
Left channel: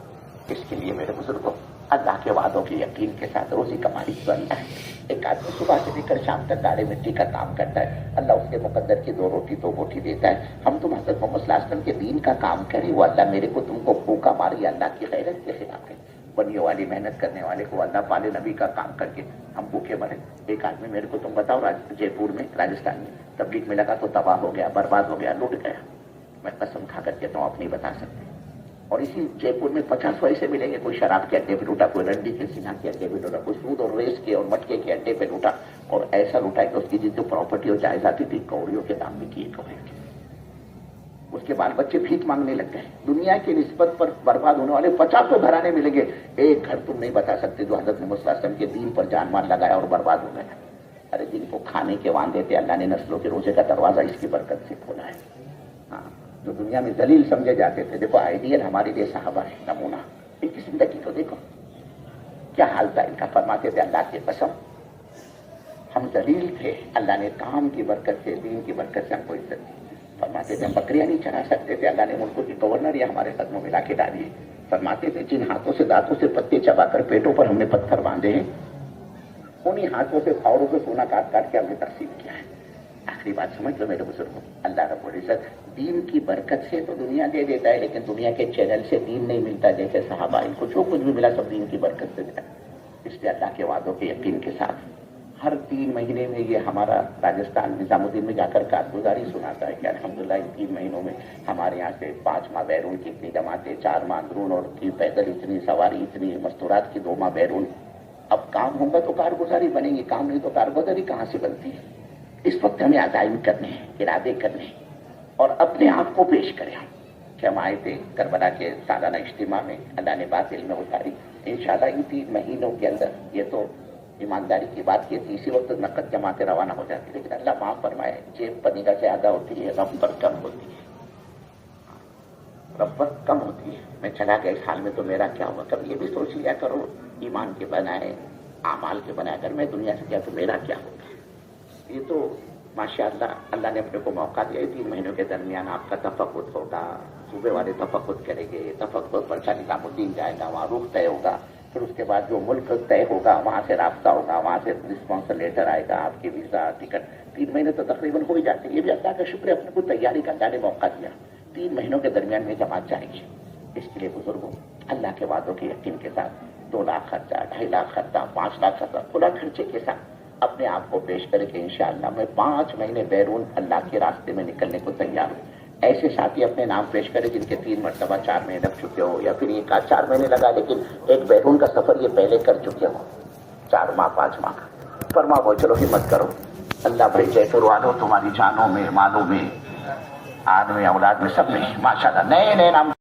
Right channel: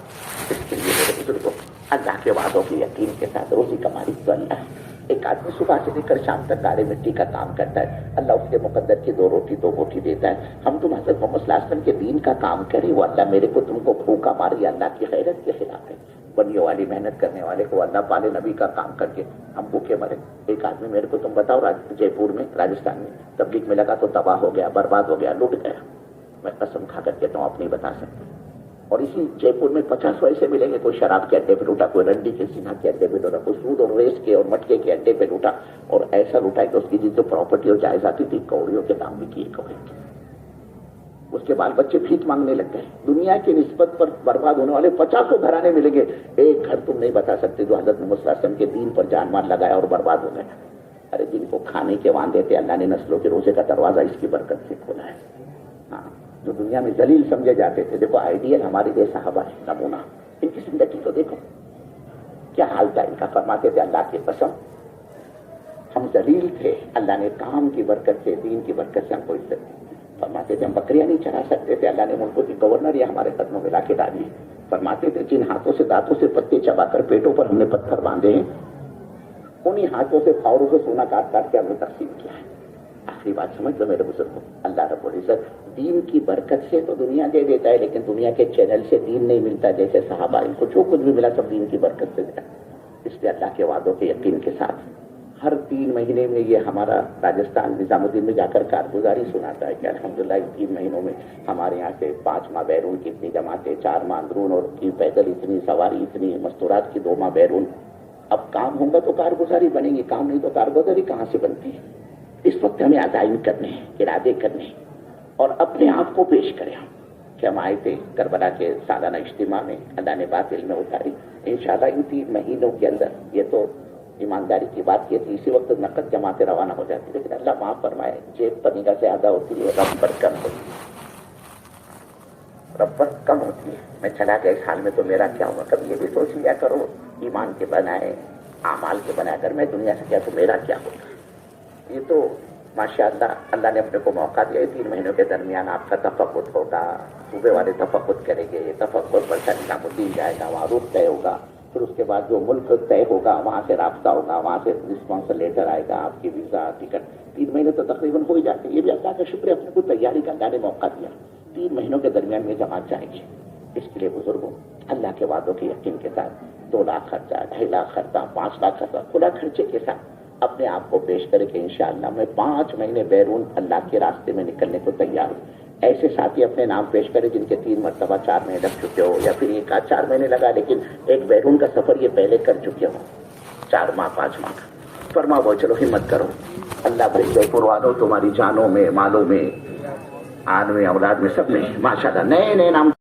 اس کے لیے میرے بزرگوں، اللہ کے وعدوں کے یقین کے ساتھ روزی کمائی بننا ہے۔ ایک آدمی صبح سے لے کر شام تک گاڑی مٹی کا کام کرتا ہے، اللہ اس کے مقدر کی 2 روٹی 2 بوٹی دیتا ہے۔ ہم تم حضرت محمد صلی اللہ علیہ وسلم کے دین کا کام کریں، وہ اللہ میرے کو تم کو بھوکا ماری اللہ کی غیرت کے خلاف ہے۔ بنیوں والی محنت کرنے والے کو اللہ پالے، نبی کا کام کر کے ہم بھوکے مرے۔ ایک آدمی میرے کو تم بتاؤ جے پور میں راجستھان میں تبلیغ میں لگا تو تباہ ہو گیا، برباد ہو گیا، لوٹ گیا۔ میں قسم کھا کر کہتا ہوں آپ نہیں بتا سکتے۔ اور اسی جے پور میں 50 ایسے ملیں گے، کوئی شراب کے اڈے پہ لوٹا، کوئی رنڈی کے سینا کے اڈے پہ لوٹا، کوئی سود اور ریس کے اور مٹکے کے اڈے پہ لوٹا، اور ایسا لوٹا کہ اس کی جو پراپرٹی اور جائیداد تھی کوڑیوں کے دام بھی کیے کوڑے کے۔ اس کے بال بچے بھیک مانگنے لگ گئے۔ دنیا کی نسبت پر برباد ہونے والے 50 گھرانے ملیں گے، ایک گھر تم نہیں بتا سکتے جو حضرت محمد صلی اللہ علیہ وسلم کے دین پر جان مال لگایا اور برباد ہو گئے۔ ارے جن کو کھانے کے وعدے تھے، اللہ نے نسلوں کے روزے کا دروازہ اس کی برکت سے کھولا ہے۔ جو دنیا میں ذلیل سمجھے جاتے تھے، دیکھو آئیڈیل ہمارے لیے صحابہ ہے نمونہ۔ ان کی زندگی کو دیکھو کیا حال تھا ان کا۔ فرماتے تھے اللہ کی قسم ہم ذلیل تھے، اللہ نے کام کی برکت سے، دین کی برکت سے ہم کو عزت دی۔ فرماتے تھے ہم بکریاں نہیں چرا سکتے تھے، اللہ نے ملکوں کی گورنر یا ہمارے قدموں میں لا کے ڈالی ہے۔ فرماتے تھے جن ہاتھوں سے دانتوں سے پتے چبا کر پیٹوں پر ہم نے پتھر باندھے ہیں، انہی ہاتھوں سے پاوروں سے سونا کاٹ کاٹ کے ہم نے تقسیم کیا ہے۔ آخری بات سمجھ لو میرے بزرگوں، اللہ رب العزت دین کی برکت سے تو دنیا دے دیتا ہے، لیکن دنیا کے چینل سے دین نہیں ملتا۔ جیسے صحابہ ان کو جو کچھ بھی ملا سب دین کی برکت سے ملا۔ اس لیے اللہ کے وعدوں کے یقین کے ساتھ ہر 3 مہینے میں یہ ہمارا راجستھان نظام الدین میں جا کر کارگزاری سناتا ہے کہ الحمدللہ ان 3 مہینوں میں ہمارے یہاں سے 5 ماہ بیرون کی اتنی جماعتیں، 4 ماہ اندرون، اور پیدل اتنی سواری، اتنی مستورات کی 2 ماہ بیرون۔ اب کام ہوگا تو کارگزاری بنے گی، کام نہیں تو کارگزاری کہاں سے بنتی ہے؟ اس وقت ہمیں عزائم کرنے ہیں، ارادے کرنے ہیں، اور اپنے آپ کو پیش کریں کہ ہم آئے تھے کربلا کے سالانہ اجتماع میں، اللہ نے بات علم میں اتاری۔ انشاءاللہ ان 3 مہینوں کے اندر، یہ تو ایمانداری کی بات کی تھی، اسی وقت نقد جماعتیں روانہ ہو جاتی، لیکن اللہ معاف فرمائے جیب پر نگاہ زیادہ ہوتی ہے، رب پر کم ہوتی ہے، رب پر کم ہوتی ہے۔ میں چلا گیا اس حال میں تو میرا کیا ہوگا؟ کبھی یہ بھی سوچ لیا کرو، ایمان کے بنائے، اعمال کے بنائے، اگر میں دنیا سے گیا تو میرا کیا ہوگا؟ یہ تو ماشاءاللہ اللہ نے اپنے کو موقع دیا ہے۔ 3 مہینوں کے درمیان آپ کا تفقد ہوگا، صوبے والے تفقد کریں گے، تفقد پر نظام الدین جائے گا، وہاں رخ طے ہوگا، پھر اس کے بعد جو ملک طے ہوگا وہاں سے رابطہ ہوگا، وہاں سے رسپانس لیٹر آئے گا، آپ کی ویزا ٹکٹ۔ 3 مہینے تو تقریباً ہو ہی جاتے ہیں۔ یہ بھی اللہ کا شکر ہے، اپنے کو تیاری کا اللہ نے موقع دیا۔ 3 مہینوں کے درمیان میں جماعت جائے گی۔ اس کے لیے بزرگوں اللہ کے وعدوں کے یقین کے ساتھ 2 لاکھ خرچہ، 2.5 لاکھ خرچہ، 5 لاکھ خرچہ، کھلا خرچے کے ساتھ اپنے آپ کو پیش کرے کہ انشاءاللہ میں 5 مہینے بیرون اللہ کے راستے میں نکلنے کو تیار ہوں۔ ایسے ساتھی اپنے نام پیش کرے جن کے 3 مرتبہ 4 مہینے لگ چکے ہو، یا پھر ایک 4 مہینے لگا لیکن ایک بیرون کا سفر یہ پہلے کر چکے ہو، 4 ماہ 5 ماہ کا۔ فرما وہ چلو ہمت کرو، اللہ بھائی جے قرآن تمہاری جانوں میں، مالوں میں، آدمی اولاد میں، سب میں ماشاءاللہ نئے نئے نام